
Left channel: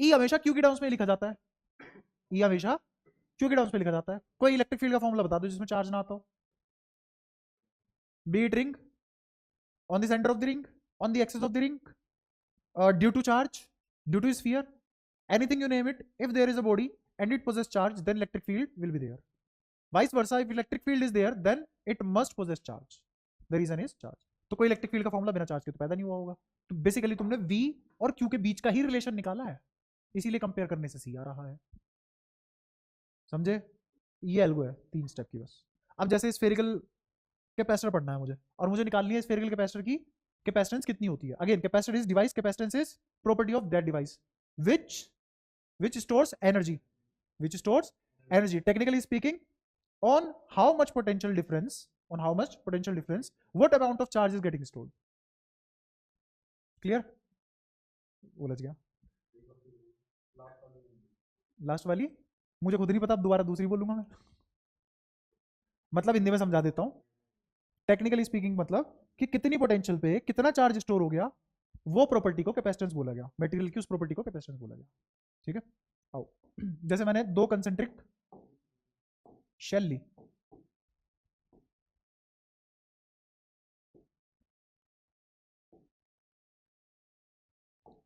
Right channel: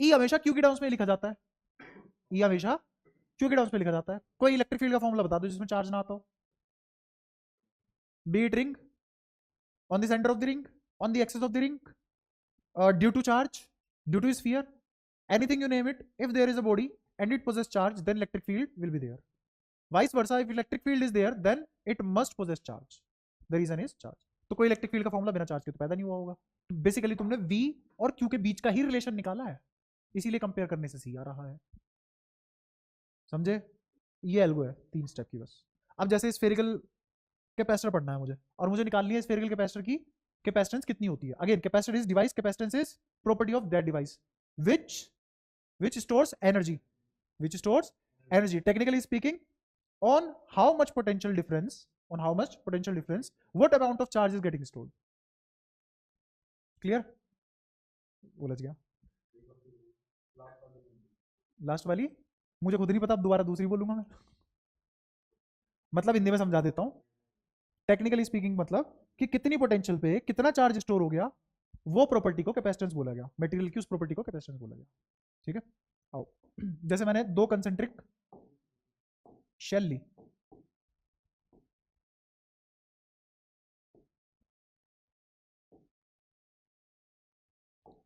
E हमेशा Q के टर्म्स में लिखा जाता है, E हमेशा Q के टर्म्स में लिखा जाता है। कोई इलेक्ट्रिक फील्ड का फॉर्मूला बता दो जिसमें चार्ज ना आता हो। Be it ring, on the center of the ring, on the axis of the ring, due to charge, due to sphere, anything you name it, if there is a body and it possesses charge, then electric field will be there. Vice versa, if electric field is there, then it must possess charge. The reason is charge. तो कोई इलेक्ट्रिक फील्ड का फॉर्मूला बिना चार्ज के तो पैदा नहीं हुआ होगा। तो बेसिकली तुमने V और Q के बीच का ही रिलेशन निकाला है, इसीलिए कंपेयर करने से C आ रहा है। समझे? ये एल्गो है 3 स्टेप की बस। अब जैसे स्फेरिकल कैपेसिटर पढ़ना है मुझे, और मुझे निकालनी है स्फेरिकल कैपेसिटर की कैपेसिटेंस कितनी होती है। Again capacitor is device, capacitance is property of that device which stores energy, which stores energy, technically speaking, on how much potential difference, what amount of charge is getting stored. Clear? बोला गया लास्ट वाली मुझे खुद नहीं पता, दोबारा दूसरी बोलूंगा मैं। मतलब हिंदी में समझा देता हूँ। टेक्निकली स्पीकिंग मतलब कि कितनी पोटेंशियल पे कितना चार्ज स्टोर हो गया, वो प्रॉपर्टी को कैपेसिटेंस बोला गया, मटेरियल की उस प्रॉपर्टी को कैपेसिटेंस बोला गया। ठीक है? आओ, जैसे मैंने 2 कंसेंट्रिक शेल ली,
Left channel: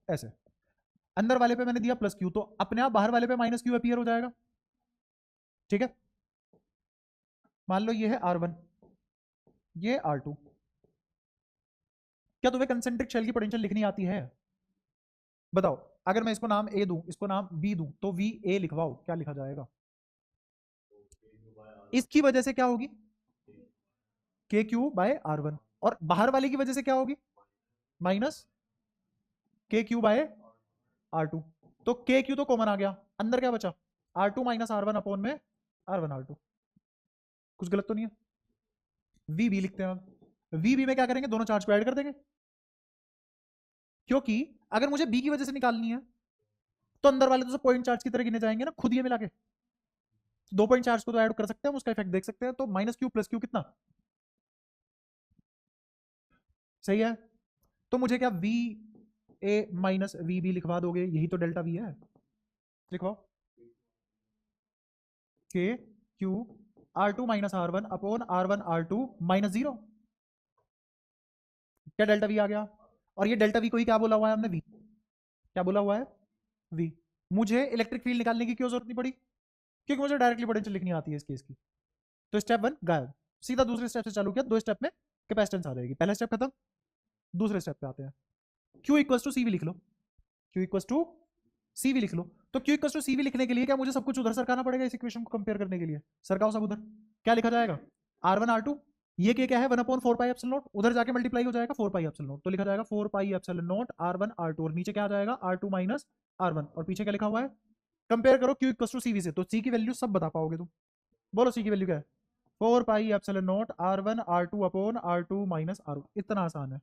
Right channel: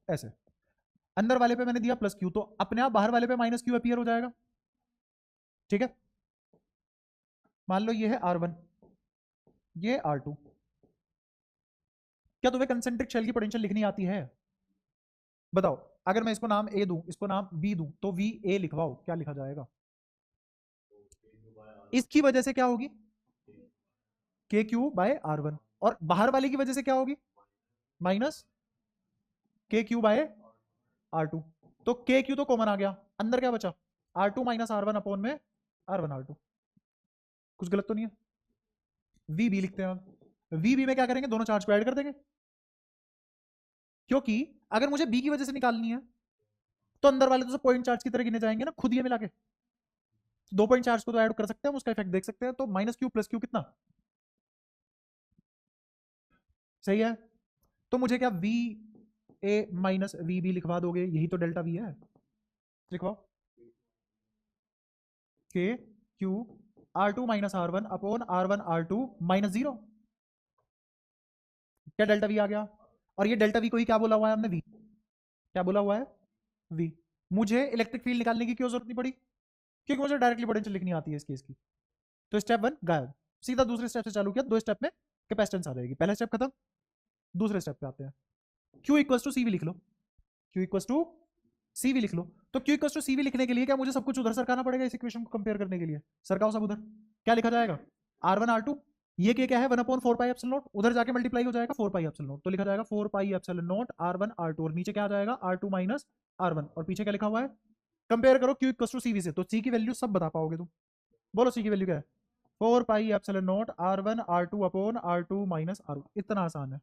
ऐसे अंदर वाले पे मैंने दिया प्लस क्यू, तो अपने आप बाहर वाले पे माइनस क्यू अपीयर हो जाएगा। ठीक है? मान लो ये है R1, ये R2। क्या तुम्हें कंसेंट्रिक शेल की पोटेंशियल लिखनी आती है? बताओ, अगर मैं इसको नाम A दूं, इसको नाम B दूं, तो VA लिखवाओ, क्या लिखा जाएगा? इसकी वजह से क्या होगी? KQ बाय R1, और बाहर वाले की वजह से क्या होगी? Minus KQ by R2। तो KQ तो कॉमन आ गया, अंदर क्या बचा? R2 माइनस R1 अपोन में R1 R2। कुछ गलत तो नहीं है? VB लिखते हैं हम, VB में क्या करेंगे? दोनों चार्ज को ऐड कर देंगे, क्योंकि अगर मुझे B की वजह से निकालनी है तो अंदर वाले तो सब पॉइंट चार्ज की तरह गिने जाएंगे ना, खुद ही मिला के। 2 पॉइंट चार्ज को तो ऐड कर सकते हैं, हम उसका इफेक्ट देख सकते हैं। तो माइनस क्यू प्लस क्यू कितना सही है? तो मुझे क्या V A minus V B लिखवा दोगे? यही तो डेल्टा वी है, लिखवाओ। के Q R2 minus R1 upon R1 R2 minus 0। क्या डेल्टा वी आ गया? और ये डेल्टा वी को ही क्या बोला हुआ है हमने? वी। क्या बोला हुआ है? वी। मुझे इलेक्ट्रिक फील्ड निकालने की क्यों जरूरत नहीं पड़ी? क्योंकि मुझे डायरेक्टली पोटेंशियल लिखनी आती है इसकी। तो स्टेप 1 गायब, सीधा दूसरे स्टेप से चालू किया, 2 स्टेप में कैपेसिटेंस आ जाएगी। पहले स्टेप खत्म, दूसरे स्टेप पे आते हैं। Q equals to C V लिख लो, Q equals to C V लिख लो। तो Q equals to C V लिखने के लिए क्या मुझे सब कुछ उधर सरकाना पड़ेगा इस इक्वेशन को कंपेयर करने के लिए? सरकाओ सब उधर। क्या लिखा जाएगा? R1 R2, ये क्या है? 1 अपॉन 4 पाई एप्सिलॉन नॉट, उधर जाके मल्टीप्लाई हो जाएगा 4 पाई एप्सिलॉन नॉट, तो लिखा जाएगा 4 पाई एप्सिलॉन नॉट R1 R2, और नीचे क्या आ जाएगा? R2 माइनस R1, और पीछे क्या लिखा हुआ है? कंपेयर करो Q equals to C V से, तो C की वैल्यू सब बता पाओगे तुम। बोलो C की वैल्यू क्या है? 4 पाई epsilon not R1 R2 upon R2 minus R1। इतना आसान है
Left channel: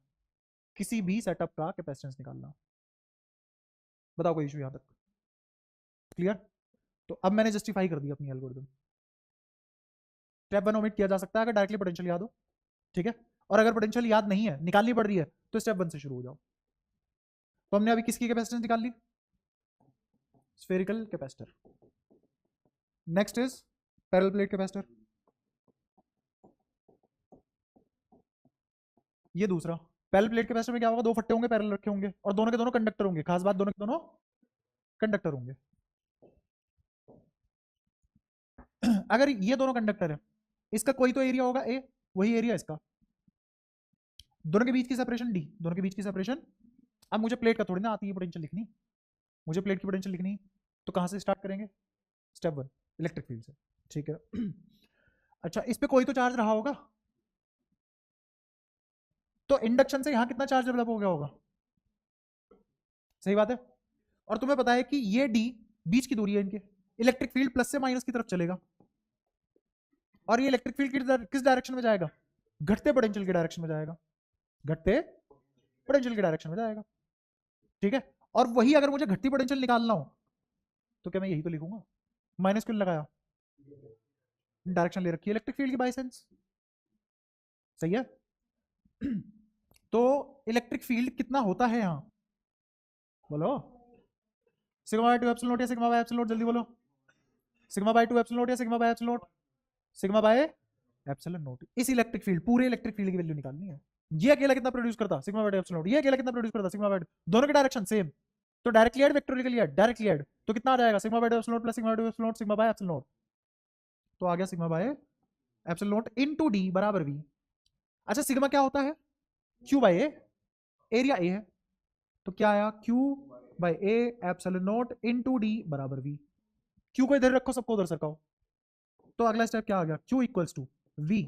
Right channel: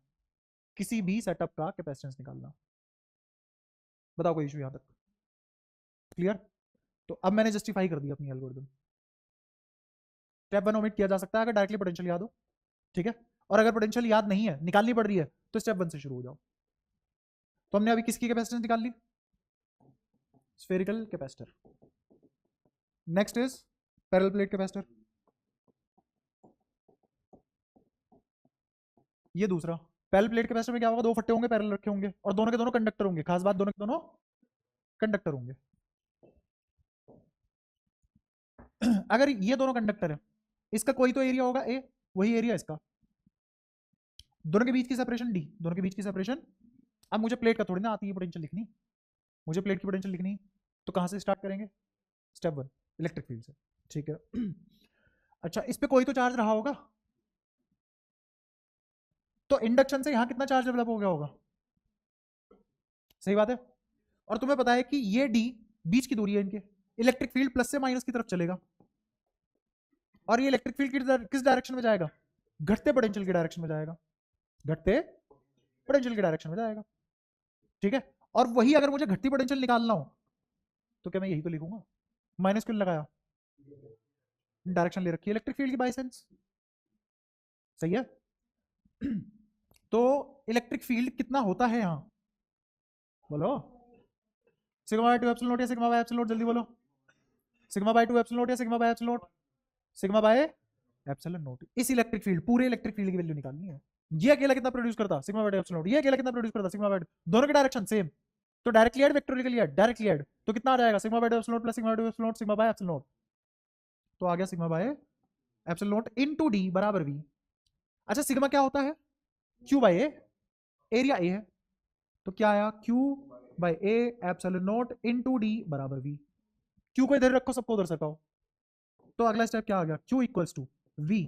किसी भी सेटअप का कैपेसिटेंस निकालना। बताओ कोई इशू यहां तक? क्लियर? तो अब मैंने जस्टिफाई कर दिया अपनी एल्गोरिथम। स्टेप 1 ओमिट किया जा सकता है अगर डायरेक्टली पोटेंशियल याद हो। ठीक है? और अगर पोटेंशियल याद नहीं है, निकालनी पड़ रही है, तो स्टेप 1 से शुरू हो जाओ। तो हमने अभी किसकी कैपेसिटेंस निकाल ली? Spherical capacitor. Next is parallel plate capacitor, ये दूसरा। पैरेलल प्लेट कैपेसिटर में क्या होगा, दो फट्टे होंगे, पैरेलल रखे होंगे, और दोनों के दोनों कंडक्टर होंगे। खास बात, दोनों के दोनों कंडक्टर होंगे। अगर ये दोनों कंडक्टर है, इसका कोई तो एरिया होगा ए, वही एरिया इसका, दोनों के बीच की सेपरेशन डी, दोनों के बीच की सेपरेशन। अब मुझे प्लेट का थोड़ी ना आती है पोटेंशियल लिखनी, मुझे प्लेट की पोटेंशियल लिखनी है, तो कहां से स्टार्ट करेंगे, स्टेप वन, इलेक्ट्रिक फील्ड से। ठीक है। अच्छा, इस पे कोई तो चार्ज रहा होगा, तो इंडक्शन से यहां कितना चार्ज डेवलप हो गया होगा, सही बात है। और तुम्हें पता है कि ये डी बीच की दूरी है इनके, इलेक्ट्रिक फील्ड प्लस से माइनस की तरफ चलेगा, और ये इलेक्ट्रिक फील्ड किस डायरेक्शन में जाएगा, घटते पोटेंशियल के डायरेक्शन में जाएगा, घटते पोटेंशियल के डायरेक्शन में जाएगा। ठीक है, और वही अगर मुझे घटती पोटेंशियल निकालना हो, तो क्या मैं यही तो लिखूंगा, माइनस क्यों लगाया, डायरेक्शन ले रखी है इलेक्ट्रिक फील्ड की बाय सेंस, सही है। तो इलेक्ट्रिक फील्ड कितना होता है यहाँ, बोलो, सिग्मा बाय 2 एप्सिलॉन नॉट या सिग्मा बाय एप्सिलॉन नॉट, जल्दी बोलो, सिग्मा बाय 2 एप्सिलॉन नॉट या sigma by epsilon naught, sigma by epsilon not. इस इलेक्ट्रिक फील्ड, पूरे इलेक्ट्रिक फील्ड की वैल्यू निकालनी है। ये अकेला कितना प्रोड्यूस करता, सिग्मा बाय 2 एप्सिलॉन नॉट, ये अकेला कितना प्रोड्यूस करता, सिग्मा बाय 2, दोनों की डायरेक्शन सेम, तो directly add, vectorially add, directly add, तो कितना आ जाएगा, sigma by 2 epsilon naught plus sigma by 2 epsilon naught, sigma by epsilon naught, तो आ गया sigma by epsilon naught into D बराबर वी। अच्छा, सिग्मा क्या होता है, Q by A, area A है, तो क्या आया, Q by A epsilon naught into D बराबर वी। क्यू को इधर रखो, सबको उधर सकाओ, तो अगला स्टेप क्या आ गया, Q equals to V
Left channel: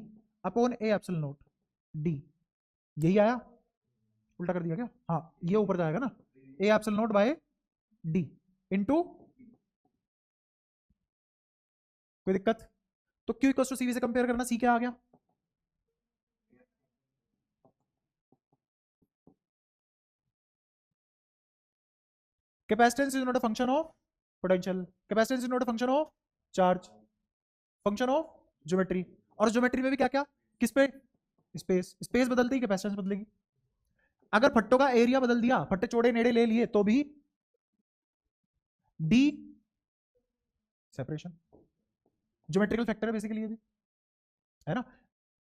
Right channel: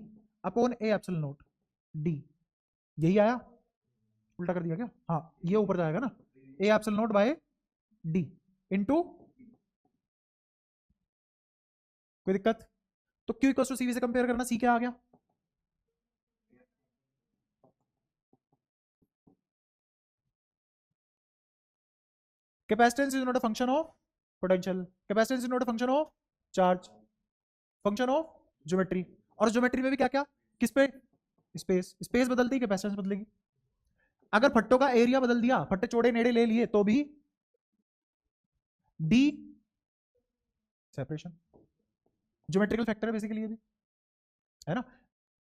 upon A epsilon naught D, यही आया, उल्टा कर दिया क्या, हाँ ये ऊपर जाएगा ना, A epsilon naught by D into, कोई दिक्कत, तो क्यू इक्वल्स टू सी से कंपेयर करना, सी क्या आ गया, capacitance is not a function of potential, capacitance is not a function of charge, function of geometry, और ज्योमेट्री में भी क्या क्या, किस पे, स्पेस, स्पेस बदलती है कैपेसिटेंस बदलेगी। अगर फट्टों का एरिया बदल दिया, फट्टे चौड़े नेड़े ले लिए, तो भी डी सेपरेशन, ज्योमेट्रिकल फैक्टर है बेसिकली ये भी, है ना।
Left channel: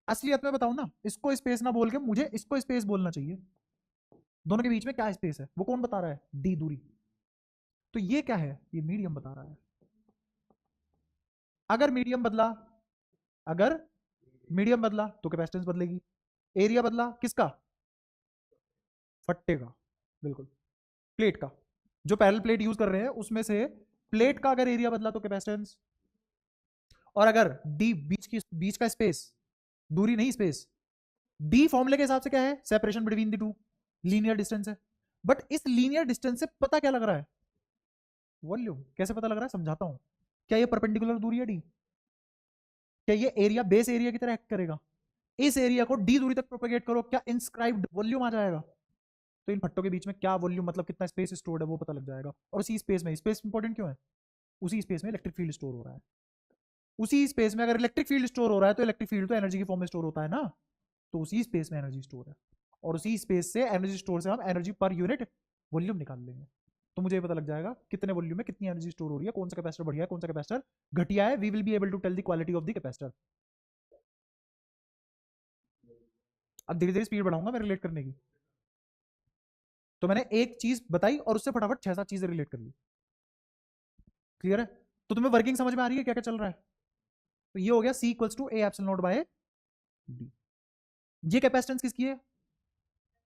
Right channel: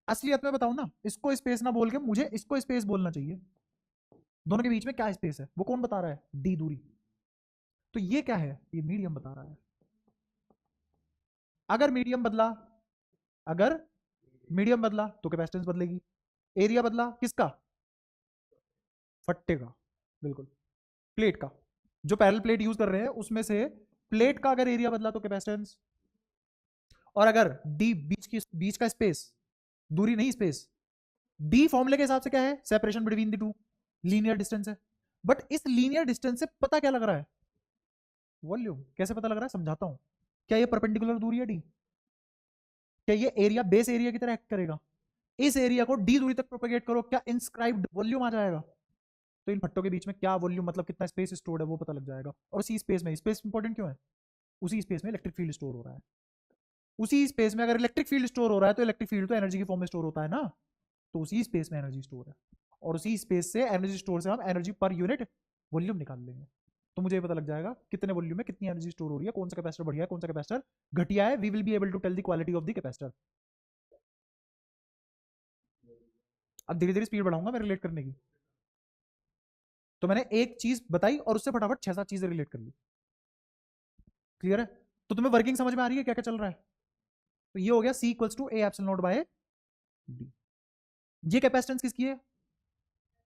असलियत में बताऊं ना, इसको स्पेस ना बोल के मुझे इसको स्पेस बोलना चाहिए, दोनों के बीच में क्या स्पेस है वो कौन बता रहा है, डी दूरी, तो ये क्या है, ये मीडियम बता रहा है। अगर मीडियम बदला, अगर मीडियम बदला तो कैपेसिटेंस बदलेगी, एरिया बदला किसका, फट्टे का, बिल्कुल प्लेट का, जो पैरेलल प्लेट यूज कर रहे हैं उसमें से प्लेट का अगर एरिया बदला तो कैपेसिटेंस, और अगर डी बीच का स्पेस, दूरी नहीं स्पेस, डी फॉर्मूले के हिसाब से क्या है, separation between the two, linear distance है, बट इस लीनियर डिस्टेंस से पता क्या लग रहा है, वॉल्यूम, कैसे पता लग रहा है, समझाता हूं। क्या ये परपेंडिकुलर दूरी है डी, क्या ये एरिया बेस एरिया की तरह एक्ट करेगा, इस एरिया को डी दूरी तक प्रोपेगेट करो, क्या इंस्क्राइब्ड वॉल्यूम आ जाएगा, तो इन फट्टों के बीच में क्या वॉल्यूम, मतलब कितना स्पेस स्टोर्ड है वो पता लग जाएगा। और उसी स्पेस में, स्पेस इंपॉर्टेंट क्यों है, उसी स्पेस में इलेक्ट्रिक फील्ड स्टोर हो रहा है, उसी स्पेस में अगर इलेक्ट्रिक फील्ड स्टोर हो रहा है तो इलेक्ट्रिक फील्ड तो एनर्जी की फॉर्म में स्टोर होता है ना, तो उसी स्पेस में एनर्जी स्टोर है, और उसी स्पेस से एनर्जी स्टोर से हम एनर्जी पर यूनिट वॉल्यूम निकाल लेंगे, तो मुझे पता लग जाएगा कितने वॉल्यूम में कितनी एनर्जी स्टोर हो रही है, कौन सा कैपेसिटर बढ़िया है, कौन सा कैपेसिटर घटिया है, we will be able to tell the quality of the capacitor. अब धीरे धीरे स्पीड बढ़ाऊंगा मैं रिलेट करने की, तो मैंने एक चीज बताई और उससे फटाफट 6-7 चीजें रिलेट कर ली, क्लियर है, तो तुम्हें वर्किंग समझ में आ रही है क्या क्या चल रहा है। तो ये हो गया C equals to A epsilon naught by D, ये कैपेसिटेंस किसकी है,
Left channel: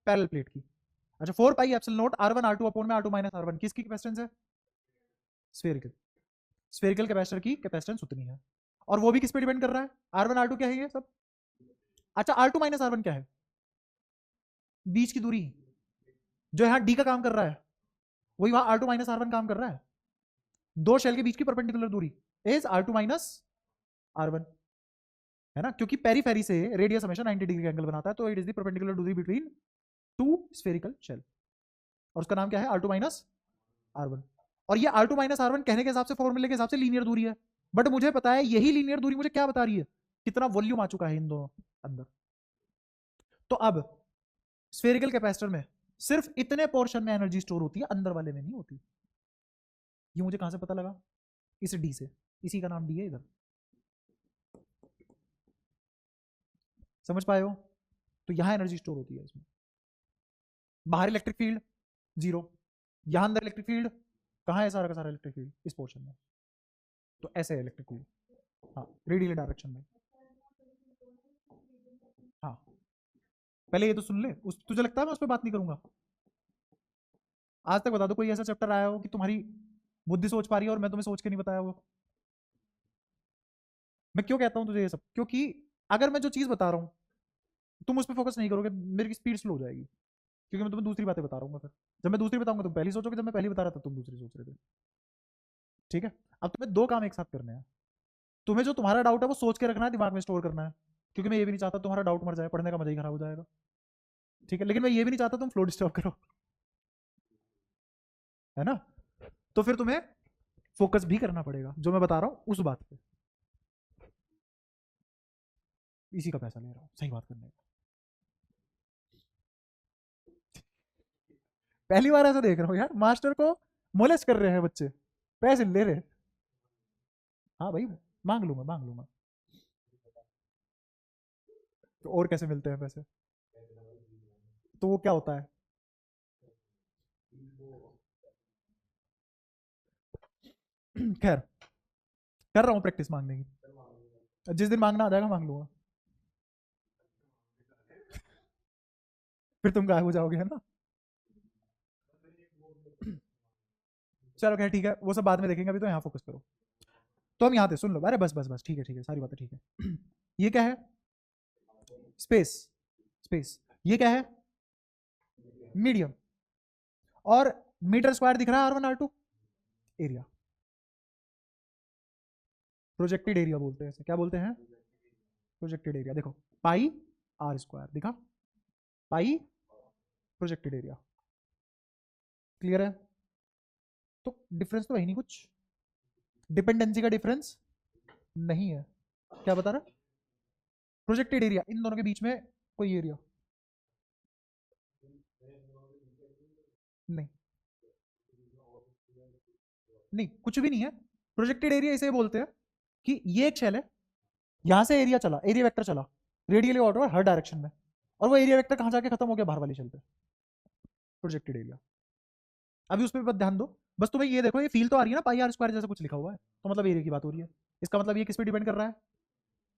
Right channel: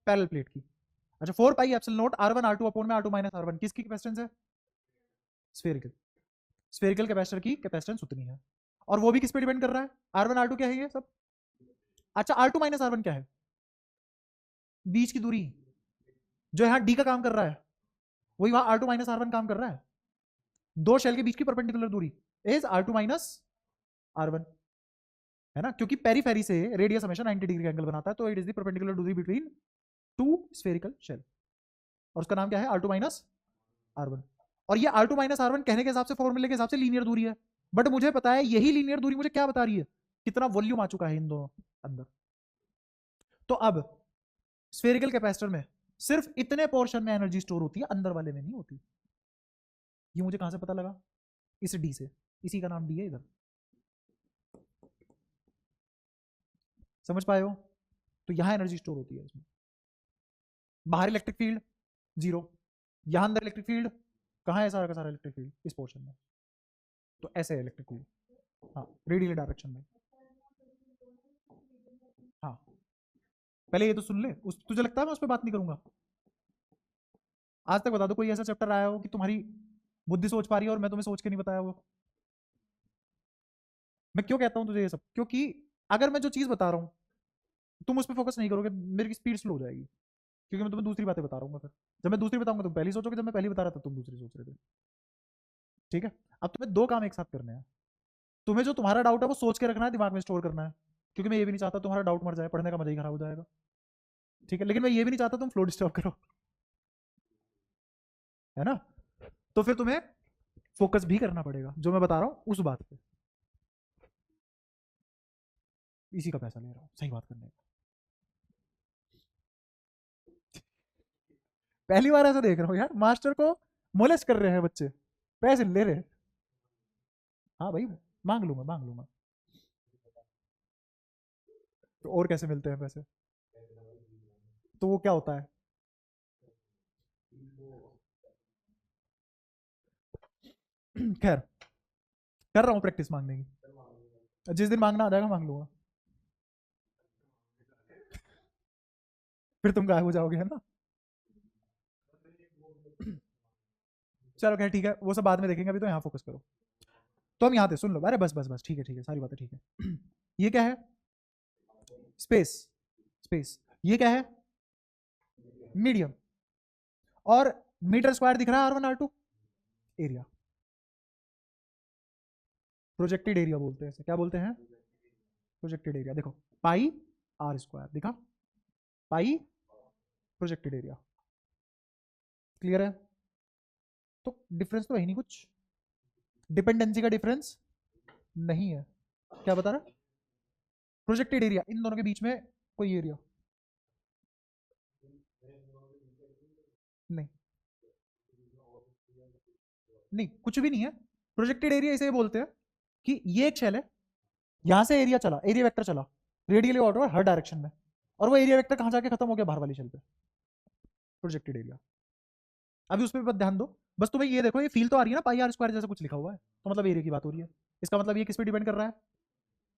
पैरेलल प्लेट की। अच्छा, 4 पाई epsilon not R1 R2 upon में R2 माइनस R1 किसकी कैपेसिटेंस है, स्फेरिकल, स्फेरिकल कैपेसिटर की कैपेसिटेंस उतनी है, और वो भी किस पे डिपेंड कर रहा है, R1 R2 क्या है ये सब। अच्छा, R2 माइनस R1 क्या है, बीच की दूरी, जो यहाँ D का काम कर रहा है वही वहां R2 माइनस R1 काम कर रहा है, दो शेल के बीच की परपेंडिकुलर दूरी इज R2 माइनस R1, है ना, क्योंकि पेरीफेरी से रेडियस हमेशा 90 डिग्री एंगल बनाता है, तो इट इज द परपेंडिकुलर दूरी बिटवीन टू स्फेरिकल शेल, और उसका नाम क्या है, R2 माइनस R1। और ये R2 माइनस R1 कहने के हिसाब से, फॉर्मूले के हिसाब से लीनियर दूरी है, बट मुझे पता है यही लीनियर दूरी मुझे क्या बता रही है, कितना वॉल्यूम आ चुका है इन दोनों अंदर। तो अब स्फेरिकल कैपेसिटर में सिर्फ इतने पोर्शन में एनर्जी स्टोर होती है, अंदर वाले में नहीं होती, ये मुझे कहां से पता लगा, इस डी से, इसी का नाम डी है इधर, समझ पाए हो, तो यहां एनर्जी स्टोर होती है इसमें। बाहर इलेक्ट्रिक फील्ड जीरो, यहां अंदर इलेक्ट्रिक फील्ड, कहाँ है सारा का सारा इलेक्ट्रिक फील्ड? इस पोर्शन में। तो ऐसे है इलेक्ट्रिक फील्ड, हाँ रेडियल डायरेक्शन में। हाँ पहले ये तो सुन ले, उस तुझे लगता है मैं उस पर बात नहीं करूंगा? आज तक बता दो कोई ऐसा चैप्टर आया हो कि तुम्हारी बुद्धि सोच पा रही है और मैं तुम्हें सोच के नहीं बताया वो? मैं क्यों कहता हूँ तुझे ये सब? क्योंकि अगर मैं जो चीज बता रहा हूँ तुम उस पर फोकस नहीं करोगे, मेरी स्पीड स्लो हो जाएगी, क्योंकि मैं तुम्हें दूसरी बातें बता रहा हूँ। फिर जब मैं दूसरी बताऊंगा तुम पहली सोचोगे, जब मैं पहली बता रहा था तुम दूसरी सोच रहे थे। ठीक है, अब तुम्हें दो काम एक साथ करने हैं। तुम्हें जो तुम्हारा डाउट है वो सोच के रखना है, दिमाग में स्टोर करना है, क्योंकि मैं ये भी नहीं चाहता तुम्हारा डाउट मर जाए, पढ़ने का मजा ही खराब हो जाएगा। ठीक है, लेकिन मैं ये भी नहीं चाहता तुम फ्लो डिस्टर्ब करो, है ना? तो फिर तुम्हें फोकस भी करना पड़ेगा जो मैं बता रहा हूँ उस बात पे। इसी का पैसा ले रहा हूँ सही बात करने का। पहली बार ऐसा देख रहा हूँ यार, मास्टर को मोलिस कर रहे हैं बच्चे, पैसे ले रहे हैं। हाँ भाई, मांग लूंगा मांग लूंगा। तो और कैसे मिलते हैं पैसे? तो वो क्या होता है? खैर, कर रहा हूँ प्रैक्टिस मांगने की, जिस दिन मांगना आ जाएगा मांग लूंगा। फिर तुम गायब हो जाओगे, है ना? चलो खैर ठीक है, वो सब बाद में देखेंगे, अभी तो यहाँ फोकस करो। तो हम यहाँ थे, सुन लो, अरे बस बस बस, ठीक है सारी बातें ठीक है। ये क्या है? स्पेस। स्पेस, ये क्या है? मीडियम। और मीटर स्क्वायर दिख रहा है R one R two, area. Projected area बोलते हैं इसे, क्या बोलते हैं? Projected area. देखो, पाई आर स्क्वायर दिखा, पाई प्रोजेक्टेड एरिया। क्लियर है? तो डिफरेंस तो है ही नहीं कुछ, डिपेंडेंसी का डिफरेंस नहीं है। क्या बता रहा? प्रोजेक्टेड एरिया, इन दोनों के बीच में कोई एरिया नहीं, नहीं कुछ भी नहीं है। प्रोजेक्टेड एरिया इसे बोलते हैं कि ये एक शेल है, यहां से एरिया चला, एरिया वेक्टर चला रेडियली आउटवर्ड हर डायरेक्शन में, और वो एरिया वेक्टर कहां जाके खत्म हो गया? बाहर वाली शेल पे। Projected area. अभी उसमें भी ध्यान दो, बस तुम्हें ये देखो, ये फील तो आ रही है ना, पाई आर स्क्वायर जैसे कुछ लिखा हुआ है, तो मतलब एरिया की बात हो रही है। इसका मतलब ये किस पे डिपेंड कर रहा है?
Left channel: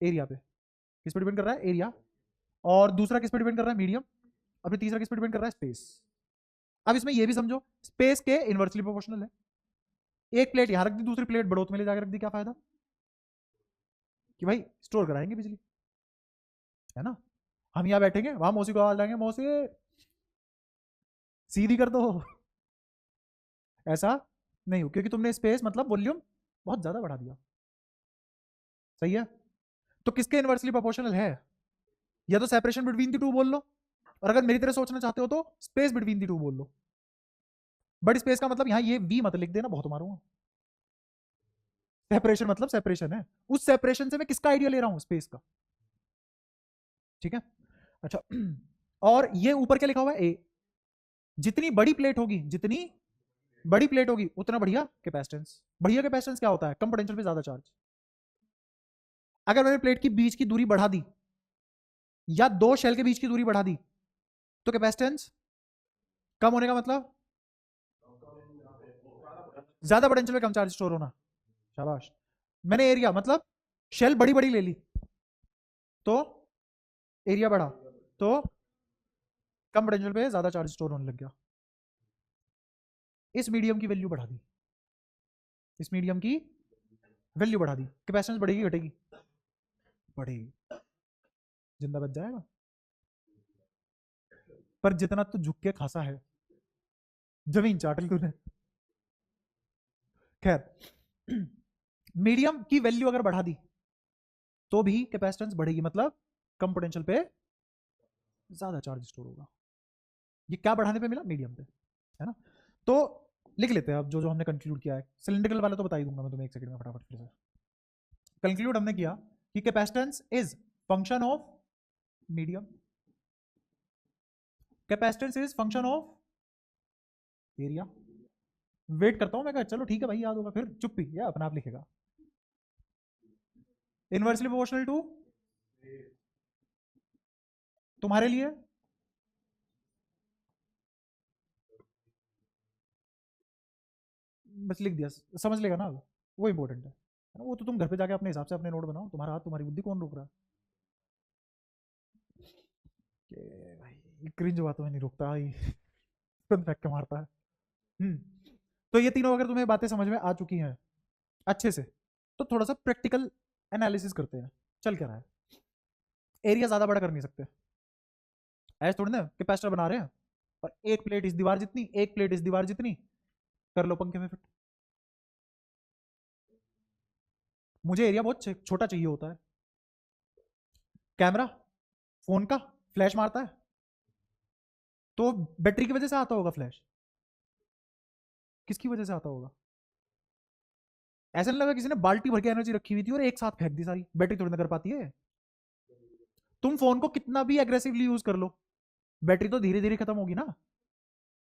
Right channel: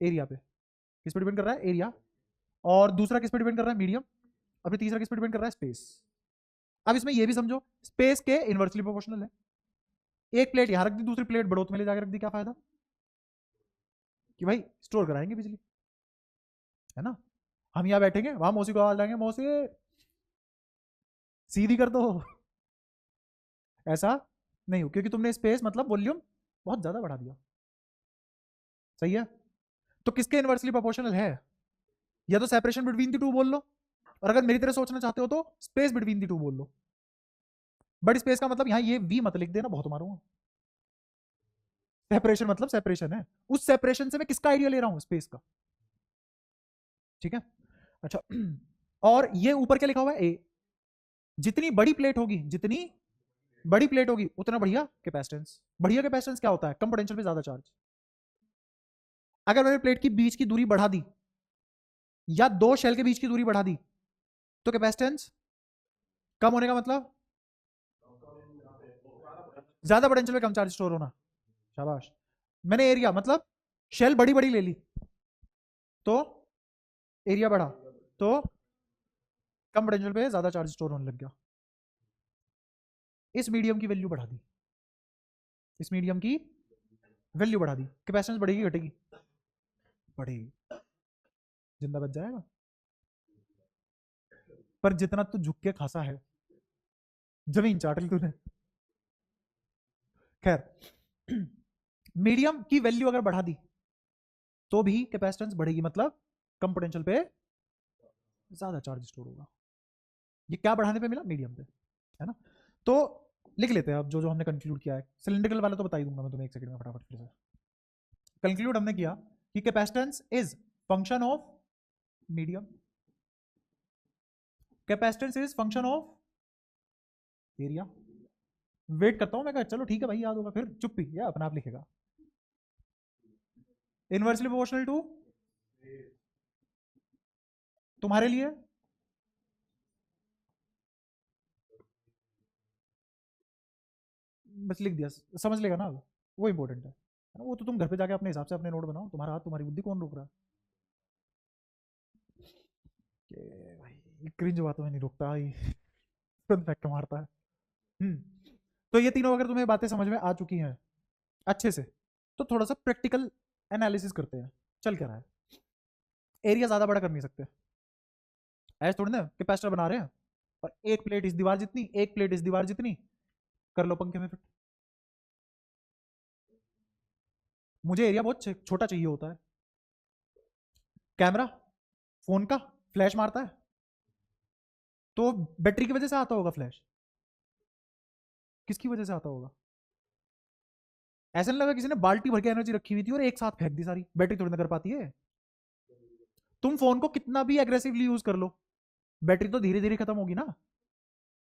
एरिया पे। किस पे डिपेंड कर रहा है? एरिया। और दूसरा किस पे डिपेंड कर रहा है? मीडियम। अब तीसरा किस पे डिपेंड कर रहा है? स्पेस। अब इसमें ये भी समझो, स्पेस के इनवर्सली प्रोपोर्शनल है। एक प्लेट यहाँ रख दी, दूसरी प्लेट बड़ोत में ले जाकर रख दी, क्या फायदा? कि भाई स्टोर कराएंगे बिजली, है ना? हम यहाँ बैठेंगे, वहां मौसी को आवाज लाएंगे, मौसी सीधी कर दो, ऐसा नहीं हो, क्योंकि तुमने स्पेस मतलब वॉल्यूम बहुत ज्यादा बढ़ा दिया। सही है? तो किसके इनवर्सली प्रोपोर्शनल है? या तो सेपरेशन बिटवीन द टू बोल लो, और अगर मेरी तरह सोचना चाहते हो तो स्पेस बिटवीन द टू बोल लो। बट स्पेस का मतलब यहाँ ये वी मत लिख देना, बहुत मारूंगा। सेपरेशन मतलब सेपरेशन है, उस सेपरेशन से मैं किसका आइडिया ले रहा हूँ? स्पेस का। ठीक है, अच्छा। और ये ऊपर क्या लिखा हुआ है? ए। जितनी बड़ी प्लेट होगी, जितनी बड़ी प्लेट होगी उतना बढ़िया कैपेसिटेंस। बढ़िया कैपेसिटेंस क्या होता है? कम पोटेंशियल पे ज्यादा चार्ज। अगर मैंने प्लेट की बीच की दूरी बढ़ा दी, या दो शेल के बीच की दूरी बढ़ा दी, तो कैपेसिटेंस कम होने का मतलब ज्यादा पोटेंशियल में कम चार्ज स्टोर होना। शाबाश। मैंने एरिया मतलब शेल बड़ी बड़ी ले ली, तो एरिया बढ़ा, तो कम पोटेंशियल में ज्यादा चार्ज स्टोर होने लग गया। इस मीडियम की वैल्यू बढ़ा दी, इस मीडियम की वैल्यू बढ़ा दी, कैपेसिटेंस बढ़ेगी घटेगी? बढ़ेगी। जिंदा बच जाएगा, पर जितना तो झुक के खासा है, जमीन चाट ली तूने। खैर, मीडियम की वैल्यू अगर बढ़ा दी तो भी कैपेसिटेंस बढ़ेगी, मतलब कम पोटेंशियल पे ज्यादा चार्ज स्टोर होगा। ये क्या बढ़ाने पे मिला? मीडियम पे, है ना? तो लिख लेते हैं अब जो जो हमने कंक्लूड किया है। सिलेंड्रिकल वाला तो बता ही दूंगा मैं तुम्हें एक सेकंड में फटाफट फिर से। कंक्लूड हमने किया कि capacitance is function of medium, capacitance is function of area. Wait करता हूं, मैं कहा चलो ठीक है भाई याद होगा, फिर चुप्पी या अपना आप लिखेगा। इनवर्सली प्रोपोर्शनल टू तुम्हारे लिए बस लिख दिया, समझ लेगा ना अब, वो इंपॉर्टेंट है ना? वो तो तुम घर पे जाके अपने हिसाब से अपने नोट बनाओ, तुम्हारा हाथ तुम्हारी बुद्धि कौन रोक रहा है? कि भाई क्रिंज बातों में नहीं रुकता भाई, फैक्ट मारता है। हम्म। तो ये तीनों अगर तुम्हें बातें समझ में आ चुकी हैं अच्छे से, तो थोड़ा सा प्रैक्टिकल एनालिसिस करते हैं। चल क्या रहा है, एरिया ज्यादा बड़ा कर नहीं सकते, ऐसे थोड़ी ना कैपेसिटर बना रहे हैं और एक प्लेट इस दीवार जितनी, एक प्लेट इस दीवार जितनी, कर लो पंखे में फिट। मुझे एरिया बहुत छोटा चाहिए होता है। कैमरा फोन का फ्लैश मारता है, तो बैटरी की वजह से आता होगा फ्लैश, किसकी वजह से आता होगा? ऐसा नहीं लगा किसी ने बाल्टी भर के एनर्जी रखी हुई थी और एक साथ फेंक दी सारी, बैटरी थोड़ी ना कर पाती है। तुम फोन को कितना भी एग्रेसिवली यूज कर लो, बैटरी तो धीरे धीरे खत्म होगी ना।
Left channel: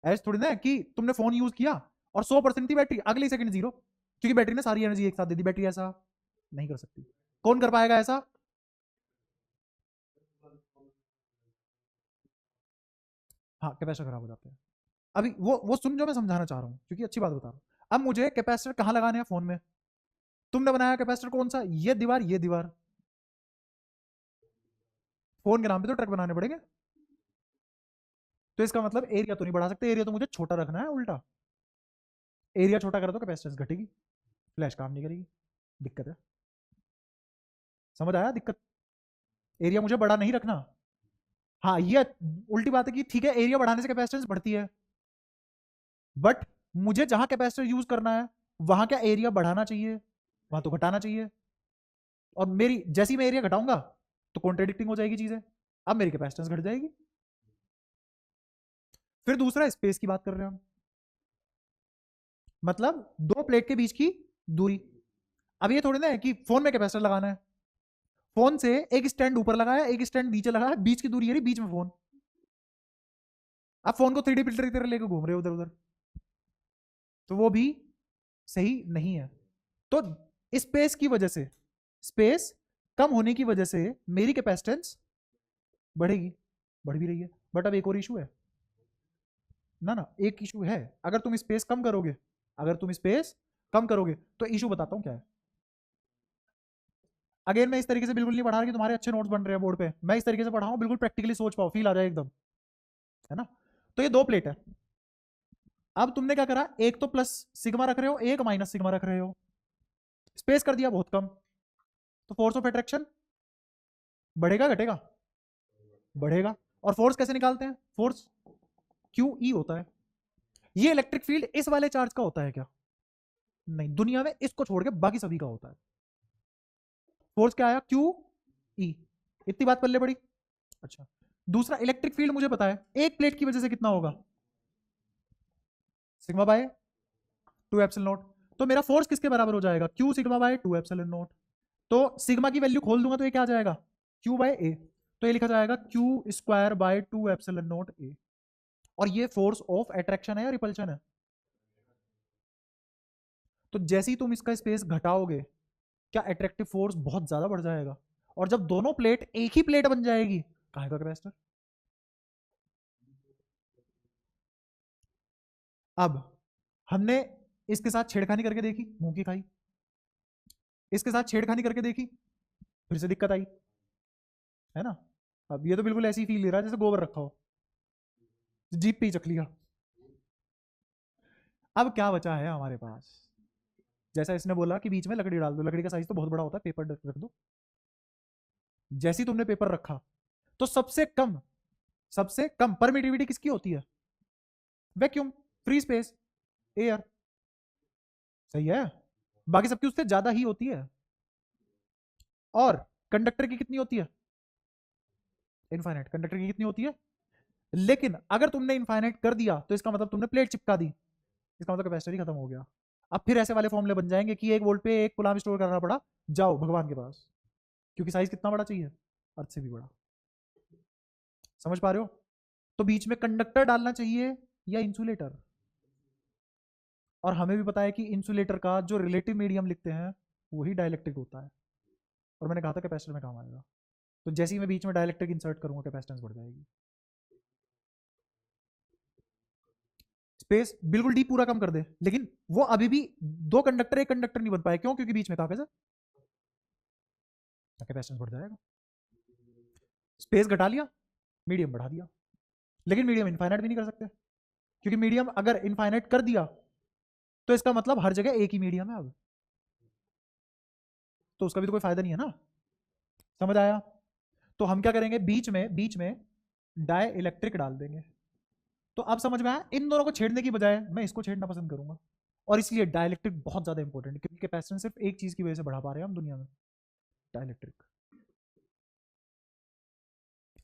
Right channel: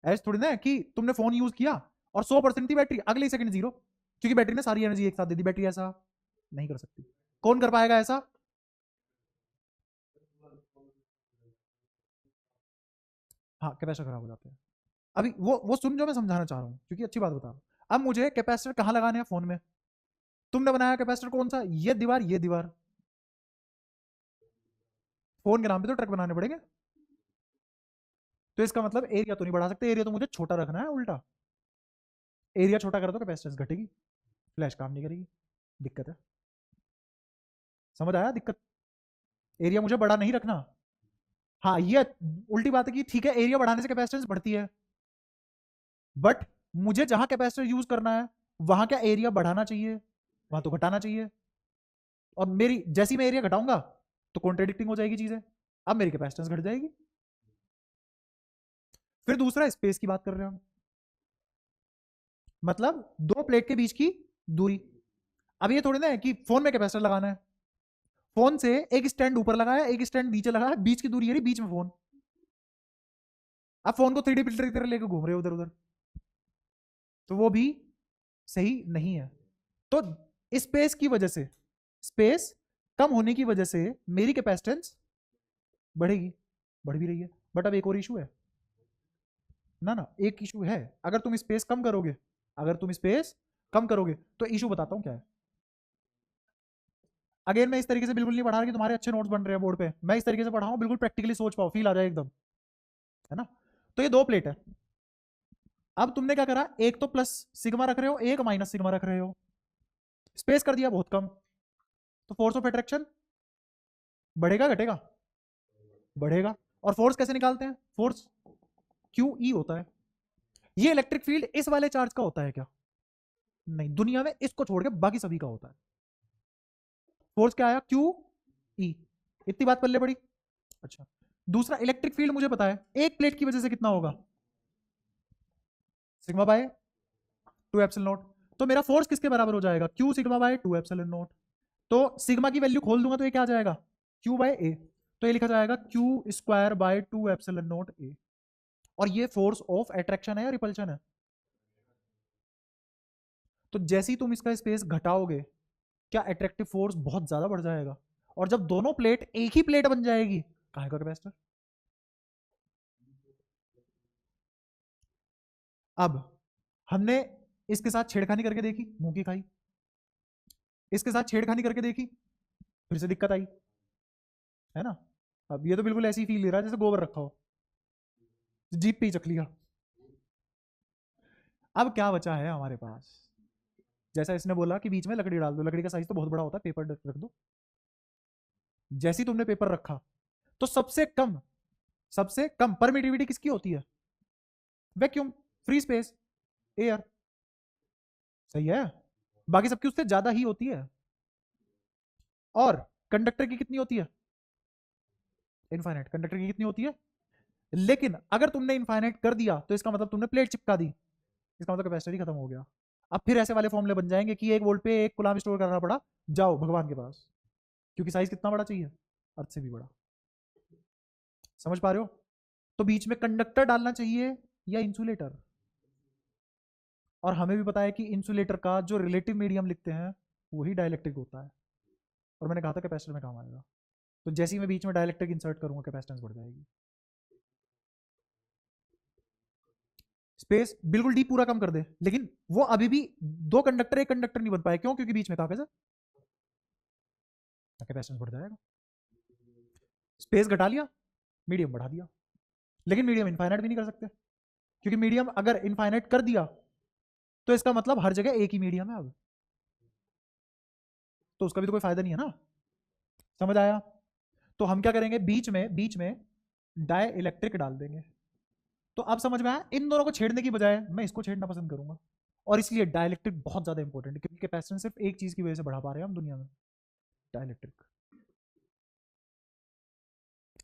ऐसा थोड़ी ना है कि तुमने फोन यूज किया और 100% थी बैटरी, अगली सेकंड जीरो, क्योंकि बैटरी ने सारी एनर्जी एक साथ दे दी। बैटरी ऐसा नहीं कर सकती। कौन कर पाएगा ऐसा? हाँ, कैपेसिटर खराब हो जाते हैं। अभी वो सुन, जो मैं समझाना चाह रहा हूँ, क्योंकि अच्छी बात बता रहा हूँ। अब मुझे कैपेसिटर कहाँ लगाने हैं फोन में? तुमने बनाया कैपेसिटर कौन सा? ये दीवार, ये दीवार। फोन के नाम पे तो ट्रक बनाने पड़ेंगे। तो इसका मतलब एरिया तो नहीं बढ़ा सकते, एरिया तो मुझे छोटा रखना है उल्टा। एरिया छोटा करा तो कैपेसिटेंस घटेगी, फ्लैश काम नहीं करेगी। दिक्कत है, समझ आया दिक्कत? एरिया मुझे बड़ा नहीं रखना। हाँ, ये उल्टी बात है कि ठीक है एरिया बढ़ाने से कैपेसिटेंस बढ़ती है, बट मुझे जहां कैपेसिटर यूज करना है वहां क्या एरिया बढ़ाना चाहिए? वहां तो घटाना चाहिए। और मेरी जैसी मैं एरिया घटाऊंगा तो कॉन्ट्रेडिक्टिंग हो जाएगी चीजें, अब मेरी कैपेसिटेंस घट जाएगी। फिर दूसरा स्पेस की बात कर रहे हैं हम, मतलब दो प्लेट के बीच की दूरी। अब ये थोड़ी ना है कि फोन में कैपेसिटर लगाना है, फोन से एक स्टैंड ऊपर लगाया, एक स्टैंड नीचे लगाया, बीच की दूरी है बीच में फोन। अब फोन को 3D फिल्टर की तरह लेकर घूम रहे हो उधर उधर, तो वो भी सही नहीं है। तो स्पेस की वजह से, स्पेस कम होने की वजह से मेरी कैपेसिटेंस बढ़ेगी, बढ़ भी रही है। बट अब एक और इशू है ना, एक इशू है। अगर तुम स्पेस कम करोगे, अगर तुम स्पेस कम करोगे तो इशू बताता हूँ क्या है। अगेन मैं इस तरीके से बिल्कुल नहीं पढ़ा रहा कि तुम्हारे अच्छे नोट्स बन रहे हैं बोर्ड पे, मैं इस तरीके से पढ़ा हूँ बिल्कुल प्रैक्टिकली सोच पाओ, फील आ जाए एकदम, है ना? तो ये दो प्लेट है। अब तुमने क्या करा, एक तो प्लस सिग्मा रख रहे हो, एक माइनस सिग्मा रख रहे हो, स्पेस कर दिया बहुत कम, तो फोर्स ऑफ अट्रैक्शन बढ़ेगा घटेगा? बढ़ेगा। और फोर्स कैसे निकालते हैं? फोर्स क्यू ई होता है। ये इलेक्ट्रिक फील्ड इस वाले चार्ज का होता है क्या? नहीं, दुनिया में इसको छोड़ के बाकी सभी का होता है। फोर्स क्या आया? Q E. इतनी बात पल्ले पड़ी। अच्छा, दूसरा इलेक्ट्रिक फील्ड मुझे पता है एक प्लेट की वजह से कितना होगा, सिग्मा बाय 2 एप्सिलॉन नॉट। तो मेरा फोर्स किसके बराबर हो जाएगा? Q sigma by 2 epsilon naught. तो सिग्मा की वैल्यू खोल दूंगा तो ये क्या आ जाएगा? क्यू बाय ए। तो ये लिखा जाएगा Q square by 2 epsilon not a. और ये फोर्स ऑफ अट्रैक्शन है या रिपल्शन है? तो जैसे ही तुम इसका स्पेस घटाओगे, क्या अट्रैक्टिव फोर्स बहुत ज्यादा बढ़ जाएगा, और जब दोनों प्लेट एक ही प्लेट बन जाएगी, कहाँ का कैपेसिटर? अब हमने इसके साथ छेड़खानी करके देखी, मुंह की खाई। इसके साथ छेड़खानी करके देखी, फिर से दिक्कत आई, है ना? अब ये तो बिल्कुल ऐसी फील ले रहा है जैसे गोबर रखा हो, जीप पे ही चक लिया। अब क्या बचा है हमारे पास? जैसा इसने बोला कि बीच में लकड़ी डाल दो, लकड़ी का साइज तो बहुत बड़ा होता है, पेपर रख दो। जैसे ही तुमने पेपर रखा, तो सबसे कम परमिटिविटी किसकी होती है? Vacuum, free space, air. सही है। बाकी सबकी उससे ज्यादा ही होती है। और कंडक्टर की कितनी होती है? इनफाइनाइट। कंडक्टर की कितनी होती है? लेकिन अगर तुमने इनफाइनाइट कर दिया तो इसका मतलब तुमने प्लेट चिपका दी, इसका मतलब कैपेसिटर ही खत्म हो गया। अब फिर ऐसे वाले फॉर्मूले बन जाएंगे कि 1 वोल्ट पे 1 कूलम स्टोर करना पड़ा, जाओ भगवान के पास, क्योंकि साइज कितना बड़ा चाहिए? अर्थ से भी बड़ा। समझ पा रहे हो? तो बीच में कंडक्टर डालना चाहिए या इंसुलेटर? और हमें भी पता है कि इंसुलेटर का जो रिलेटिव मीडियम लिखते हैं वही डाइलेक्ट्रिक होता है, और मैंने कहा था कैपेसिटर में काम आएगा। तो जैसे ही मैं बीच में डाइलेक्ट्रिक इंसर्ट करूंगा, कैपेसिटेंस बढ़ जाएगी। स्पेस बिल्कुल डी पूरा कम कर दे, लेकिन वो अभी भी दो कंडक्टर एक कंडक्टर नहीं बन पाए, क्यों? क्योंकि बीच में कागज है, कैपेसिटेंस बढ़ जाएगा। स्पेस घटा लिया, मीडियम बढ़ा दिया, लेकिन मीडियम इनफाइनाइट भी नहीं कर सकते, क्योंकि मीडियम अगर इनफाइनाइट कर दिया तो इसका मतलब हर जगह एक ही मीडियम है अब, तो उसका भी तो कोई फायदा नहीं है ना। समझ आया? तो हम क्या करेंगे, बीच में डाई इलेक्ट्रिक डाल देंगे। तो अब समझ में आया, इन दोनों को छेड़ने की बजाय मैं इसको छेड़ना पसंद करूंगा, और इसलिए डाइलेक्ट्रिक बहुत ज्यादा इंपॉर्टेंट है, क्योंकि कैपेसिटेंस सिर्फ एक चीज की वजह से बढ़ा पा रहे हैं हम दुनिया में, डाइलेक्ट्रिक।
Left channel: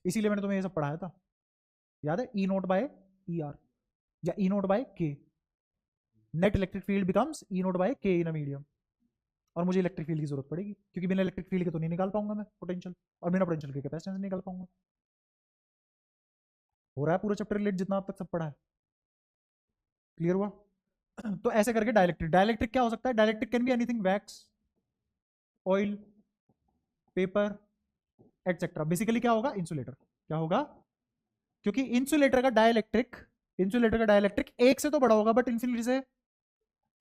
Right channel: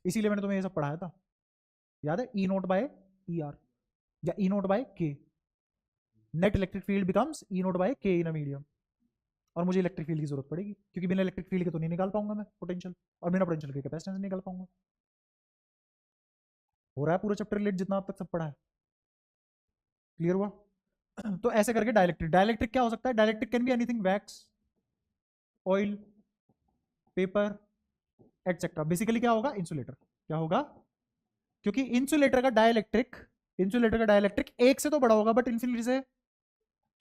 इसीलिए मैंने तुम्हें ये सब पढ़ाया था, याद है? ई नोट बाय ई आर या ई नोट बाय के, नेट इलेक्ट्रिक फील्ड बिकम्स ई नोट बाय के इन अ मीडियम। और मुझे इलेक्ट्रिक फील्ड की जरूरत पड़ेगी, क्योंकि बिना इलेक्ट्रिक फील्ड के तो नहीं निकाल पाऊंगा मैं पोटेंशियल, और बिना पोटेंशियल के कैपेसिटेंस नहीं निकाल पाऊंगा। हो रहा है पूरा चैप्टर रिलेट जितना अब तक सब पढ़ा है, क्लियर हुआ? तो ऐसे करके डाइलेक्ट्रिक, डाइलेक्ट्रिक क्या हो सकता है? Dielectric can be anything, wax, oil, paper, etcetera. Basically क्या होगा? इंसुलेटर। क्या होगा? क्योंकि इंसुलेटर का डाइलेक्ट्रिक एक से तो बड़ा होगा, बट इन्फिनिटी से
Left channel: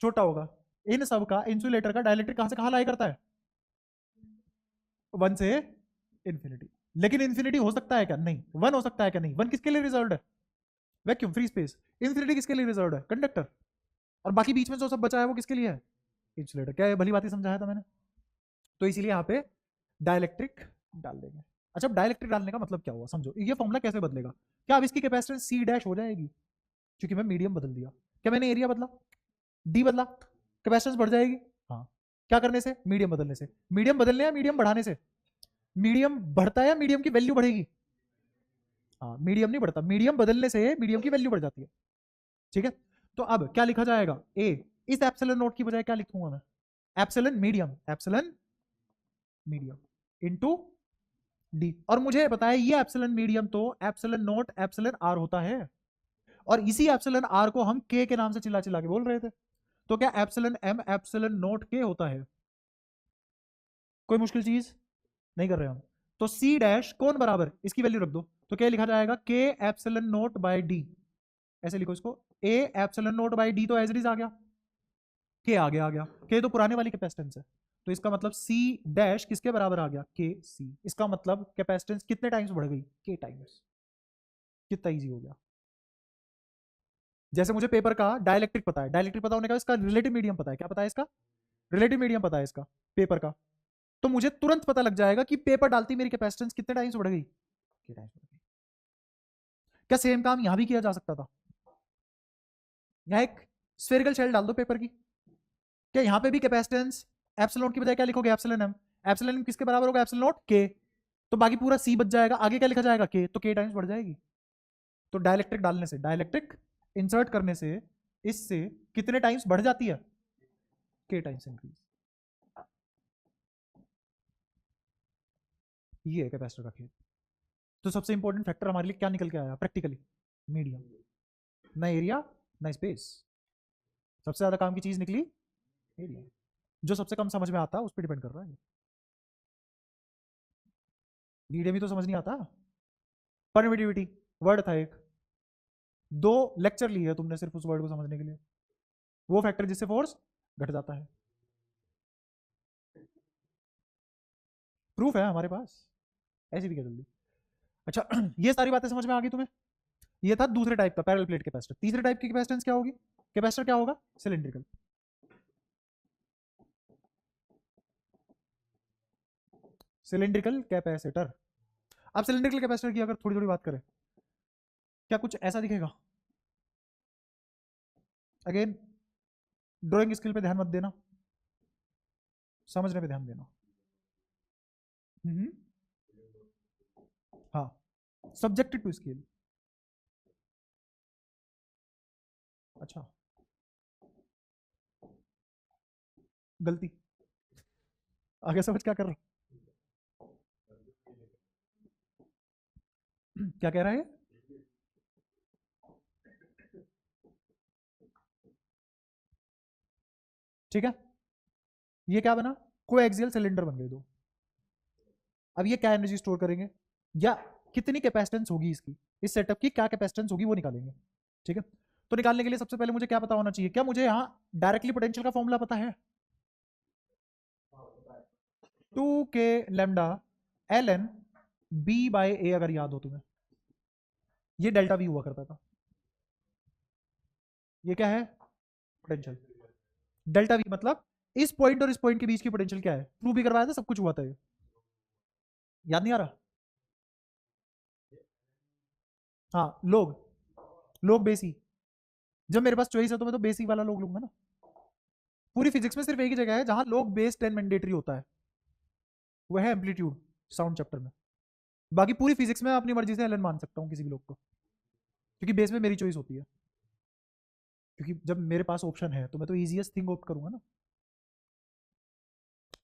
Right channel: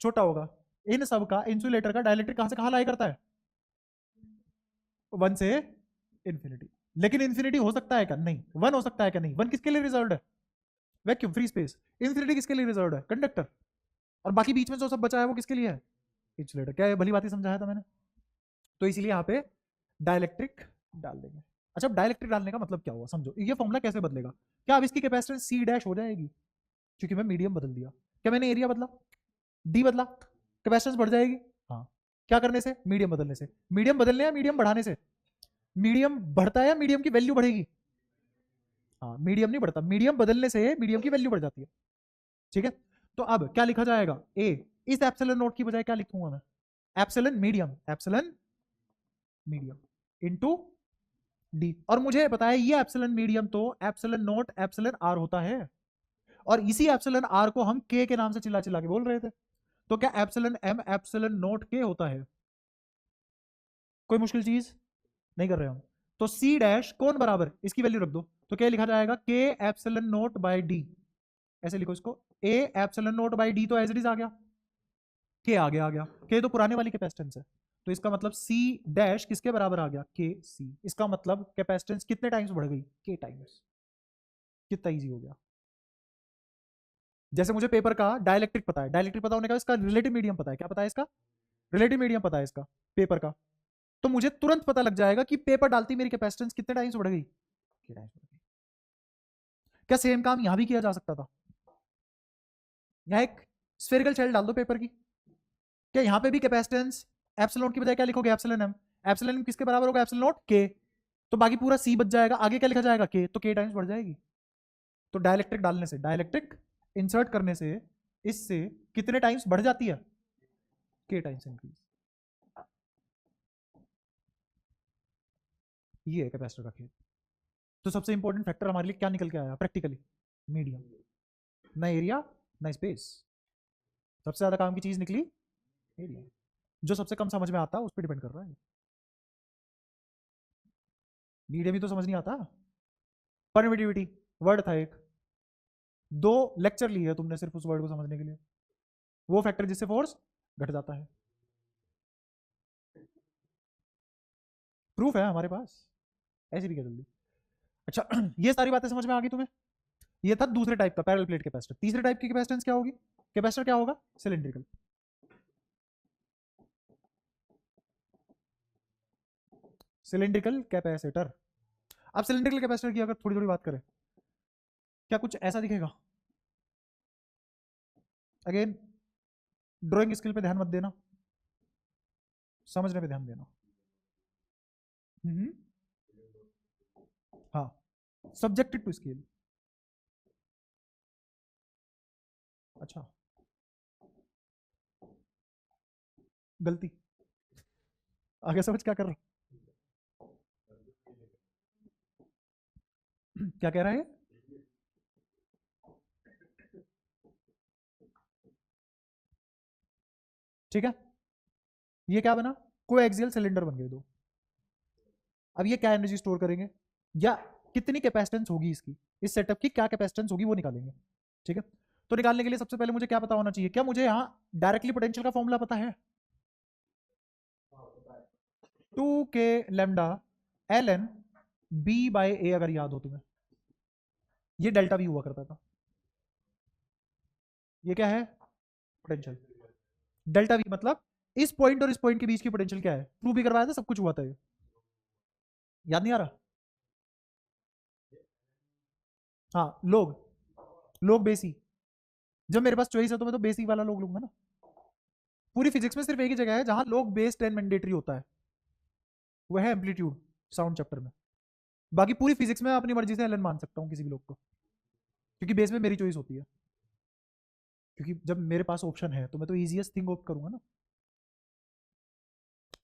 छोटा होगा। इन सब का इंसुलेटर का डाइलेक्ट्रिक कहां से कहां लाई करता है? 1 से इन्फिनिटी। लेकिन इन्फिनिटी हो सकता है क्या? नहीं। 1 हो सकता है क्या? नहीं। 1 किसके लिए रिजर्व्ड है? Vacuum, free space. इन्फिनिटी किसके लिए रिजर्व्ड है? कंडक्टर। और बाकी बीच में जो सब बचा है वो किसके लिए है? इंसुलेटर। क्या ये भली बात ही समझाया था मैंने? तो इसीलिए यहाँ पे डाइलेक्ट्रिक डाल देंगे। अच्छा, अब डाइलेक्ट्रिक डालने का मतलब क्या हुआ समझो। ये फॉर्मूला कैसे बदलेगा? क्या अब इसकी कैपेसिटेंस सी डैश हो जाएगी क्योंकि मैं मीडियम बदल दिया? क्या मैंने एरिया बदला, डी बदला, कैपेसिटेंस बढ़ जाएगी? हाँ। क्या करने से? मीडियम बदलने से। मीडियम बदलने या मीडियम बढ़ाने से? मीडियम बढ़ता है या मीडियम की वैल्यू बढ़ेगी? हाँ, मीडियम नहीं बढ़ता, मीडियम बदलने से मीडियम की वैल्यू बढ़ जाती है। ठीक है, तो अब क्या लिखा जाएगा? ए, इस एप्सिलॉन नॉट की बजाय क्या लिखूंगा मैं? Epsilon medium, epsilon medium into D. और मुझे बताया ये एप्सिलॉन मीडियम तो एप्सिलॉन नॉट एप्सिलॉन आर होता है, और इसी एप्सिलॉन आर को हम के नाम से चिल्ला चिल्ला के बोल रहे थे। तो क्या एप्सिलॉन एम एप्सिलॉन नॉट के होता है? कोई मुश्किल चीज नहीं कर रहे हम। तो सी डैश कौन बराबर, इसकी वैल्यू रख दो, तो क्या लिखा जाएगा? के एप्सिलॉन नॉट बाय डी। ऐसे लिखो इसको, A epsilon naught by D, तो एज इट इज आ गया, के आ गया, के तो पुराने वाली कैपेसिटेंस है, तो इसका मतलब सी डैश किसके बराबर आ गया? के सी। इसका मतलब कैपेसिटेंस कितने टाइम्स बढ़ गई? के टाइम्स। कितना इजी हो गया। जैसे मुझे पेपर का डाइलेक्ट्रिक पता है, डाइलेक्ट्रिक पता होने का इसका रिलेटिव मीडियम पता है। क्या पता है इसका? रिलेटिव मीडियम पता है इसका पेपर का, तो मुझे तुरंत पता लग जाएगा कि पेपर डालती मेरी कैपेसिटेंस कितने टाइम्स बढ़ गई? क्या सेम काम यहां भी किया जा सकता था? यहाँ एक स्फेरिकल शेल डाल दो पेपर की, क्या यहाँ पे भी कैपेसिटेंस एप्सिलॉन की बजाय क्या लिखोगे? Epsilon M. एप्सिलॉन एम किसके बराबर होगा? एप्सिलॉन नॉट के। तो बाकी पूरा सी बच जाएगा, आगे क्या लिखा जाएगा? के, तो के टाइम्स बढ़ जाएगी। तो डाइलेक्ट्रिक डालने से, डाइलेक्ट्रिक इंसर्ट करने से इससे कितने टाइम्स बढ़ जाती है? के टाइम्स इंक्रीज। ये है कैपेसिटर का खेल। तो सबसे इंपॉर्टेंट फैक्टर हमारे लिए क्या निकल के आया प्रैक्टिकली? मीडियम। ना एरिया ना स्पेस, सबसे ज्यादा काम की चीज निकली एरिया। जो सबसे कम समझ में आता है उस पर डिपेंड कर रहा है। मीडियम ही तो समझ नहीं आता। परमिटिविटी वर्ड था एक, 2 लेक्चर लिए तुमने सिर्फ उस वर्ड को समझने के लिए। वो फैक्टर जिससे फोर्स घट जाता है, प्रूफ है हमारे पास, ऐसी भी क्या जल्दी। अच्छा ये सारी बातें समझ में आ गई तुम्हें? ये था दूसरे टाइप का पैरेलल प्लेट कैपेसिटर। तीसरे टाइप की कैपेसिटेंस क्या होगी? कैपेसिटर क्या होगा? सिलिंड्रिकल। Cylindrical capacitor. अब सिलिंड्रिकल कैपेसिटर की अगर थोड़ी थोड़ी बात करें, क्या कुछ ऐसा दिखेगा? अगेन ड्राइंग स्किल पे ध्यान मत देना, समझने पे ध्यान देना। हाँ, सब्जेक्टेड टू स्केल। अच्छा, गलती। आगे समझ क्या कर रहे क्या कह रहे हैं? ठीक है, ये क्या बना? कोएक्सियल सिलेंडर बन गए दो। अब ये क्या एनर्जी स्टोर करेंगे, या कितनी कैपेसिटेंस होगी इसकी, इस सेटअप की क्या कैपेसिटेंस होगी वो निकालेंगे। ठीक है, तो निकालने के लिए सबसे पहले मुझे क्या पता होना चाहिए? क्या मुझे यहाँ डायरेक्टली पोटेंशियल का फॉर्मूला पता है? 2k lambda ln b by a, अगर याद हो तुम्हें, ये डेल्टा v हुआ करता था। ये क्या है? पोटेंशियल। डेल्टा v मतलब इस पॉइंट और इस पॉइंट के बीच की पोटेंशियल क्या है? प्रूव भी करवाया था, सब कुछ हुआ था ये। याद नहीं आ रहा? हाँ, लोग बेसी। जब मेरे पास चॉइस है तो मैं तो बेसिक वाला लोग लूंगा ना। पूरी फिजिक्स में सिर्फ एक ही जगह है जहां लोग बेस 10 मैंडेटरी होता है, वो है एम्पलीट्यूड साउंड चैप्टर में। बाकी पूरी फिजिक्स में अपनी मर्जी से एलन मान सकता हूँ किसी भी लोग को, क्योंकि बेस में मेरी चॉइस होती है। क्योंकि जब मेरे पास ऑप्शन है तो मैं तो इजीएस्ट थिंग ऑप्ट करूंगा ना।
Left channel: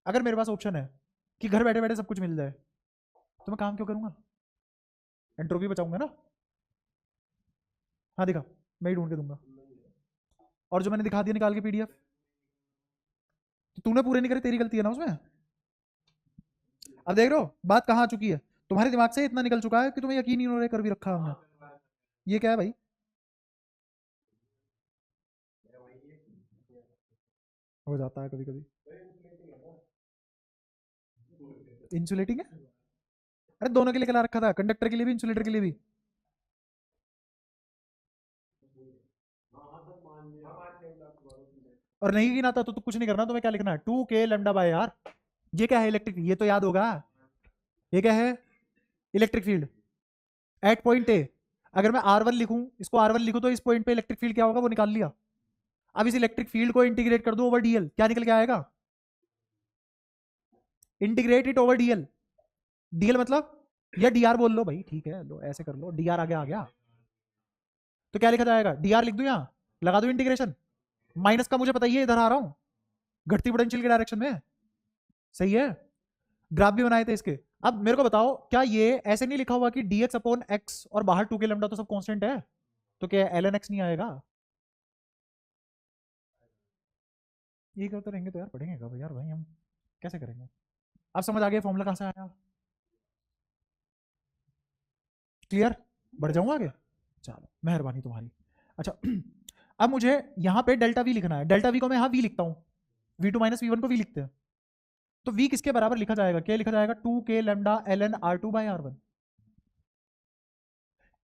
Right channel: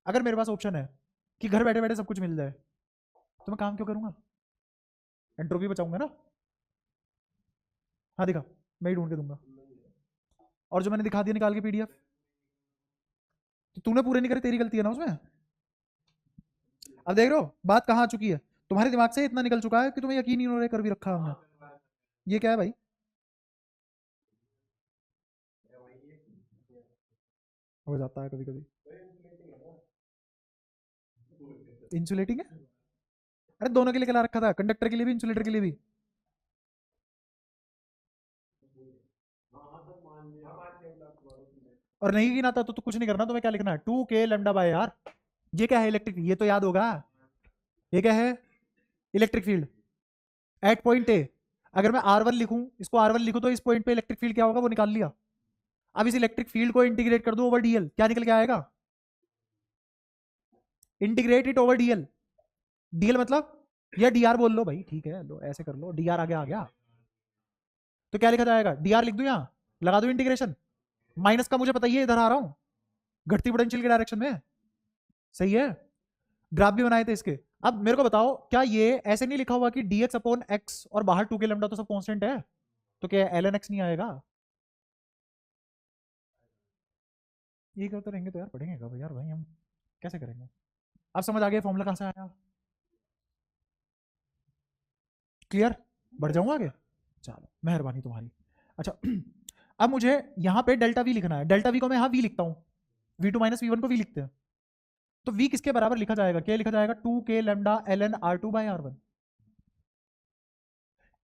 अगर मेरे पास ऑप्शन है कि घर बैठे बैठे सब कुछ मिल जाए तो मैं काम क्यों करूंगा? एंट्रोपी बचाऊंगा ना। हाँ दिखा, मैं ही ढूंढ के दूंगा। और जो मैंने दिखा दिया निकाल के पीडीएफ, तो तूने पूरे नहीं करे, तेरी गलती है ना उसमें। अब देख रहे हो बात कहाँ आ चुकी है? तुम्हारे दिमाग से इतना निकल चुका है कि तुम्हें यकीन ही नहीं हो रहा है, कर भी रखा हमने। ये क्या है भाई? हो जाता है कभी कभी। इंसुलेटिंग है? अरे दोनों के लिए कला रखा था, कंडक्टर के लिए भी इंसुलेटर के लिए भी। और नहीं गिना था तो कुछ नहीं करना, तुम्हें क्या लिखना है? 2k lambda by are. ये क्या है? इलेक्ट्रिक, ये तो याद होगा। ये क्या है? Electric field at point A. अगर मैं R1 लिखूं, इसको R1 लिखूं, तो इस पॉइंट पे इलेक्ट्रिक फील्ड क्या होगा वो निकाल लिया। अब इस इलेक्ट्रिक फील्ड को इंटीग्रेट कर दूं ओवर डीएल, क्या निकल के आएगा? Integrate it over DL. DL मतलब ये डीआर बोल लो भाई, ठीक है, लो ऐसे कर लो, डीआर आगे आ गया। तो क्या लिखा जाएगा? डीआर लिख दूं, यहाँ लगा दूं इंटीग्रेशन। माइनस का मुझे पता ही है, इधर आ रहा हूं घटती पोटेंशियल के डायरेक्शन में। सही है। ग्राफ भी बनाए थे इसके। अब मेरे को बताओ, क्या ये ऐसे नहीं लिखा हुआ कि dx अपॉन एक्स और बाहर 2k लैम्डा तो सब कांस्टेंट है, तो क्या ln x नहीं आएगा? ये करते रहेंगे तो यार पढ़ेंगे कब यार भाई हम? कैसे करेंगे? अब समझ आ गया फॉर्मूला कहाँ से आया? क्लियर? बढ़ जाऊंगा आगे? चलो मेहरबानी तुम्हारी। अच्छा अब मुझे यहाँ पे डेल्टा वी लिखना है। डेल्टा वी को मैं यहाँ वी लिखता हूँ, v2 माइनस वी वन को वी लिखते हैं। तो v किसके बराबर लिखा जाएगा? k लिखा जाएगा 2k lambda ln r2 by r1।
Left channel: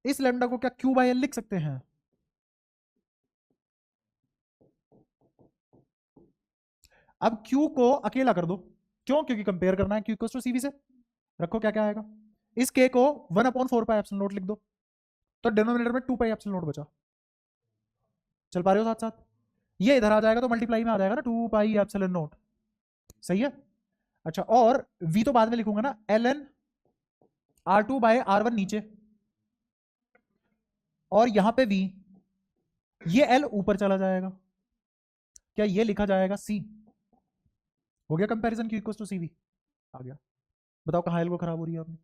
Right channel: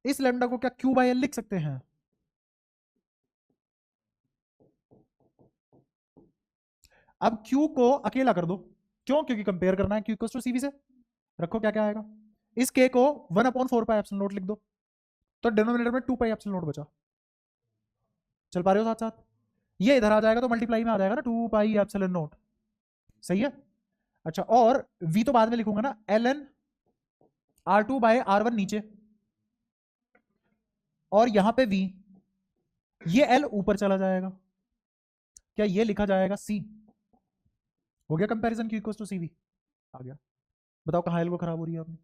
इस लैम्डा को क्या q बाय l लिख सकते हैं? अब q को अकेला कर दो। क्यों? क्योंकि कंपेयर करना है q टू cv से। रखो क्या क्या आएगा। इस k को 1/4 पाई एप्सिलॉन नॉट लिख दो, तो डिनोमिनेटर में 2 पाई एप्सिलॉन नॉट बचा। चल पा रहे हो साथ साथ? ये इधर आ जाएगा तो मल्टीप्लाई में आ जाएगा ना, 2 पाई एप्सिलॉन नॉट। सही है। अच्छा, और v तो बाद में लिखोगे ना, ln r2 बाय r1 नीचे, और यहां पे v, ये l ऊपर चला जाएगा। क्या ये लिखा जाएगा c? हो गया comparison q equals to cv। आ गया। बताओ कहाँ एल को खराब हो रही है आपने?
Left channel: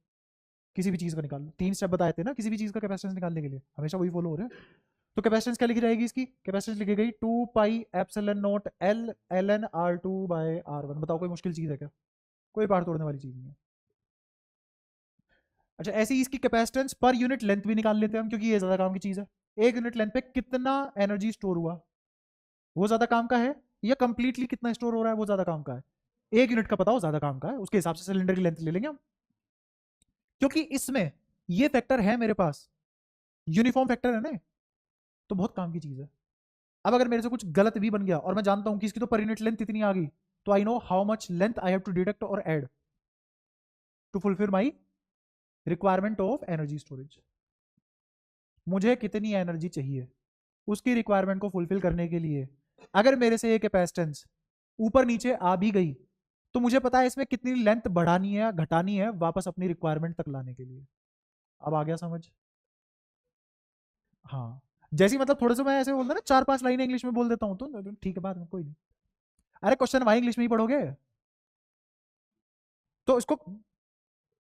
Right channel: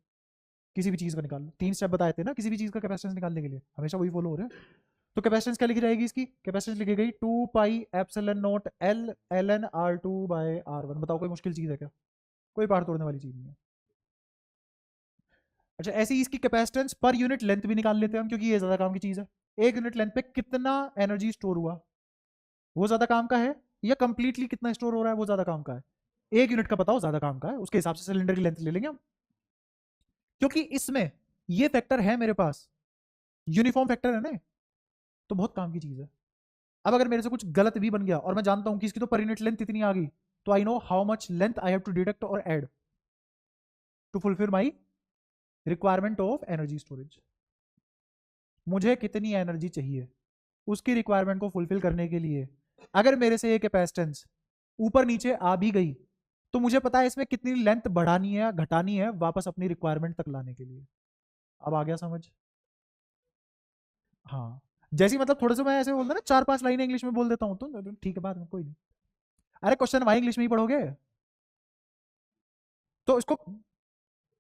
किसी भी चीज का निकाल लो, 3 स्टेप बताए थे ना किसी भी चीज का कैपेसिटेंस निकालने के लिए, हमेशा वही फॉलो हो रहा है। तो कैपेसिटेंस क्या लिखी जाएगी इसकी? कैपेसिटेंस लिखी गई 2 pi epsilon naught l ln r2 by r1। बताओ कोई मुश्किल चीज है क्या? कोई पार तोड़ने वाली चीज नहीं है। अच्छा, ऐसे ही इसकी कैपेसिटेंस पर यूनिट लेंथ भी निकाल लेते हैं हम, क्योंकि ये ज्यादा काम की चीज है। एक यूनिट लेंथ पे कितना एनर्जी स्टोर हुआ, वो ज्यादा काम का है, या कंप्लीटली कितना स्टोर हो रहा है वो ज्यादा काम का है? एक यूनिट का बताओ ज्यादा काम का है, उसके हिसाब से सिलेंडर की लेंथ ले लेंगे हम। क्योंकि इसमें ये फैक्टर है मेरे पास, यूनिफॉर्म फैक्टर है ना, तो बहुत काम की चीज है। अब अगर मेरे से कुछ गलत भी बन गया और मैं जानता हूं कि इसकी तो पर यूनिट लेंथ इतनी आ गई, तो I know how much length I have to deduct और add to fulfil my requirement of energy storage. मुझे कितनी एनर्जी चाहिए उसकी रिक्वायरमेंट को फुलफिल करने के लिए, अगर मेरे से ये कैपेसिटेंस ऊपर नीचे आ भी गई, तो मुझे पता है इसमें कितनी लेंथ बढ़ानी है घटानी है वापस अपनी रिक्वायरमेंट तक लाने के लिए। अब आ गया समझ? हाँ, जैसी मतलब थोड़ा सा मैं ऐसे बोलता ना, 4-5 लाइनें इंग्लिश में बोल देता हूँ तो ठीक है, बात में कोई नहीं। अरे क्वेश्चन भाई इंग्लिश में ही पढ़ोगे, तो इसको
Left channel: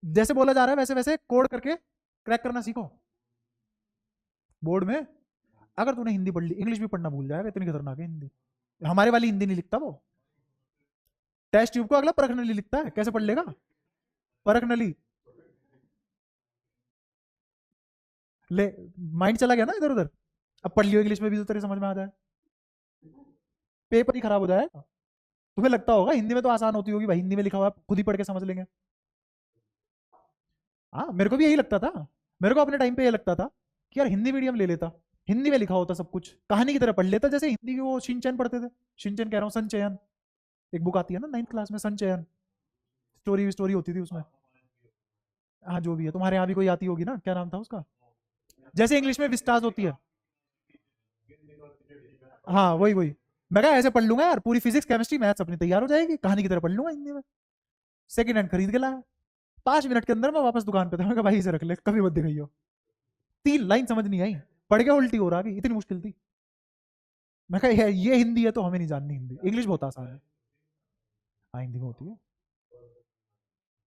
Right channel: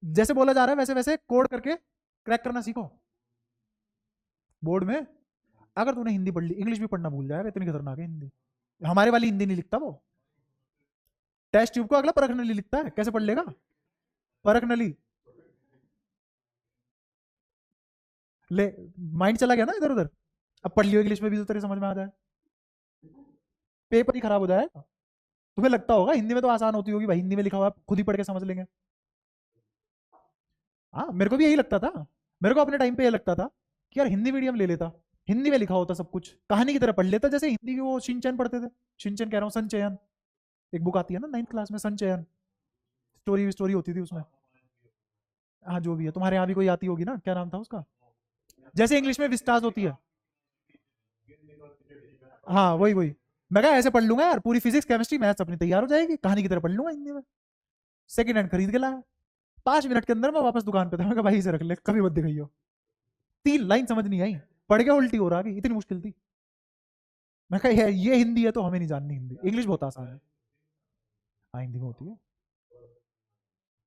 जैसे बोला जा रहा है वैसे वैसे कोड करके क्रैक करना सीखो बोर्ड में। अगर तूने हिंदी पढ़ ली, इंग्लिश भी पढ़ना भूल जाएगा, इतनी खतरनाक है हिंदी। हमारे वाली हिंदी नहीं लिखता वो, टेस्ट ट्यूब को अगला परख नली लिखता है, कैसे पढ़ लेगा? परख नली ले, माइंड चला गया ना इधर उधर। अब पढ़ लियो इंग्लिश में भी तो तेरी समझ में आ जाए, पेपर ही खराब हो जाए। तुम्हें लगता होगा हिंदी में तो आसान होती होगी भाई, हिंदी में लिखा हुआ आप खुद ही पढ़ के समझ लेंगे। हाँ मेरे को भी यही लगता था, मेरे को अपने टाइम पे ये लगता था कि यार हिंदी मीडियम ले लेता, हिंदी में लिखा होता सब कुछ, कहानी की तरह पढ़ लेता, जैसे हिंदी के वो शिनचैन पढ़ते थे। शिनचैन कह रहा हूँ, संचयन, एक बुक आती है ना 9th क्लास में, संचयन, स्टोरी स्टोरी होती थी उसमें। हाँ जो भी है, तुम्हारे यहाँ भी कोई आती होगी ना, क्या नाम था उसका, जैसे इंग्लिश में विस्टाज होती है। हाँ वही वही, मैं कहा ऐसे पढ़ लूंगा यार, पूरी फिजिक्स केमिस्ट्री मैथ्स अपनी तैयार हो जाएगी, कहानी की तरह पढ़ लूंगा हिंदी में। सेकंड हैंड खरीद के लाया, 5 मिनट के अंदर मैं वापस दुकान पे था, मैं कहा भाई इसे रख ले, कभी मत दिखाइयो। 3 लाइन समझ नहीं आई, पढ़ के उल्टी हो रहा है, इतनी मुश्किल थी। मैं कहा ये हिंदी है तो हमें नहीं जाननी हिंदी, इंग्लिश बहुत आसान है। हाँ हिंदी में होती है,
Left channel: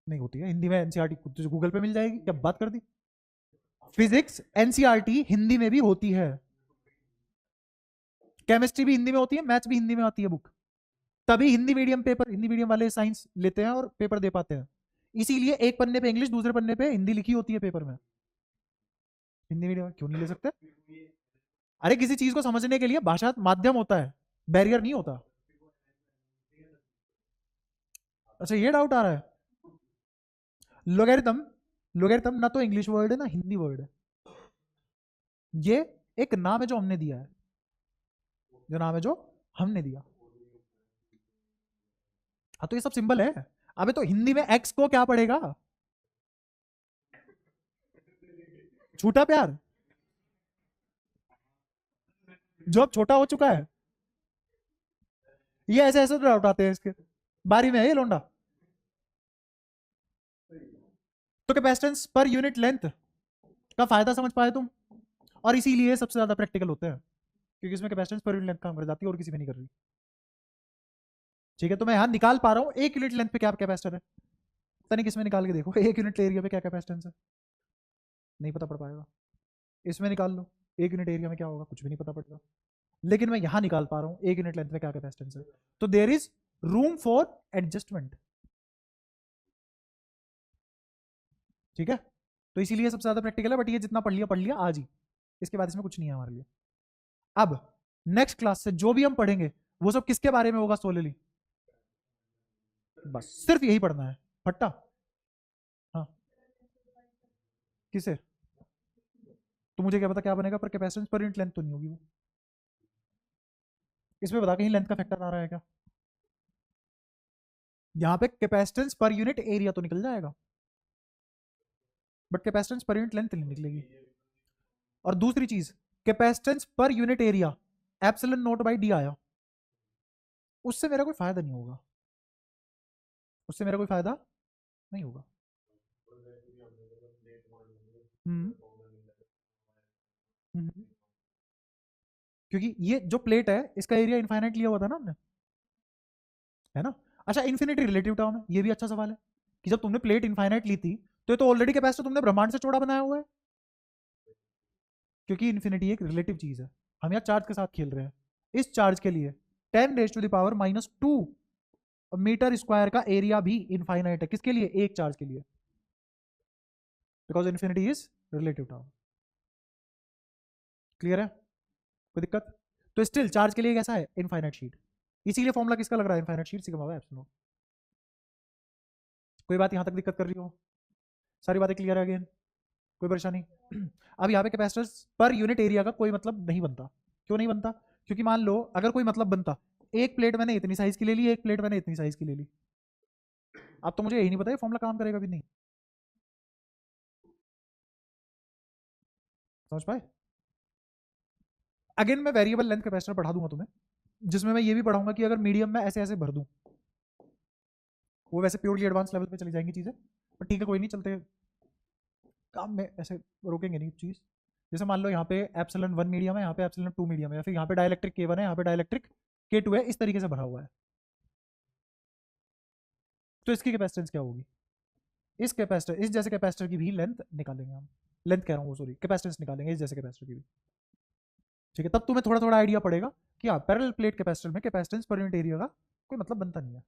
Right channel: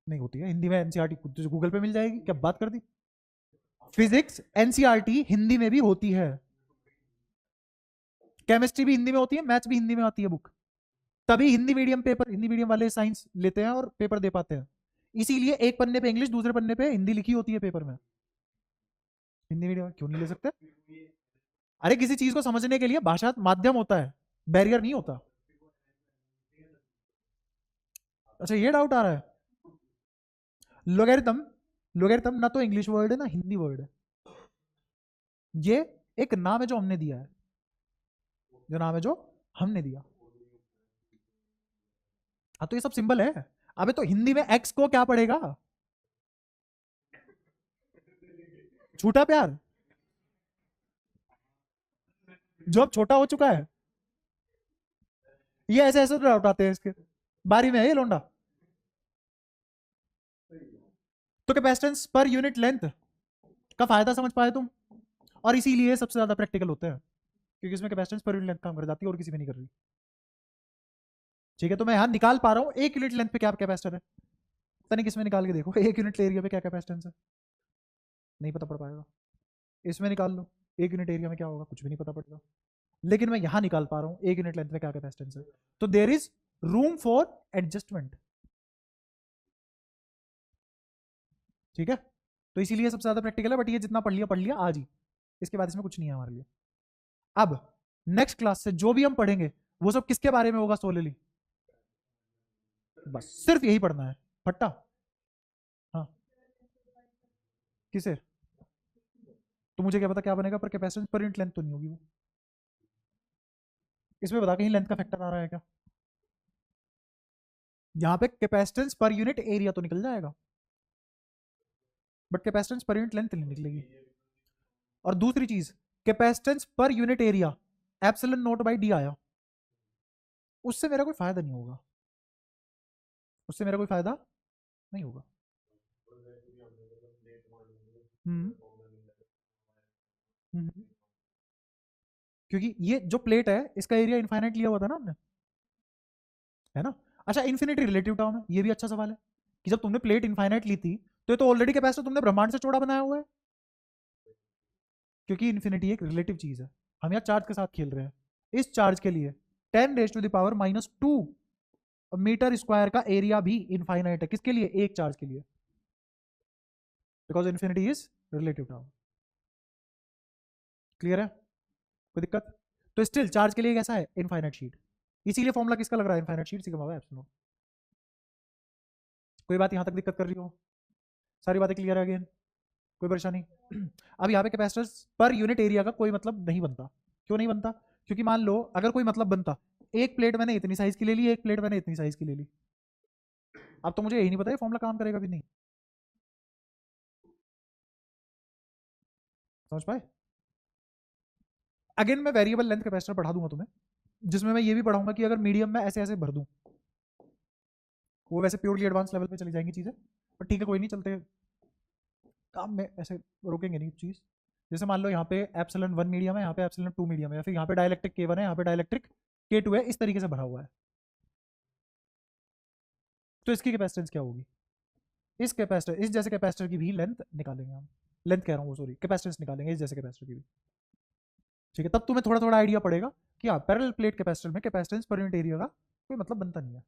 नहीं होती है हिंदी में, एनसीईआरटी तुझे गूगल पे मिल जाएगी, क्या बात कर दी। फिजिक्स एनसीईआरटी हिंदी में भी होती है, केमिस्ट्री भी हिंदी में होती है, मैथ्स भी हिंदी में आती है बुक। तभी Hindi medium paper, Hindi medium वाले साइंस लेते हैं और पेपर दे पाते हैं। इसीलिए एक पन्ने पे इंग्लिश, दूसरे पन्ने पे हिंदी लिखी होती है पेपर में। हिंदी मीडियम क्यों नहीं ले सकते? अरे किसी चीज को समझने के लिए भाषा माध्यम होता है, बैरियर नहीं होता। अच्छा ये डाउट आ रहा है, लोगेरिथम, लोगेरिथम ना तो इंग्लिश वर्ड है ना हिंदी वर्ड है, ये एक नाम है जो हमने दिया है, जो नाम है जो हमने दिया। हाँ तो ये सब सिंबल है। अबे तो हिंदी में एक्स को क्या पड़ेगा, छोटा प्यार, जो अब छोटा हो चुका है। ये ऐसे ऐसे तो उठाते हैं इसके, बारी में है ये लोंडा। तो कैपेसिटेंस पर यूनिट लेंथ का फायदा समझ पाए तुम, और इसीलिए सबसे ज्यादा प्रैक्टिकल होता है, क्योंकि इसमें कैपेसिटेंस पर यूनिट लेंथ काम कर जाती है और किसी में नहीं कर रही। ठीक है, तो मैं यहाँ निकाल पा रहा हूँ 1 यूनिट लेंथ पे क्या कैपेसिटर है, पता नहीं किसमें निकाल के देखो 1 यूनिट एरिया पे क्या कैपेसिटेंस है, नहीं पता पड़ पाएगा। इसमें निकाल लो 1 यूनिट एरिया में क्या होगा, कुछ भी नहीं पता पड़ेगा। लेकिन मैं यहाँ निकाल पा रहा हूँ 1 यूनिट लेंथ में क्या कैपेसिटेंस है, तो there is room for adjustment. ठीक है, तो इसीलिए सबसे ज्यादा प्रैक्टिकल है, बट ये जितना पढ़ लिया आज ही, इसके बाद इसमें कुछ नहीं है हमारे लिए। अब नेक्स्ट क्लास से जो भी हम पढ़ेंगे वो सब किसके बारे में होगा, सोलली, बस सिर्फ यही पढ़ना है, फट्टा। हाँ किसे, तो मुझे क्या पता क्या बनेगा, पर कैपेसिटेंस पर यूनिट लेंथ तो नहीं होगी वो। इसमें बता कहीं लेंथ का फैक्टर आ रहा है क्या, यहाँ पे कैपेसिटेंस पर यूनिट एरिया तो निकल जाएगा, but capacitance per unit length नहीं निकलेगी। और दूसरी चीज, capacitance per unit area epsilon note by D आया, उससे मेरा कोई फायदा नहीं होगा, उससे मेरा कोई फायदा नहीं होगा। हम्म हम्म। क्योंकि ये जो प्लेट है इसका एरिया इनफाइनाइट लिया हुआ था ना हमने, है ना। अच्छा इन्फिनिटी रिलेटिव टर्म है, ये भी अच्छा सवाल है कि जब तुमने प्लेट इनफाइनाइट ली थी तो ऑलरेडी कैपेसिटर तुमने ब्रह्मांड से चौड़ा बनाया हुआ है, क्योंकि इन्फिनिटी एक रिलेटिव चीज है। हम यहाँ चार्ज के साथ खेल रहे हैं, इस चार्ज के लिए 10⁻⁻² मीटर स्क्वायर का एरिया भी इनफाइनाइट है, किसके लिए, एक चार्ज के लिए, because infinity is relative term. Clear है, कोई दिक्कत? तो स्टिल चार्ज के लिए कैसा है, इनफाइनाइट शीट, इसीलिए फॉर्मूला किसका लग रहा है, infinite sheet sigma by epsilon. कोई बात यहाँ तक दिक्कत कर रही हो, सारी बातें क्लियर है अगेन, कोई परेशानी? अब यहाँ पे कैपेसिटर्स पर यूनिट एरिया का कोई मतलब नहीं बनता, क्यों नहीं बनता, क्योंकि मान लो अगर कोई मतलब बनता, एक प्लेट मैंने इतनी साइज की ले ली, एक प्लेट मैंने इतनी साइज की ले ली, अब तो मुझे यही नहीं पता फॉर्मूला काम करेगा भी नहीं, समझ पाए? अगेन मैं वेरिएबल लेंथ कैपेसिटर पढ़ा दूंगा तुम्हें, जिसमें मैं ये भी पढ़ाऊंगा कि अगर मीडियम में ऐसे ऐसे भर दूं, वो वैसे प्योरली एडवांस लेवल पे चली जाएंगी चीजें, पर ठीक है कोई नहीं, चलते काम में ऐसे रोकेंगे नहीं चीज। जैसे मान लो यहाँ पे एप्सिलॉन 1 मीडियम है, यहाँ पे एप्सिलॉन 2 मीडियम है, या फिर यहाँ पे डाइलेक्ट्रिक K1 है, यहाँ पे डाइलेक्ट्रिक K2 है, इस तरीके से भरा हुआ है, तो इसकी कैपेसिटेंस क्या होगी, इस कैपेसिटर, इस जैसे कैपेसिटर की भी लेंथ निकालेंगे हम, लेंथ कह रहा हूँ सॉरी, कैपेसिटेंस निकालेंगे इस जैसे कैपेसिटर की भी। ठीक है, तब तुम्हें थोड़ा थोड़ा आइडिया पड़ेगा कि हाँ पैरेलल प्लेट कैपेसिटर में कैपेसिटेंस पर यूनिट एरिया का कोई मतलब बनता नहीं है।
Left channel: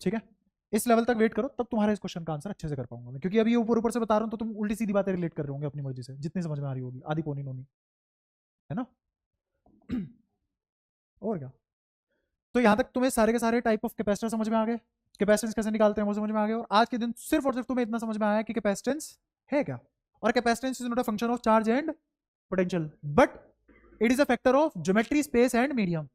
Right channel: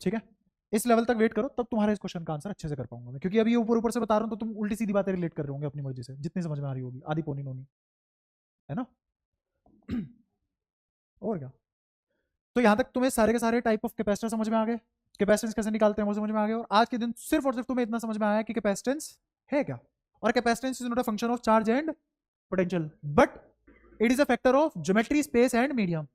ठीक है, इस लेवल तक वेट करो, तब तुम्हारा इस क्वेश्चन का आंसर अच्छे से कर पाऊंगा मैं, क्योंकि अभी ये ऊपर ऊपर से बता रहा हूँ तो तुम उल्टी सीधी बातें रिलेट कर रहे होंगे अपनी मर्जी से, जितनी समझ में आ रही होगी, आधी पौनी नोनी, है ना। और क्या। तो यहाँ तक तुम्हें सारे के सारे टाइप ऑफ कैपेसिटर समझ में आ गए, कैपेसिटेंस कैसे निकालते हैं वो समझ में आ गए, और आज के दिन सिर्फ और सिर्फ तुम्हें इतना समझ में आया कि कैपेसिटेंस है क्या, और capacitance is not a function of charge and potential, but it is a factor of geometry, space and medium.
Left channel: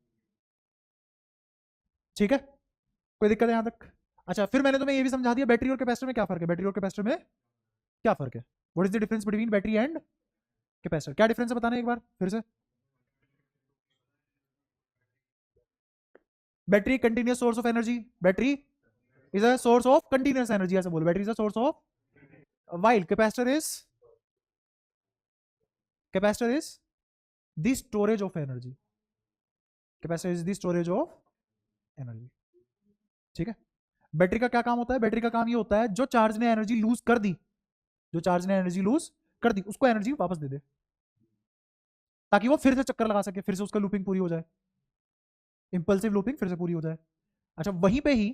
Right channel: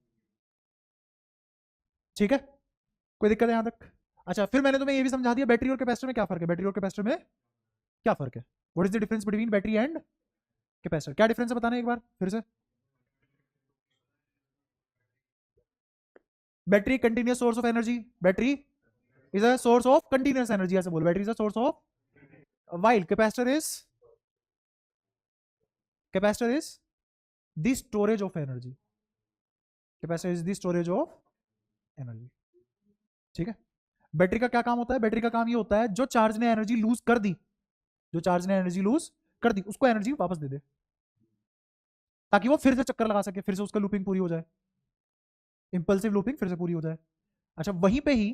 ठीक है, कोई दिक्कत है यहाँ तक? अच्छा, फिर मैंने तुम्हें ये भी समझा दिया बैटरी और कैपेसिटर में क्या फर्क है, बैटरी और कैपेसिटर में क्या फर्क है, what is the difference between battery and capacitor, क्या डिफरेंस है बताना एक बार फिर से। Battery continuous source of energy, battery is a source of continuous energy, ऐसे बोलो, battery is a source of, while capacitor is the storage of energy, capacitor is the storage of energy। ठीक है, बैटरी का क्या काम होता है, बैटरी का काम ये होता है जो चार्ज ने एनर्जी लूज कर दी, जो चार्ज ने एनर्जी लूज कर दी उसको एनर्जी वापस दे दे, ताकि वो फिर से चक्कर लगा सके, फिर से उसका लूपिंग पूरी हो जाए, इंपल्सिव लूपिंग फिर से पूरी हो जाए। अच्छा, वहीं पे ही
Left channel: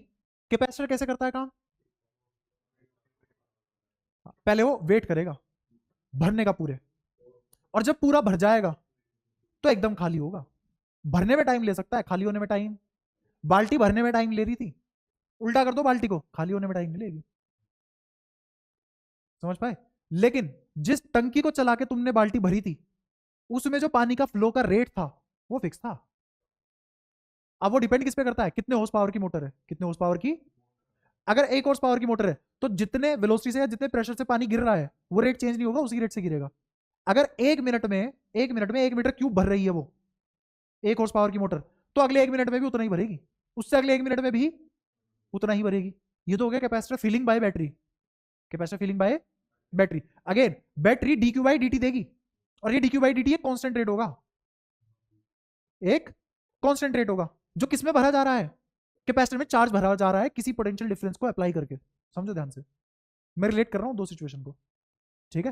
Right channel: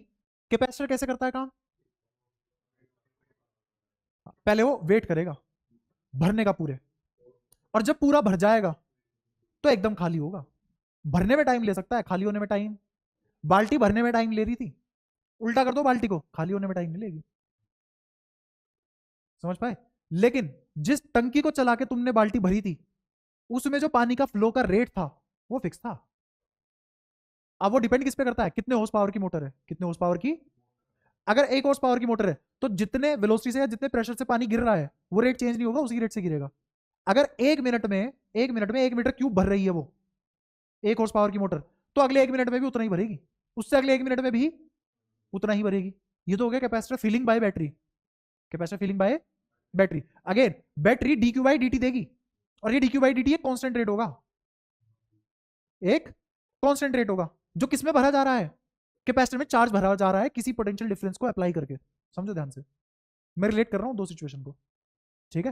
कैपेसिटर कैसे करता है काम, पहले वो वेट करेगा भरने का पूरे, और जब पूरा भर जाएगा तो एकदम खाली होगा, भरने में टाइम ले सकता है, खाली होने में टाइम, बाल्टी भरने में टाइम ले रही थी, उल्टा कर दो बाल्टी को, खाली होने में टाइम मिलेगी, समझ पाए। लेकिन जिस टंकी को चला के तुमने बाल्टी भरी थी उसमें जो पानी का फ्लो का रेट था वो फिक्स था। अब वो डिपेंड किस पे करता है, कितने हॉर्स पावर की मोटर है, कितने हॉर्स पावर की, अगर 1 हॉर्स पावर की मोटर है तो जितने वेलोसिटी से या जितने प्रेशर से पानी गिर रहा है वो रेट चेंज नहीं होगा, उसी रेट से गिरेगा। अगर 1 मिनट में 1 मीटर क्यूब भर रही है वो 1 हॉर्स पावर की मोटर, तो अगले 1 मिनट में भी उतना ही भरेगी, उससे अगले 1 मिनट में भी उतना ही भरेगी। ये तो हो गया capacitor filling by battery, capacitor filling by battery. Again battery dq by dt देगी, और ये dq बाई dt एक कांस्टेंट रेट होगा, एक कांस्टेंट रेट होगा जो किसमें भरा जा रहा है, कैपेसिटर में चार्ज भरा जा रहा है किसी पोटेंशियल डिफरेंस को अप्लाई करके। समझो ध्यान से, मैं रिलेट कर रहा हूं दो सिचुएशन को। ठीक है,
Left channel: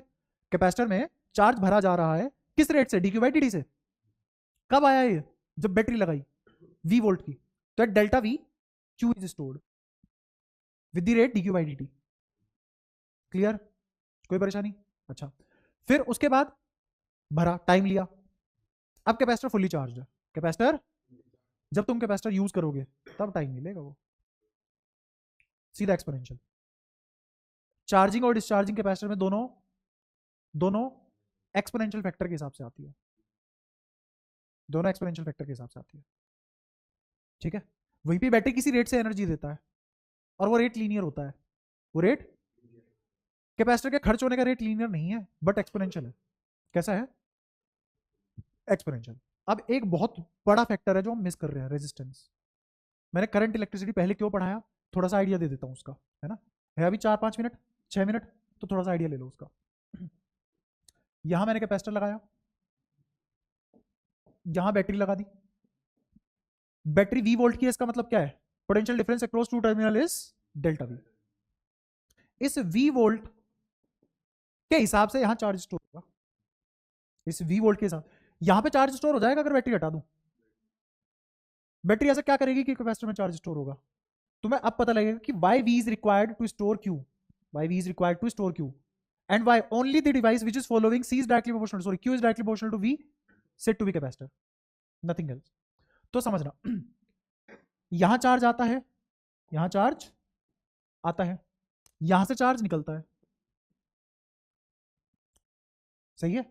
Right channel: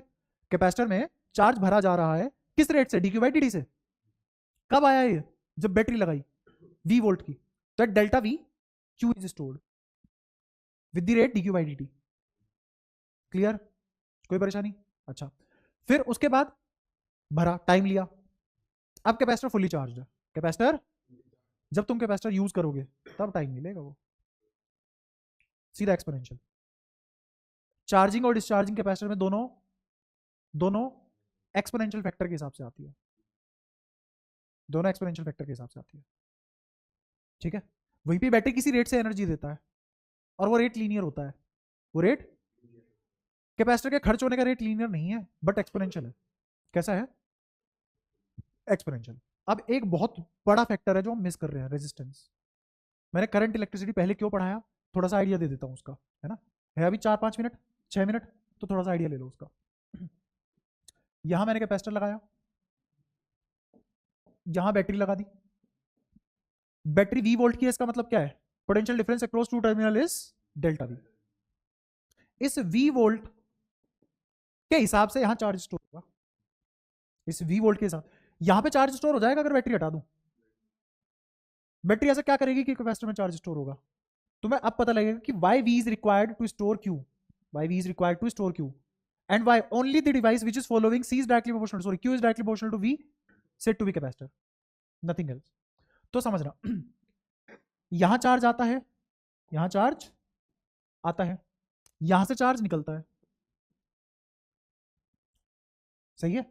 कैपेसिटर में चार्ज भरा जा रहा है किस रेट से, dq बाई dt से। कब आया ये, जब बैटरी लगाई v वोल्ट की, तो delta v q is stored with the rate dq by dt। Clear, कोई परेशानी? अच्छा, फिर उसके बाद भरा, टाइम लिया, अब कैपेसिटर फुली चार्ज है, कैपेसिटर जब तुम कैपेसिटर यूज करोगे तब टाइम मिलेगा वो, सीधा एक्सपोनेंशियल। चार्जिंग और डिस्चार्जिंग कैपेसिटर में दोनों दोनों एक्सपोनेंशियल फैक्टर के हिसाब से आती है, दोनों एक्सपोनेंशियल फैक्टर के हिसाब से आती है। ठीक है, वहीं पे बैटरी किसी रेट से एनर्जी देता है और वो रेट लीनियर होता है, वो रेट, कैपेसिटर के खर्च होने का रेट लीनियर नहीं है बट एक्सपोनेंशियल है। कैसा है, एक्सपोनेंशियल। अब एक बहुत बड़ा फैक्टर है जो हम मिस कर रहे हैं, रेजिस्टेंस। मैंने करंट इलेक्ट्रिसिटी पहले क्यों पढ़ाया, थोड़ा सा आइडिया दे देता हूँ उसका, है ना, है अभी 4-5 मिनट 6 मिनट, तो थोड़ा सा आइडिया ले लो उसका। यहां मैंने कैपेसिटर लगाया, यहां बैटरी लगा दी, बैटरी v वोल्ट की है, इसका मतलब क्या है, potential difference across two terminal is delta v। इस v वोल्ट के हिसाब से यहां चार्ज स्टोर होगा, इस v वोल्ट के हिसाब, यहां पे चार्ज स्टोर हो जाएगा अगर बैटरी हटा दूं। बैटरी ऐसे क्या करेगी कि कैपेसिटर में चार्ज स्टोर होगा, तुम्हें अब पता लगेगा कि why v is required to store q, why v is required to store q, and why only the device which is following c is directly proportional, sorry, q is directly proportional to v said to be capacitor, nothing else। तो समझना, यहां चार्ज आता है, यहां चार्ज आता है, यहां से चार्ज निकलता है, सही है।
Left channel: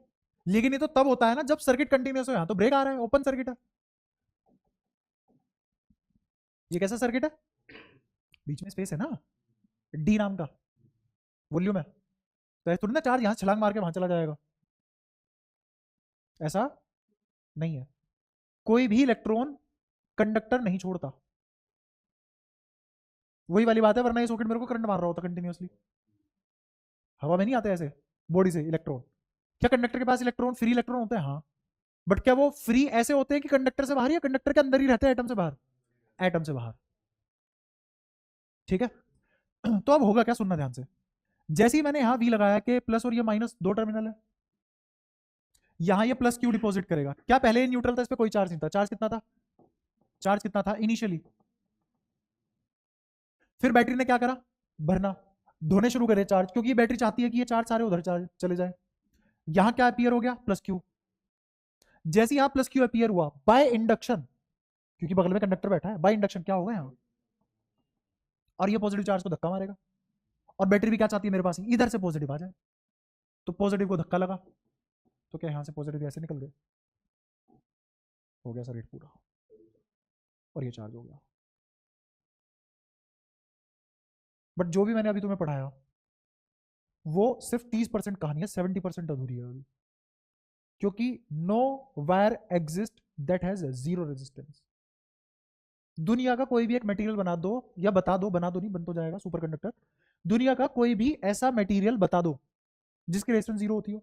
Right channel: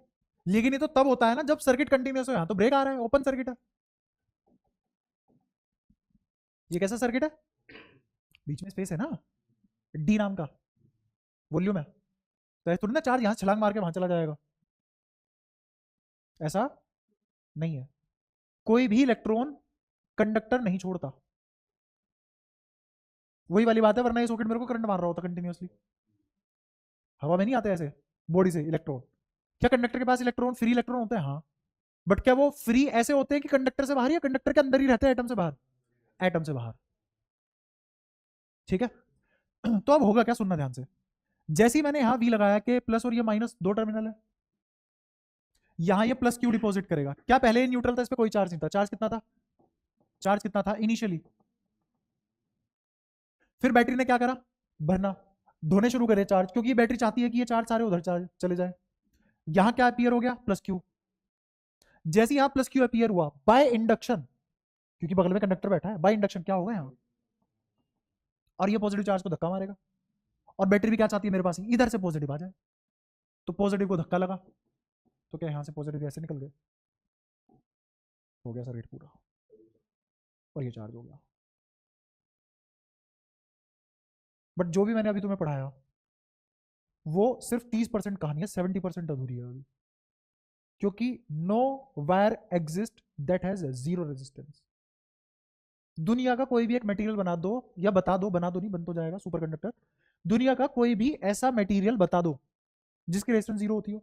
लेकिन ये तो तब होता है ना जब सर्किट कंटिन्यूस हो, यहां तो ब्रेक आ रहा है, ओपन सर्किट है, ये कैसा सर्किट है, बीच में स्पेस है ना, डी नाम का वॉल्यूम है, तो थोड़ी ना चार्ज यहां छलांग मार के वहां चला जाएगा, ऐसा नहीं है। कोई भी इलेक्ट्रॉन कंडक्टर नहीं छोड़ता, वही वाली बात है, वरना ये सॉकेट मेरे को करंट मार रहा होता कंटिन्यूअसली, हवा में नहीं आते ऐसे बॉडी से इलेक्ट्रॉन। क्या कंडक्टर के पास इलेक्ट्रॉन, फ्री इलेक्ट्रॉन होते हैं, हाँ, बट क्या वो फ्री ऐसे होते हैं कि कंडक्टर से बाहर, या कंडक्टर के अंदर ही रहते हैं एटम से बाहर, एटम से बाहर। ठीक है, तो अब होगा क्या, सुनना ध्यान से, जैसे ही मैंने यहां वी लगाया कि प्लस और ये माइनस दो टर्मिनल है, यहां ये प्लस क्यू डिपॉजिट करेगा, क्या पहले ये न्यूट्रल था, इस पे कोई चार्ज नहीं था, चार्ज कितना था, चार्ज कितना था इनिशियली, फिर बैटरी ने क्या करा, भरना, धोने शुरू करे चार्ज, क्योंकि ये बैटरी चाहती है कि ये चार्ज सारे उधर चार्ज चले जाए। यहां क्या अपीयर हो गया, प्लस क्यू। जैसे यहां प्लस क्यू अपीयर हुआ बाय इंडक्शन, क्योंकि बगल में कंडक्टर बैठा है, बाय इंडक्शन क्या होगा यहां, और ये पॉजिटिव चार्ज को धक्का मारेगा, और बैटरी भी क्या चाहती है मेरे पास इधर से पॉजिटिव आ जाए, तो पॉजिटिव को धक्का लगा, तो क्या यहां से पॉजिटिव ऐसे निकल गए, हो गया सर्किट पूरा, और ये चार्ज हो गया। बट जो भी मैंने अभी तुम्हें पढ़ाया वो सिर्फ 30% कहानी है, 70% अधूरी है अभी, क्योंकि no wire exist that has zero resistance. दुनिया का कोई भी एक मटेरियल बना दो, या बता दो, बना दो नहीं, बन तो जाएगा सुपर कंडक्टर, दुनिया का कोई भी ऐसा मटेरियल बता दो जिसकी रेजिस्टेंस जीरो होती हो।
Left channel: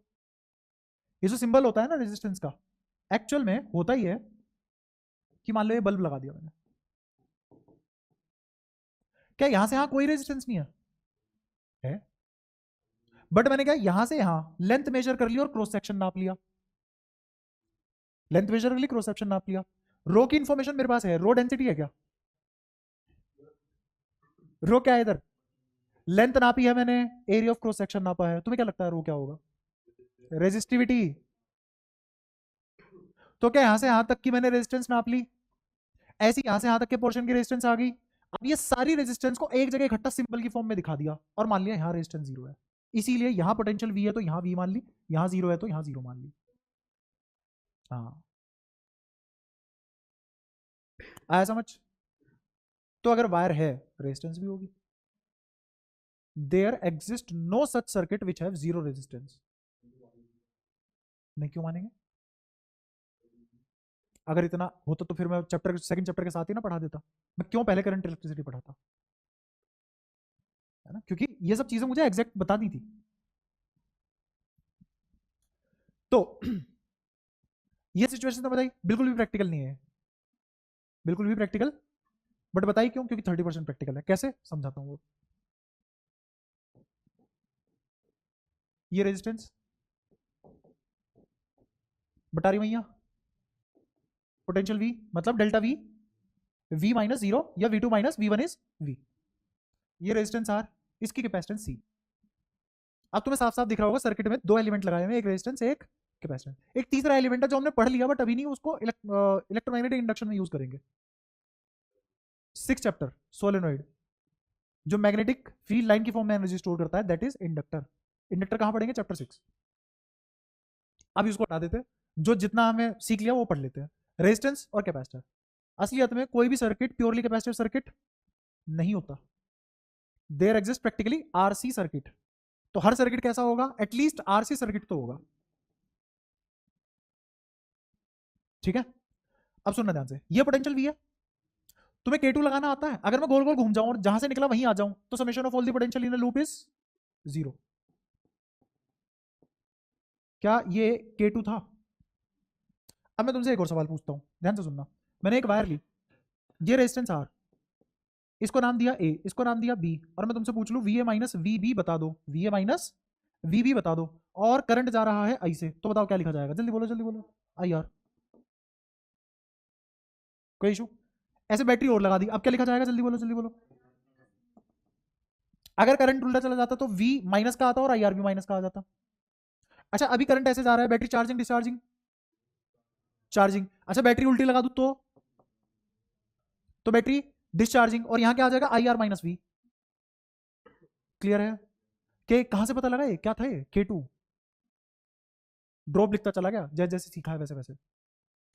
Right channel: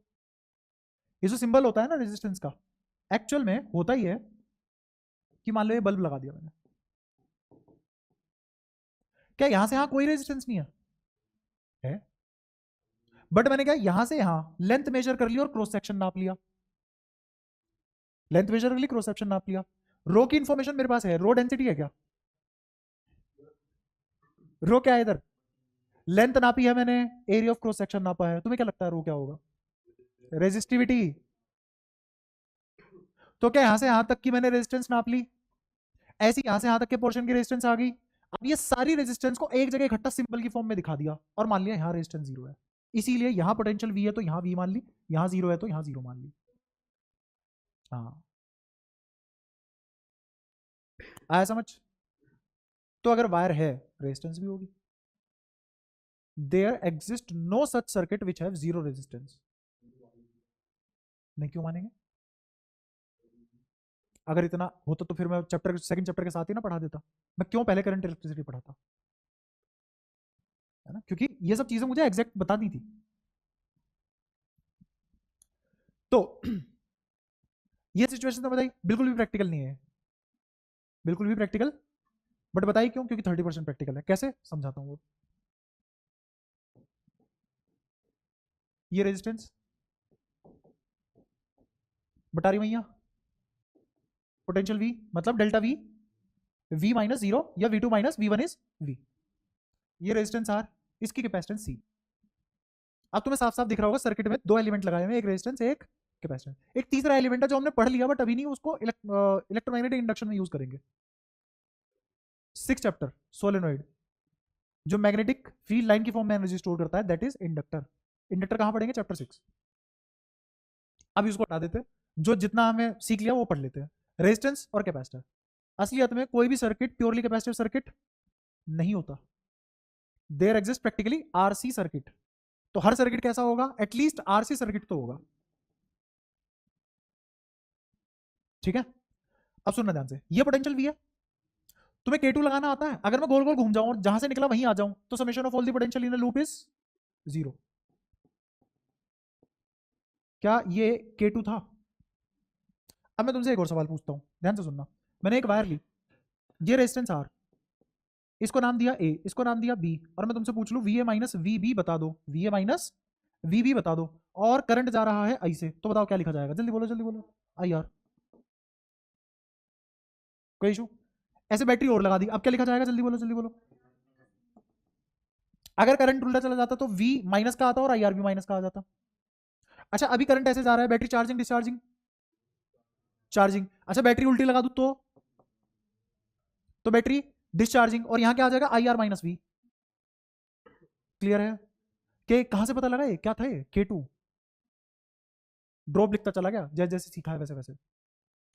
ये जो सिंबल होता है ना रेजिस्टेंस का, एक्चुअल में होता ही है कि मान लो ये बल्ब लगा दिया मैंने, क्या यहां से यहां कोई रेजिस्टेंस नहीं है? बट मैंने क्या यहां से यहां लेंथ मेजर कर लिया और क्रॉस सेक्शन नाप लिया, लेंथ मेजर कर ली, क्रॉस सेक्शन नाप लिया, रो की इंफॉर्मेशन मेरे पास है, रो डेंसिटी है क्या, रो क्या है इधर, लेंथ नापी है मैंने, एरिया ऑफ क्रॉस सेक्शन नापा है, तुम्हें क्या लगता है रो क्या होगा, रेजिस्टिविटी। तो क्या यहां से यहां तक की मैंने रेजिस्टेंस नाप ली, ऐसी यहां से यहां तक के पोर्शन की रेजिस्टेंस आ गई, अब ये सारी रेजिस्टेंस को एक जगह इकट्ठा सिंबल की फॉर्म में दिखा दिया, और मान लिया यहां रेजिस्टेंस जीरो है, इसीलिए यहां पोटेंशियल वी है तो यहां वी मान ली, यहां जीरो है तो यहां जीरो मान ली। हाँ, आया समझ? तो अगर वायर है रेजिस्टेंस भी होगी, there exist no such circuit which have zero resistance. नहीं क्यों मानेंगे, अगर इतना होता तो फिर मैं चैप्टर सेकंड चैप्टर के साथ ही ना पढ़ा देता, मैं क्यों पहले करंट इलेक्ट्रिसिटी पढ़ाता, है ना, क्योंकि ये सब चीजें मुझे एग्जैक्ट बतानी थी। तो ये सिचुएशन तो बताइए बिल्कुल भी प्रैक्टिकल नहीं है, बिल्कुल भी प्रैक्टिकल, बट बताइए क्यों, क्योंकि 30% प्रैक्टिकल है, कैसे समझाता हूँ। ये रेजिस्टेंस बता रही भैया, पोटेंशियल वी मतलब delta V, V minus zero या V two minus V one is V, ये रेजिस्टेंस आर, इसकी कैपेसिटेंस सी। अब तुम्हें साफ साफ दिख रहा होगा सर्किट में दो एलिमेंट लगाए हुए, एक रेजिस्टेंस एक कैपेसिटेंस, एक तीसरा एलिमेंट है जो हमने पढ़ लिया बट अभी नहीं, उसको इलेक्ट्रोमैग्नेटिक इंडक्शन में यूज करेंगे, 6 चैप्टर सोलेनोइड, जो मैग्नेटिक फील्ड लाइन की फॉर्म में एनर्जी स्टोर करता है, दैट इज इंडक्टर। इंडक्टर कहां पढ़ेंगे, चैप्टर 6। अब इसको हटा देते हैं, जो जितना हमें सीख लिया वो पढ़ लेते हैं, रेजिस्टेंस और कैपेसिटर। असलियत में कोई भी सर्किट प्योरली कैपेसिटर सर्किट नहीं होता, there exist practically RC circuit. तो हर सर्किट कैसा होगा, एटलीस्ट आरसी सर्किट तो होगा, ठीक है। अब सुनना ध्यान से, ये पोटेंशियल वी है, तुम्हें K2 लगाना आता है, अगर मैं गोल गोल घूम जाऊं और जहां से निकला वहीं आ जाऊं तो summation of all the potential in the loop is zero. क्या ये K2 था? अब मैं तुमसे एक और सवाल पूछता हूं, ध्यान से सुनना। मैंने एक वायर ली, ये रेजिस्टेंस आर, इसको नाम दिया ए, इसको नाम दिया बी, और मैं तुमसे पूछ लूं V A minus V B बता दो, V A minus V B बता दो, और करंट जा रहा है आई से, तो बताओ क्या लिखा जाएगा, जल्दी बोलो जल्दी बोलो, आई आर। कोई इशू? ऐसे बैटरी और लगा दी, अब क्या लिखा जाएगा, जल्दी बोलो जल्दी बोलो। अगर करंट उल्टा चला जाता तो वी माइनस का आता और आई आर भी माइनस का आ जाता। अच्छा अभी करंट ऐसे जा रहा है, बैटरी चार्जिंग डिस्चार्जिंग, चार्जिंग, अच्छा बैटरी उल्टी लगा दूं तो बैटरी डिस्चार्जिंग, और यहां क्या आ जाएगा, I R minus V. Clear है? कि कहां से पता लगा ये क्या था, ये K2 ड्रॉप लिखता चला गया, जैसे जैसे सीखा है वैसे वैसे।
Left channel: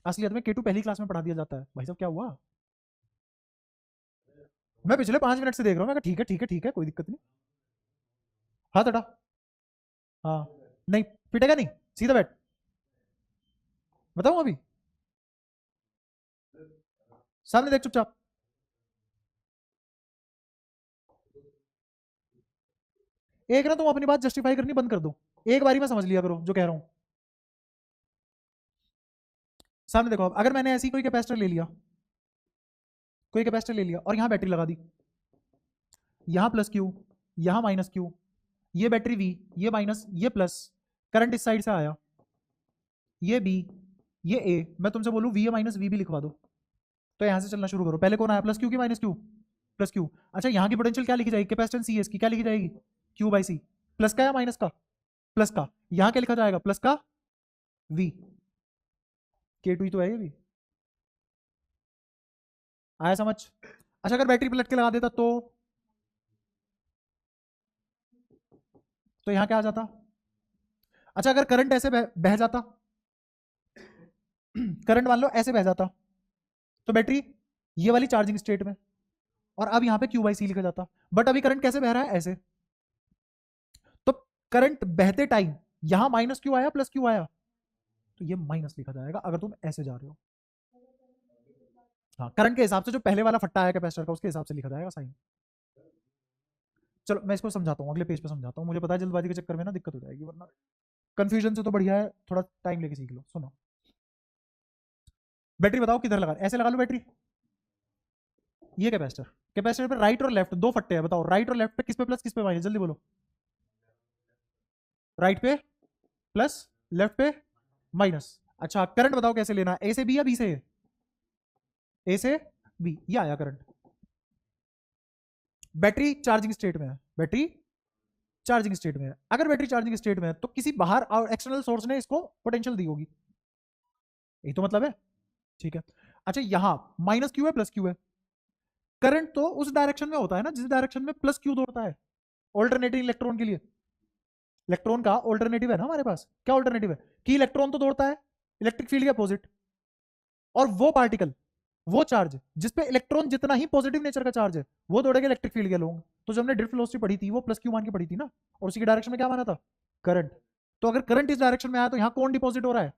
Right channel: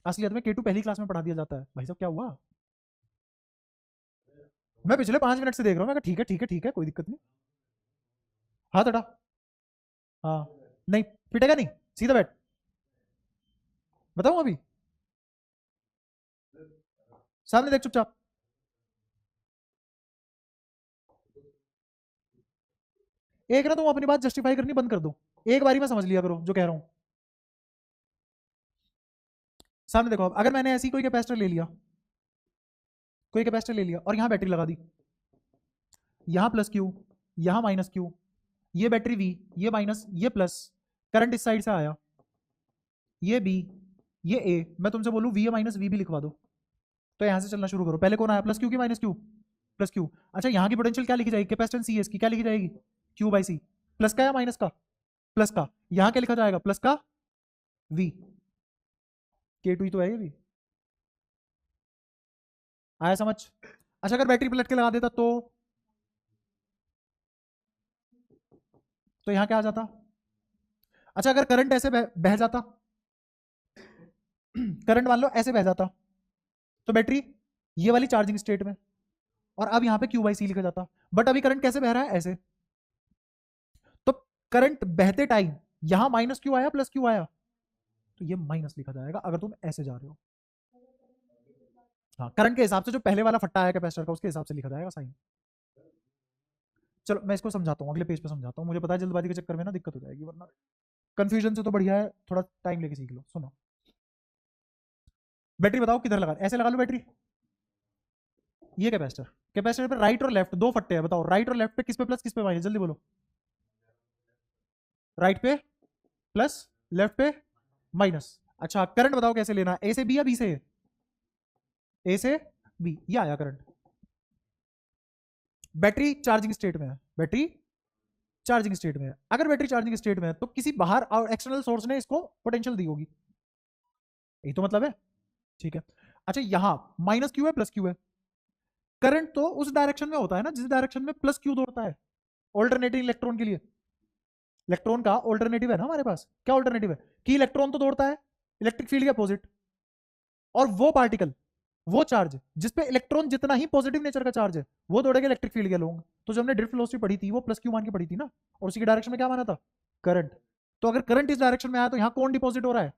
असलियत में K2 पहली क्लास में पढ़ा दिया जाता है, भाई साहब क्या हुआ, मैं पिछले 5 मिनट से देख रहा हूँ, ठीक है ठीक है ठीक है कोई दिक्कत नहीं, हाथ हटा, हाँ, नहीं पिटेगा नहीं, सीधा बैठ, बताऊं अभी, सामने देख चुपचाप, एक ना तुम अपनी बात जस्टिफाई करनी बंद कर दो, एक बारी में समझ लिया करो जो कह रहा हूं। सामने देखो, अब अगर मैंने ऐसी कोई कैपेसिटर ले लिया, कोई कैपेसिटर ले लिया और यहाँ बैटरी लगा दी, यहाँ प्लस क्यू, यहाँ माइनस क्यू, ये बैटरी वी, ये माइनस, ये प्लस, करंट इस साइड से आया, ये बी, ये ए, मैं तुमसे बोलूं वी ए माइनस वी भी लिखवा दो, तो यहां से चलना शुरू करो, पहले कौन आया, प्लस क्यू की माइनस क्यू, प्लस क्यू। अच्छा यहाँ की पोटेंशियल क्या लिखी जाएगी, कैपेसिटेंस सी है इसकी, क्या लिखी जाएगी, क्यू बाई सी। प्लस का या माइनस का, प्लस का। यहाँ क्या लिखा जाएगा, प्लस का वी, के टू ही तो है ये भी। आया समझ। अच्छा अगर बैटरी पलट के लगा देता तो यहाँ क्या आ जाता। अच्छा अगर करंट ऐसे बह जाता, करंट मान लो ऐसे बह जाता, तो बैटरी ये वाली चार्जिंग स्टेट में, और अब यहाँ पे क्यू बाई सी लिखा जाता। बट अभी करंट कैसे बह रहा है, ऐसे। तो करंट बहते टाइम यहाँ माइनस क्यू आया प्लस क्यू आया, तो ये माइनस लिखा जाएगा अगर तुम ऐसे जा रहे हो। हाँ करंट के हिसाब से जो पहले वाला फट्टा आया कैपेसिटर का, उसके हिसाब से लिखा जाएगा साइन। चलो मैं इसको समझाता हूँ, अगले पेज पे समझाता हूँ, मुझे पता है जल्दबाजी के चक्कर में ना दिक्कत हो जाएगी, वरना कंफ्यूजन से तो बढ़िया है थोड़ा टाइम लेके सीख लो। सुनो, बैटरी बताओ किधर लगा, ऐसे लगा लो बैटरी, ये कैपेसिटर, कैपेसिटर पे राइट और लेफ्ट दो फट्टे हैं, बताओ राइट और लेफ्ट पे किस पे प्लस किस पे माइनस, जल्दी बोलो। राइट पे प्लस, लेफ्ट पे माइनस। अच्छा करंट बताओ कैसे लेना है, ए से बी या बी से ए, ए से बी, ये आया करंट। बैटरी चार्जिंग स्टेट में है, बैटरी चार्जिंग स्टेट में है। अगर बैटरी चार्जिंग स्टेट में है तो किसी बाहर और एक्सटर्नल सोर्स ने इसको पोटेंशियल दी होगी, यही तो मतलब है, ठीक है। अच्छा यहाँ माइनस क्यू है प्लस क्यू है, करंट तो उस डायरेक्शन में होता है ना जिस डायरेक्शन में प्लस क्यू दौड़ता है, ऑल्टरनेटिंग इलेक्ट्रॉन के लिए। इलेक्ट्रॉन का ऑल्टरनेटिव है ना हमारे पास, क्या ऑल्टरनेटिव है कि इलेक्ट्रॉन तो दौड़ता है इलेक्ट्रिक फील्ड के अपोजिट, और वो पार्टिकल, वो चार्ज जिस पे इलेक्ट्रॉन जितना ही पॉजिटिव नेचर का चार्ज है वो दौड़ेगा इलेक्ट्रिक फील्ड के अलॉन्ग। तो जो हमने ड्रिफ्ट वेलोसिटी पढ़ी थी वो प्लस क्यू मान के पढ़ी थी ना, और उसी के डायरेक्शन में क्या माना था, करंट। तो अगर करंट इस डायरेक्शन में आया तो यहाँ कौन डिपॉजिट हो रहा है,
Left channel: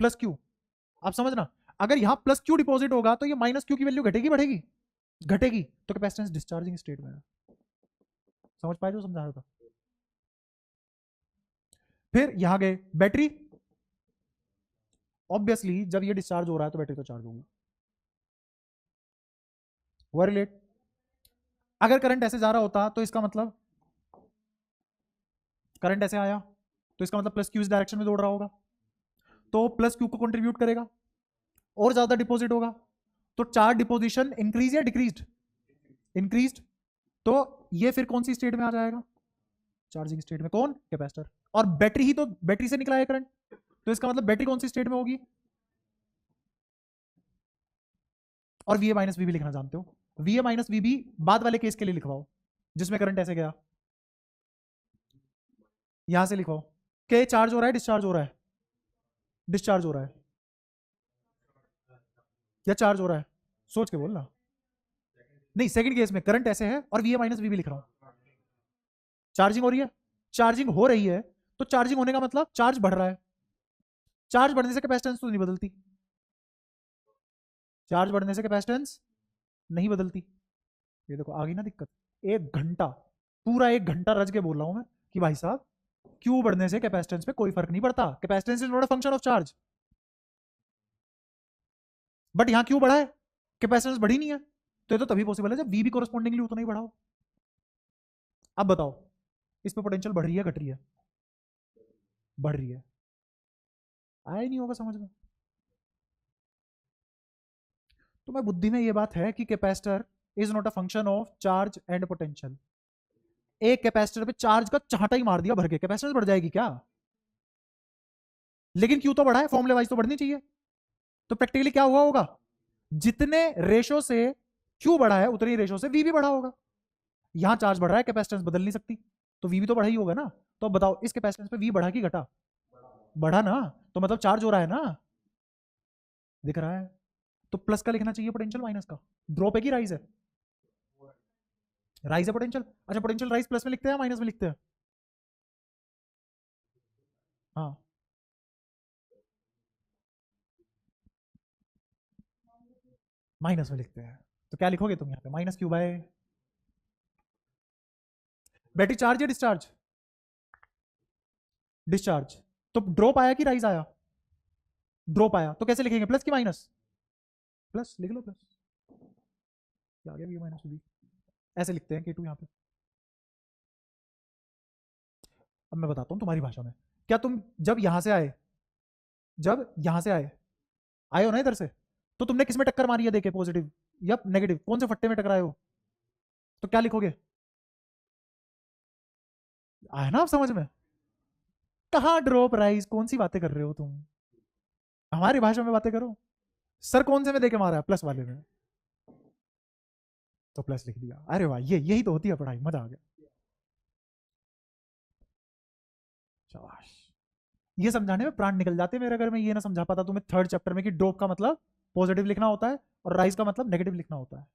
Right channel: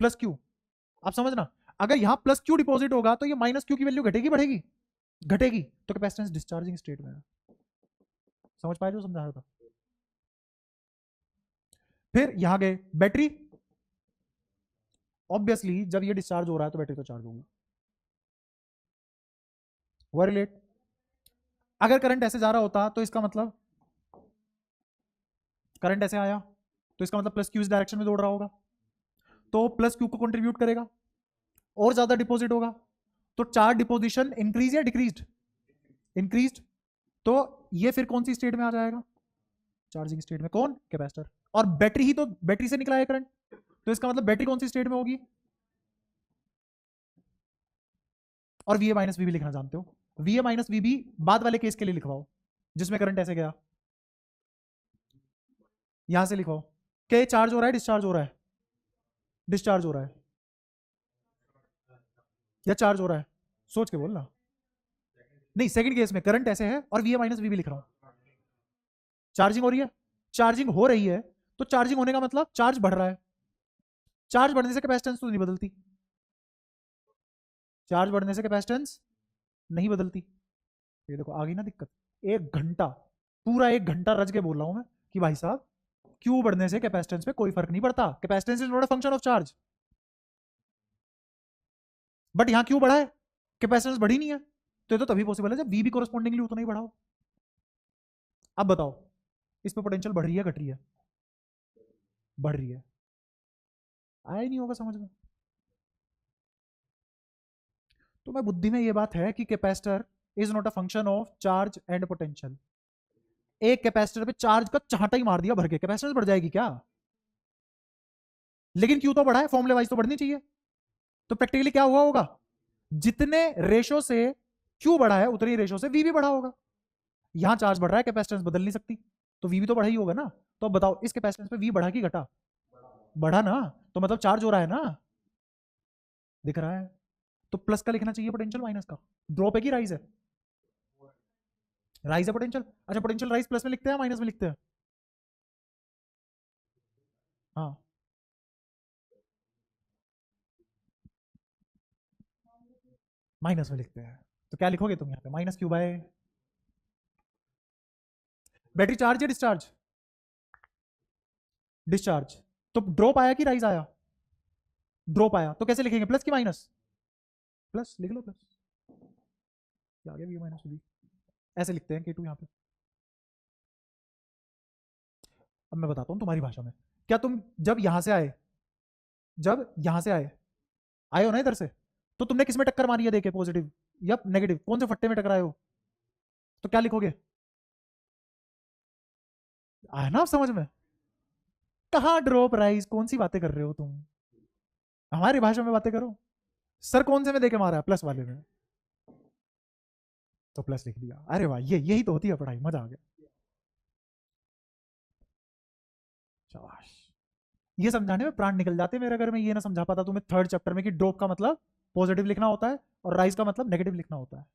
प्लस क्यू। आप समझना, अगर यहाँ प्लस क्यू डिपॉजिट होगा तो ये माइनस क्यू की वैल्यू घटेगी बढ़ेगी, घटेगी, तो कैपेसिटेंस डिस्चार्जिंग स्टेट में है। समझ पाए जो समझा रहा था। फिर यहाँ गए बैटरी, ऑब्वियसली जब ये डिस्चार्ज हो रहा है तो बैटरी तो चार्ज होगी, रिलेट। अगर करंट ऐसे जा रहा होता तो इसका मतलब, करंट ऐसे आया तो इसका मतलब प्लस क्यू इस डायरेक्शन में दौड़ रहा होगा, तो प्लस क्यू को कंट्रीब्यूट करेगा और ज्यादा डिपॉजिट होगा, तो चार्ज डिपोजिशन इंक्रीज या डिक्रीज, इंक्रीज। तो ये फिर कौन सी स्टेट में आ जाएगा, चार्जिंग स्टेट में, कौन, कैपेसिटर। और बैटरी ही तो, बैटरी से निकला है करंट, तो इसका मतलब बैटरी कौन सी स्टेट में होगी, और वी ए माइनस वी भी लिखना जानते हो, वी ए माइनस वी भी बाद वाले केस के लिए लिखवाओ जिसमें करंट ऐसे गया, यहां से लिखो क्या चार्ज हो रहा है डिस्चार्ज हो रहा है, डिस्चार्ज हो रहा है या चार्ज हो रहा है, सोच के बोलना। नहीं सेकंड केस में करंट ऐसे है और वी ए माइनस वी भी लिख रहा हूं, चार्जिंग हो रही है, चार्जिंग हो रही है, तो चार्जिंग होने का मतलब चार्ज बढ़ रहा है, चार्ज बढ़ने से कैपेसिटेंस तो नहीं बदलती, चार्ज बढ़ने से कैपेसिटेंस नहीं बदलती। ये देखो आ गई ना दिक्कत, एक घंटा, पूरा एक घंटा रज के बोल रहा हूं मैं कि भाई साहब क्यू बढ़ने से कैपेसिटेंस पे कोई फर्क नहीं पड़ता, capacitance is not a function of charge. But यहां क्यू बढ़ा है, कैपेसिटेंस बढ़ी नहीं है, तो ये तो तभी पॉसिबल है जब वी भी कोरस्पॉन्डिंगली उतना ही बढ़ा हो। अब बताओ इस पे पोटेंशियल बढ़ रही है घट रही है, बढ़ रही है, आया नहीं होगा समझ में। तो मैं बुद्धि में ये बात है कि capacitor is not a function of charge and potential. एक कैपेसिटर पे चार्ज का चाहता ही मार दिया भर के, कैपेसिटेंस बढ़ जाएगी क्या, लेकिन क्यू तो बढ़ा है, फॉर्मूले वाइज तो बढ़नी चाहिए। तो प्रैक्टिकली क्या हुआ होगा, जितने रेशो से क्यू बढ़ा है उतने रेशो से वी भी बढ़ा होगा। यहां चार्ज बढ़ रहा है कैपेसिटेंस बदल नहीं सकती, तो वी भी तो बढ़ा ही होगा ना। तो बताओ इस कैपेसिटेंस पे वी बढ़ा कि घटा, बढ़ा ना, तो मतलब चार्ज हो रहा है ना, दिख रहा है। तो प्लस का लिखना चाहिए पोटेंशियल, माइनस का, ड्रॉप है कि राइज है, राइज है पोटेंशियल। अच्छा पोटेंशियल राइज प्लस में लिखते हैं माइनस में लिखते हैं, हाँ माइनस में लिखते हैं। तो क्या लिखोगे तुम यहाँ पे, minus Q by, battery charge या डिस्चार्ज, डिस्चार्ज। तो ड्रॉप आया कि राइज आया, ड्रॉप आया, तो कैसे लिखेंगे, प्लस की माइनस, प्लस लिख लो प्लस, क्या आ गया वी माइनस वी, ऐसे लिखते हैं कि टू यहाँ पे। अब मैं बताता हूँ तुम्हारी भाषा में, क्या तुम जब यहां से आए, जब यहां से आए, आए हो ना इधर से, तो तुमने किस में टक्कर मारी है देखे, पॉजिटिव या नेगेटिव, कौन से फट्टे में टकराए हो, तो क्या लिखोगे? आया ना आप समझ में? कहाँ ड्रॉप राइज, कौन सी बातें कर रहे हो तुम? हमारी भाषा में बातें करो। सर कौन से में देके मारा? प्लस वाले में। तो प्लस लिख दिया। अरे भाई ये यही तो होती है पढ़ाई, मजा आ गया। शाबाश। ये समझाने में प्राण निकल जाते मेरे, अगर मैं ये ना समझा पाता तुम्हें थर्ड चैप्टर में कि ड्रॉप का मतलब पॉजिटिव लिखना होता है और राइज का मतलब नेगेटिव लिखना होता है।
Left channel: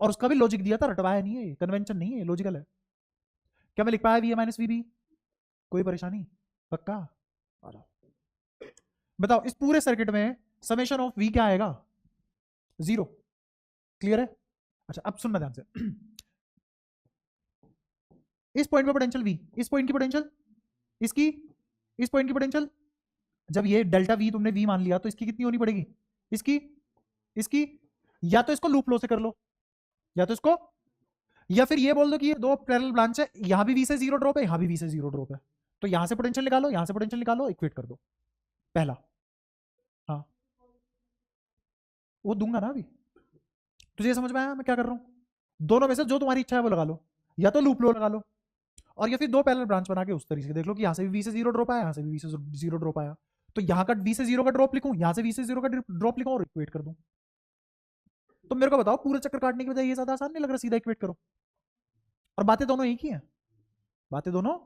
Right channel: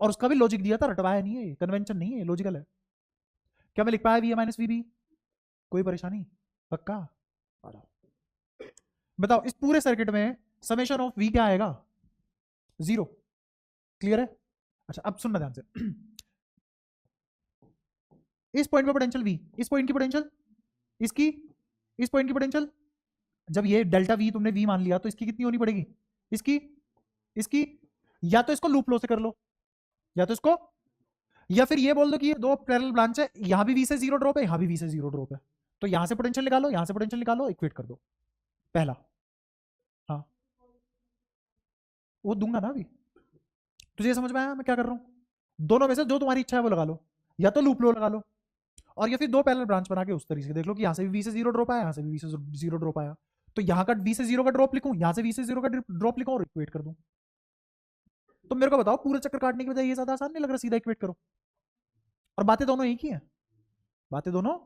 और उसका भी लॉजिक दिया था, रटवाया नहीं है, कन्वेंशन नहीं है, लॉजिकल है। क्या मैं लिख पाया V A minus V B? कोई परेशानी? पक्का? बताओ इस पूरे सर्किट में समेशन ऑफ वी क्या आएगा? 0। क्लियर है? अच्छा अब सुनना ध्यान से। इस पॉइंट पे पोटेंशियल वी, इस पॉइंट की पोटेंशियल, इसकी, इस पॉइंट की पोटेंशियल, जब ये डेल्टा वी तुमने वी मान लिया तो इसकी कितनी होनी पड़ेगी? इसकी, इसकी, या तो इसको लूप लो से कर लो, या तो इसको, या फिर ये बोल दो कि ये दो पैरेलल ब्रांच है, यहां भी वी से 0 ड्रॉप है, यहां भी वी से 0 ड्रॉप है, तो यहां से पोटेंशियल निकालो, यहां से पोटेंशियल निकालो, इक्वेट कर दो। पहला, हाँ वो दूंगा ना अभी। तुझे समझ में आया मैं क्या कर रहा हूँ? दोनों में से जो तुम्हारी इच्छा है वो लगा लो, या तो लूप लो लगा लो, और या फिर दो पैरेलल ब्रांच बना के उस तरीके से देख लो कि यहाँ से भी वी से 0 ड्रॉप आया, यहाँ से भी वी से 0 ड्रॉप आया, तो यहाँ का वी से 0 का ड्रॉप लिखूं, यहाँ से वी से 0 का ड्रॉप लिखूं और इक्वेट कर दूं। तो मेरे को बताओ पूरे चक्कर काटने की बजाय ये ज्यादा आसान नहीं लग रहा? सीधा इक्वेट करो। और बातें दोनों एक ही हैं, बातें दोनों,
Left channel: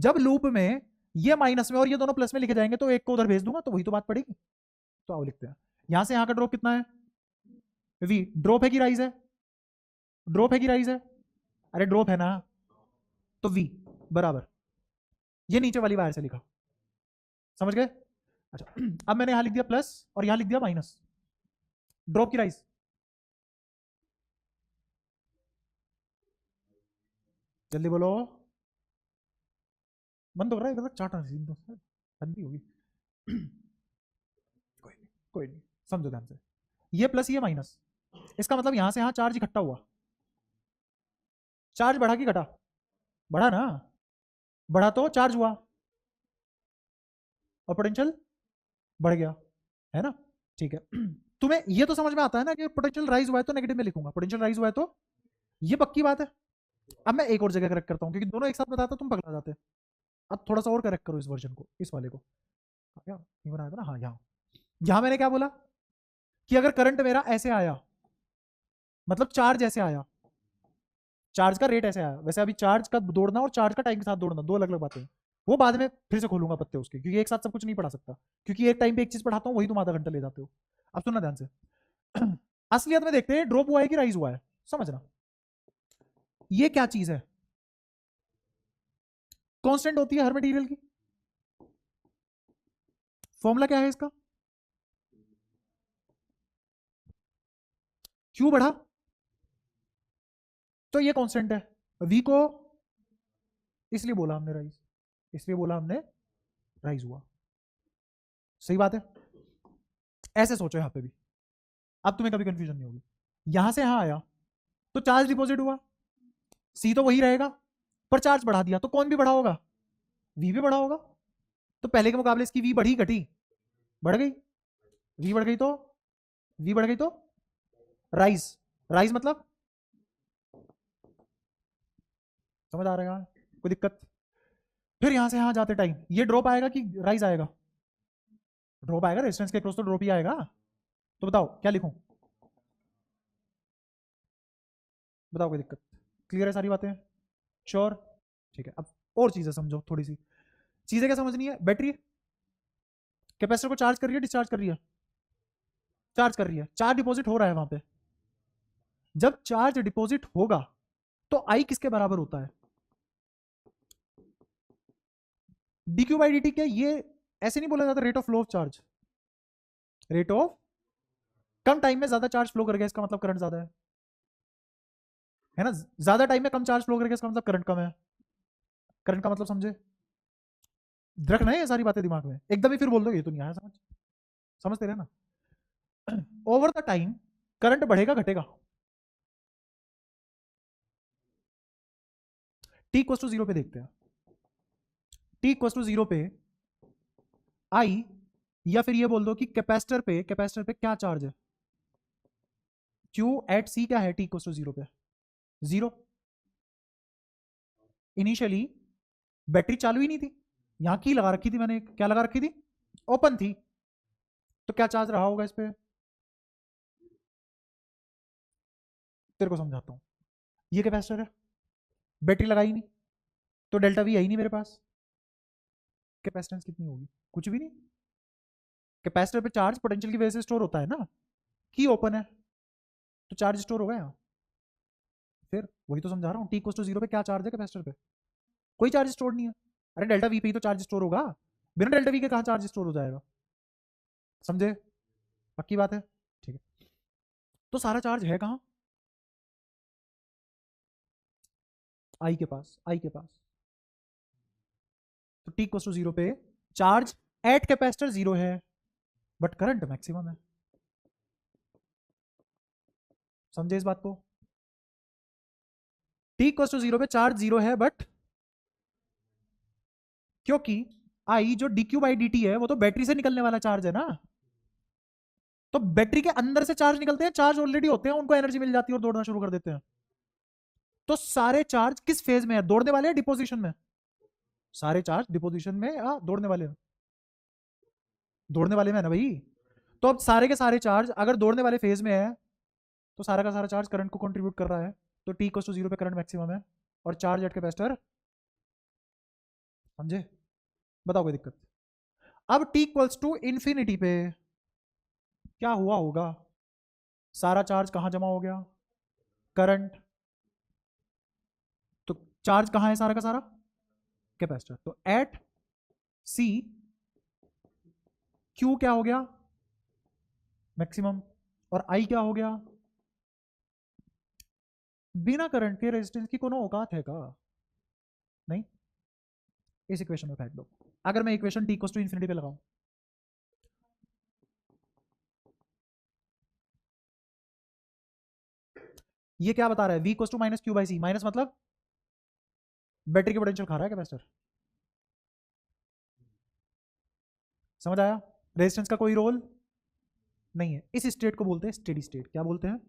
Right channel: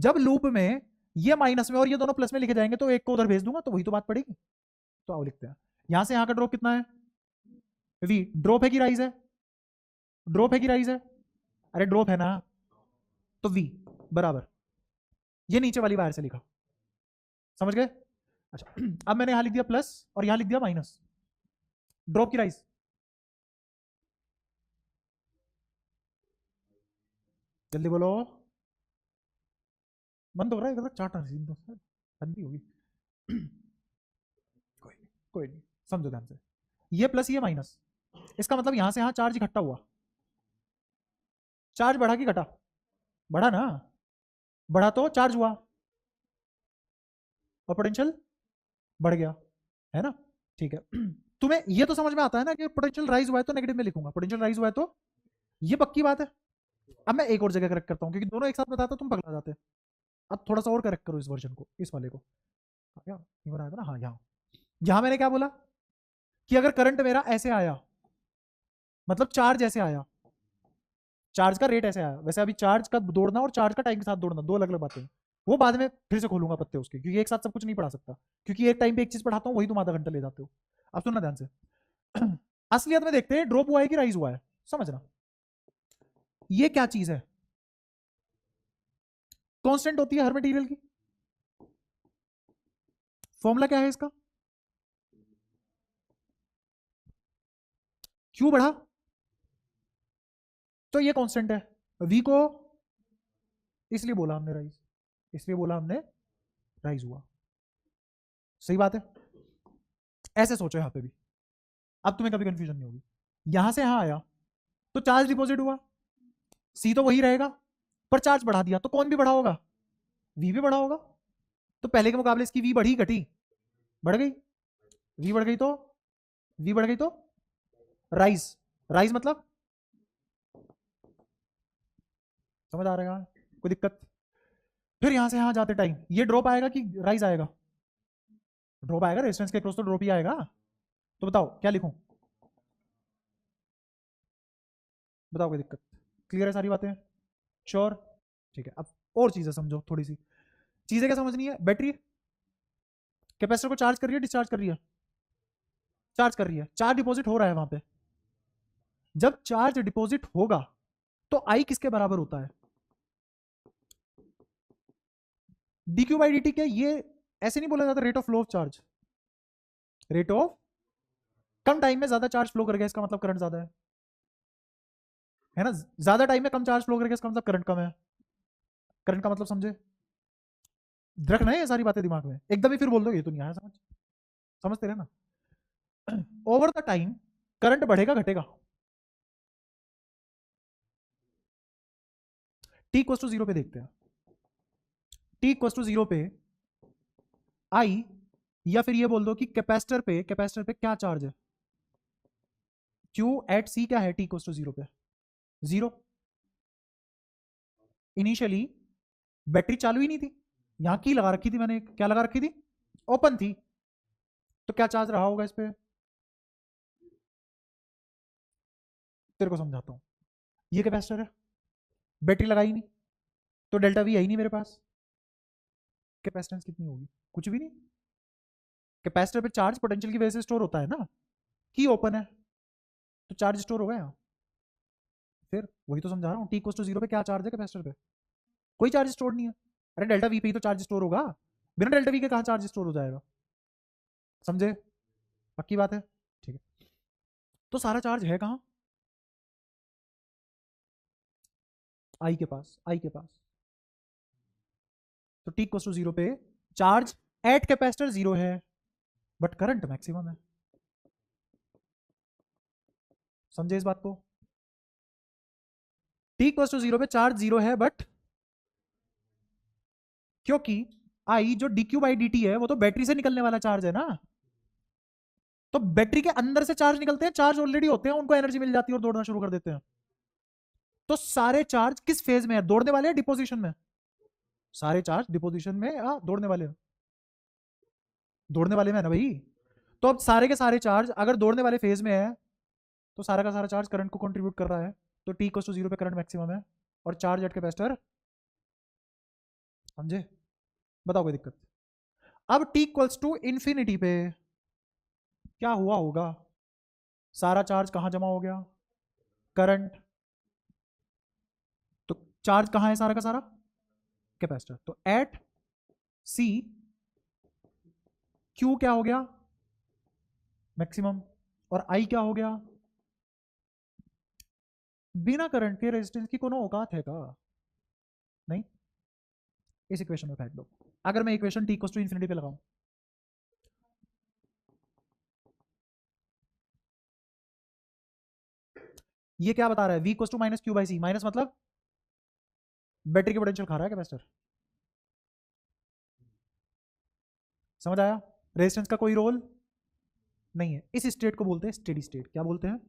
जब लूप में ये माइनस में और ये दोनों प्लस में लिखे जाएंगे तो एक को उधर भेज दूंगा तो वही तो बात पड़ेगी। तो आओ लिखते हैं, यहाँ से यहाँ का ड्रॉप कितना है? वी। ड्रॉप है कि राइज है? ड्रॉप है कि राइज है? अरे ड्रॉप है ना, तो वी बराबर ये नीचे वाली वायर से लिखा, समझ गए? अच्छा अब मैंने यहां लिख दिया प्लस और यहां लिख दिया माइनस, ड्रॉप की राइज, जल्दी बोलो। बंद हो रहा है मतलब चार्ट ठंडी होगी। कोई नहीं, समझो ध्यान से, ये प्लस ये माइनस, इसका मतलब यहां से यहां चार्ज इकट्ठा हुआ, चार्ज बढ़ा कि घटा? बढ़ा ना, बढ़ा तो चार्ज हुआ और पोटेंशियल बढ़ गया, है ना? ठीक है। तुम्हें ये तो समझ में आता है ना कि पोटेंशियल राइज हुआ है तो नेगेटिव में लिखूंगा, पोटेंशियल राइज हुआ है तो ये पक्की बात है। अब मैं एक और जगह करेक्ट करता हूँ क्योंकि दोनों एक साथ बताता तुम पकड़ा जाते। अब थोड़ा सा और करेक्ट करो इस वर्जन को, इस वाले को, क्या ये बनाया था ना, हाँ यहाँ, यहाँ मैंने क्या बोला कि अगर करंट मेरा ऐसे आया, मतलब चार्ज ऐसे आया, चार्ज का रेट ऐसे आया, वैसे अभी चार्ज का दौड़ना और चार्ज का टाइम के साथ दौड़ना दो अलग अलग बातें हैं, वो बाद में फिर से खोलूंगा पत्ते उसके, क्योंकि एक साथ सब कुछ नहीं पढ़ा सकता, क्योंकि एक टाइम पे एक चीज पढ़ाता हूँ वही तुम आधा घंटा ले जाते हो। अब सुनना ध्यान से। असलियत में देखते हैं ड्रॉप हुआ है कि राइज हुआ है, समझना। ये क्या चीज है? कांस्टेंट होती है हर मटेरियल की, फॉर्मूला क्या है इसका? क्यों बढ़ा? तो ये कांस्टेंट है, वी को इसलिए बोला हमने राइज, इसलिए बोला हमने राइज हुआ, सही बात है। ऐसे सोचो यहाँ पे भी, अब तुम्हें कभी कंफ्यूजन नहीं होगी। यहां से यहां आया तो चार्ज डिपॉजिट हुआ, सी तो वही रहेगा, पर चार्ज बढ़ा दिया तो कौन भी बढ़ा होगा? वी भी बढ़ा होगा। तो पहले के मुकाबले इसकी वी बढ़ी घटी? बढ़ गई। वी बढ़ गई तो, वी बढ़ गई तो राइज, राइज मतलब, समझ आ रहा है? कोई दिक्कत? फिर यहां से यहां जाते टाइम ये ड्रॉप आएगा कि राइज आएगा? ड्रॉप आएगा, रेजिस्टेंस के क्रॉस तो ड्रॉप ही आएगा। तो बताओ क्या लिखूं? बताओ कोई दिक्कत? क्लियर है सारी बातें? श्योर? ठीक है। अब और चीजें समझो, थोड़ी सी चीजें क्या समझनी है। बैटरी कैपेसिटर को चार्ज कर रही है, डिस्चार्ज कर रही है? चार्ज कर रही है, चार्ज डिपॉजिट हो रहा है वहां पे। जब चार्ज डिपॉजिट होगा तो आई किसके बराबर होता है? dq by dt। क्या ये ऐसे नहीं बोला जाता rate of flow of charge? Rate of, come time में ज्यादा चार्ज फ्लो करेगा इसका मतलब करंट ज्यादा है ना? ज्यादा टाइम में कम चार्ज फ्लो करेगा इसका मतलब करंट कम है। करंट का मतलब समझे? रखना है ये सारी बातें दिमाग में, एकदम ही फिर बोल दो ये तो नहीं आया समझ, समझते रहे ना। ओवर द टाइम करंट बढ़ेगा घटेगा? टी इक्वल टू 0 पे देखते हैं, टी इक्वल टू 0 पे आई, या फिर ये बोल दो कि कैपेसिटर पे, कैपेसिटर पे क्या चार्ज है? क्यू एट सी क्या है टी इक्वल टू 0 पे? 0। इनिशियली बैटरी चालू ही नहीं थी, यहाँ की लगा रखी थी मैंने, क्या लगा रखी थी, ओपन थी, तो क्या चार्ज रहा होगा इस पे, तेरे को समझाता हूँ। ये कैपेसिटर है, बैटरी लगाई नहीं, तो डेल्टा वी है ही नहीं मेरे पास, कैपेसिटेंस कितनी होगी, कुछ भी नहीं। कैपेसिटर पे चार्ज पोटेंशियल की वजह से स्टोर होता है ना, की ओपन है तो चार्ज स्टोर हो गया। फिर वही तो समझा रहा हूँ, टी इक्वल्स टू 0 में क्या चार्ज है कैपेसिटर पे, कोई चार्ज स्टोर नहीं है। अरे डेल्टा वी पे ही तो चार्ज स्टोर होगा, बिना डेल्टा वी के कहाँ चार्ज स्टोर हो जाएगा, समझे, पक्की बात है, ठीक है। तो सारा चार्ज है कहाँ, आई के पास, आई के पास। तो टी इक्वल्स टू 0 पे चार्ज एट कैपेसिटर 0 है, बट करंट मैक्सिमम है, समझे इस बात को। टी इक्वल्स टू 0 पे चार्ज 0 है, बट क्योंकि आई जो dq बाई dt है वो तो बैटरी से निकलने वाला चार्ज है ना, तो बैटरी के अंदर से चार्ज निकलते हैं, चार्ज ऑलरेडी होते हैं, उनको एनर्जी मिल जाती है और दौड़ना शुरू कर देते हैं। तो सारे चार्ज किस फेज में है, दौड़ने वाले हैं डिपोजिशन में, सारे चार्ज डिपोजिशन में, दौड़ने वाले हैं, दौड़ने वाले में है ना भाई। तो अब सारे के सारे चार्ज अगर दौड़ने वाले फेज में है, तो सारा का सारा चार्ज करंट को कंट्रीब्यूट कर रहा है, तो टी इक्वल्स टू 0 पे करंट मैक्सिमम है और चार्ज एट कैपेसिटर, समझे, बताओ कोई दिक्कत। अब टी इक्वल्स टू इंफिनिटी पे क्या हुआ होगा, सारा चार्ज कहां जमा हो गया, करंट, तो चार्ज कहां है सारा का सारा, कैपेसिटर, तो एट सी क्यू क्या हो गया मैक्सिमम, और आई क्या हो गया, बिना करंट के रेजिस्टेंस की कोनो औकात है का, नहीं। इस इक्वेशन में फेंक दो, अगर मैं equation T equals to infinity पे लगाऊं, ये क्या बता रहा है, v equals to minus Q by C, minus मतलब बैटरी की पोटेंशियल खा रहा है कैपेसिटर, समझ आया, रेजिस्टेंस का कोई रोल नहीं है, इस स्टेट को बोलते हैं स्टेडी स्टेट, क्या बोलते हैं,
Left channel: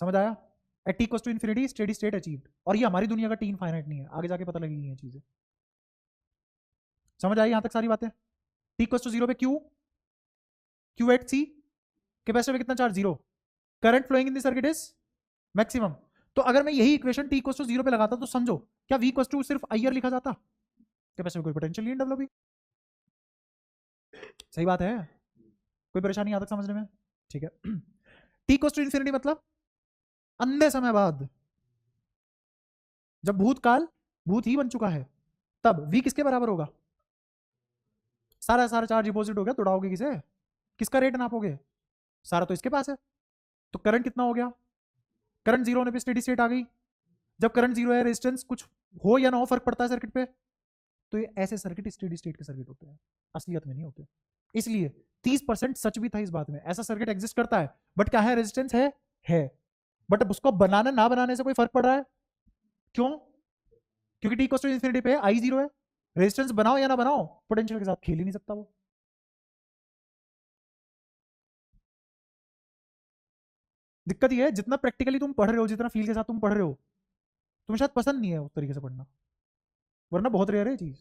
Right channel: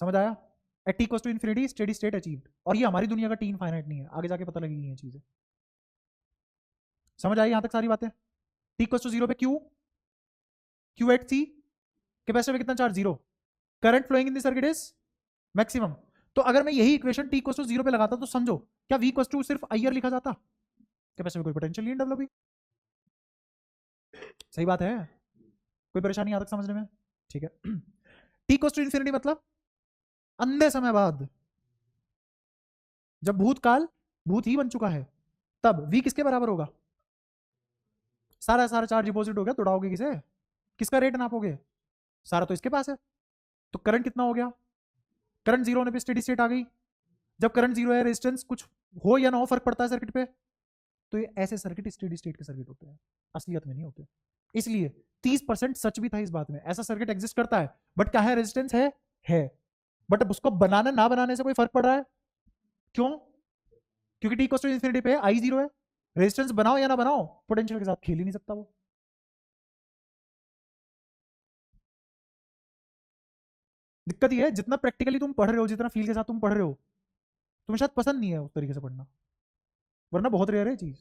समझ आया, at T equals to infinity steady state achieved, और ये हमारी दुनिया का टी इनफाइनाइट नहीं है, आगे जाके पता लगेगी ये चीजें, समझ आई यहां तक सारी बातें। टी इक्वल्स टू 0 पे Q, Q at C, capacitor में कितना charge, 0, current flowing in the circuit is maximum. तो अगर मैं यही इक्वेशन टी इक्वल्स टू 0 पे लगाता तो समझो क्या v इक्वल्स टू सिर्फ आई लिखा जाता, कैपेसिटर में कोई पोटेंशियल नहीं डेवलप हुई, सही बात है, कोई परेशानी आता समझने में, ठीक है। टी इक्वल्स टू इंफिनिटी मतलब अंधे समय बाद, जब भूतकाल भूत ही बन चुका है, तब v किसके बराबर होगा, सारा सारा चार्ज डिपॉजिट हो गया, दौड़ाओगे किसे, किसका रेट नापोगे, सारा तो इसके पास है, तो करंट कितना हो गया, करंट जीरो होने पे स्टेडी स्टेट आ गई, जब करंट जीरो है रेजिस्टेंस कुछ हो या ना हो फर्क पड़ता है सर्किट पे, तो ये ऐसे सर्किट स्टेडी स्टेट के सर्किट होते हैं, असलियत में नहीं होते। इसलिए 30% सच भी था इस बात में, ऐसा सर्किट एग्जिस्ट करता है, बट क्या है, रेजिस्टेंस है, बट अब उसको बनाना ना बनाने से कोई फर्क पड़ रहा है, क्यों, क्योंकि टी इक्वल्स टू इंफिनिटी पे आई जीरो है, रेजिस्टेंस बनाओ या ना बनाओ पोटेंशियल के साथ खेल ही नहीं सकता वो। दिक्कत ये है जितना प्रैक्टिकली तुम पढ़ रहे हो, जितना फील के साथ तुम पढ़ रहे हो, तुम्हें शायद पसंद नहीं है उस तरीके से पढ़ना, वरना बहुत रेयर है चीज,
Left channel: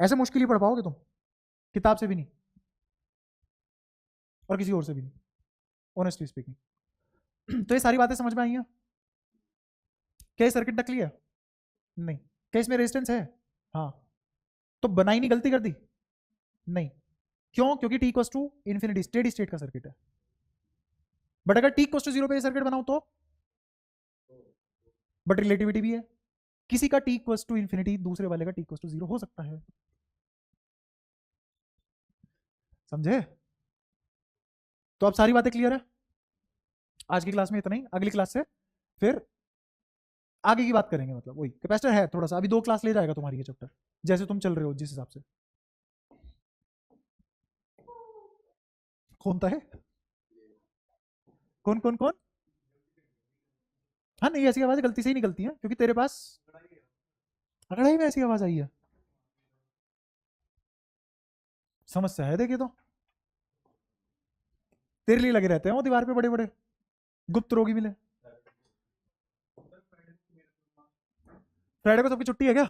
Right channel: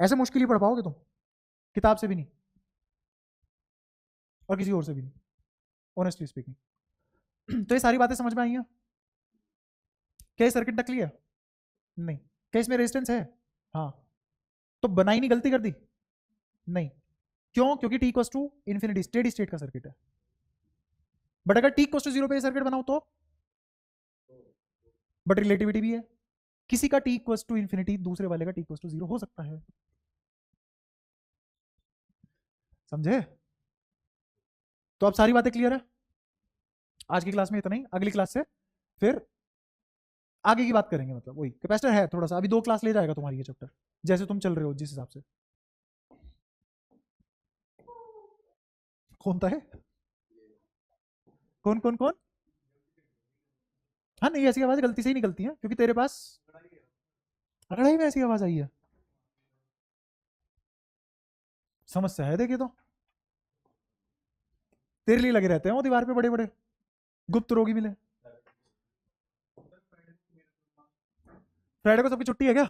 ऐसे मुश्किल ही पढ़ पाओगे तुम, किताब से भी नहीं और किसी और से भी नहीं, ऑनेस्टली स्पीकिंग। तो ये सारी बातें समझ में आई हैं, क्या ये सर्किट नकली है, नहीं, क्या इसमें रेजिस्टेंस है, हाँ, तो बनाई नहीं गलती कर दी, नहीं, क्यों, क्योंकि T equals to infinity steady state का सर्किट है, बट अगर टी इक्वल्स टू 0 पे सर्किट बनाओ तो, बट रिलेटिविटी भी है, किसी का टी इक्वल्स टू इंफिनिटी दूसरे वाले का टी इक्वल्स टू 0 हो सकता है, समझे, तो अब सारी बातें क्लियर है, आज की क्लास में इतना ही, अगली क्लास से फिर आगे की बात करेंगे, मतलब वही कैपेसिटर है थोड़ा सा, अभी 2 क्लास ले जाएगा तुम्हारी ये चैप्टर, जैसे तुम चल रहे हो जिस हिसाब से, कौन तो है, कौन कौन कौन, हाँ नहीं ऐसी आवाज गलती से ही निकलती है, क्योंकि तेरे पास लड़ाई में ऐसी आवाज आई है, समस्या है देखिए तो, तेरे लिए लगे रहते हैं वो दीवार पे बड़े बड़े गुप्त रोगी मिले। फ्राइडे को सबकी छुट्टी है क्या?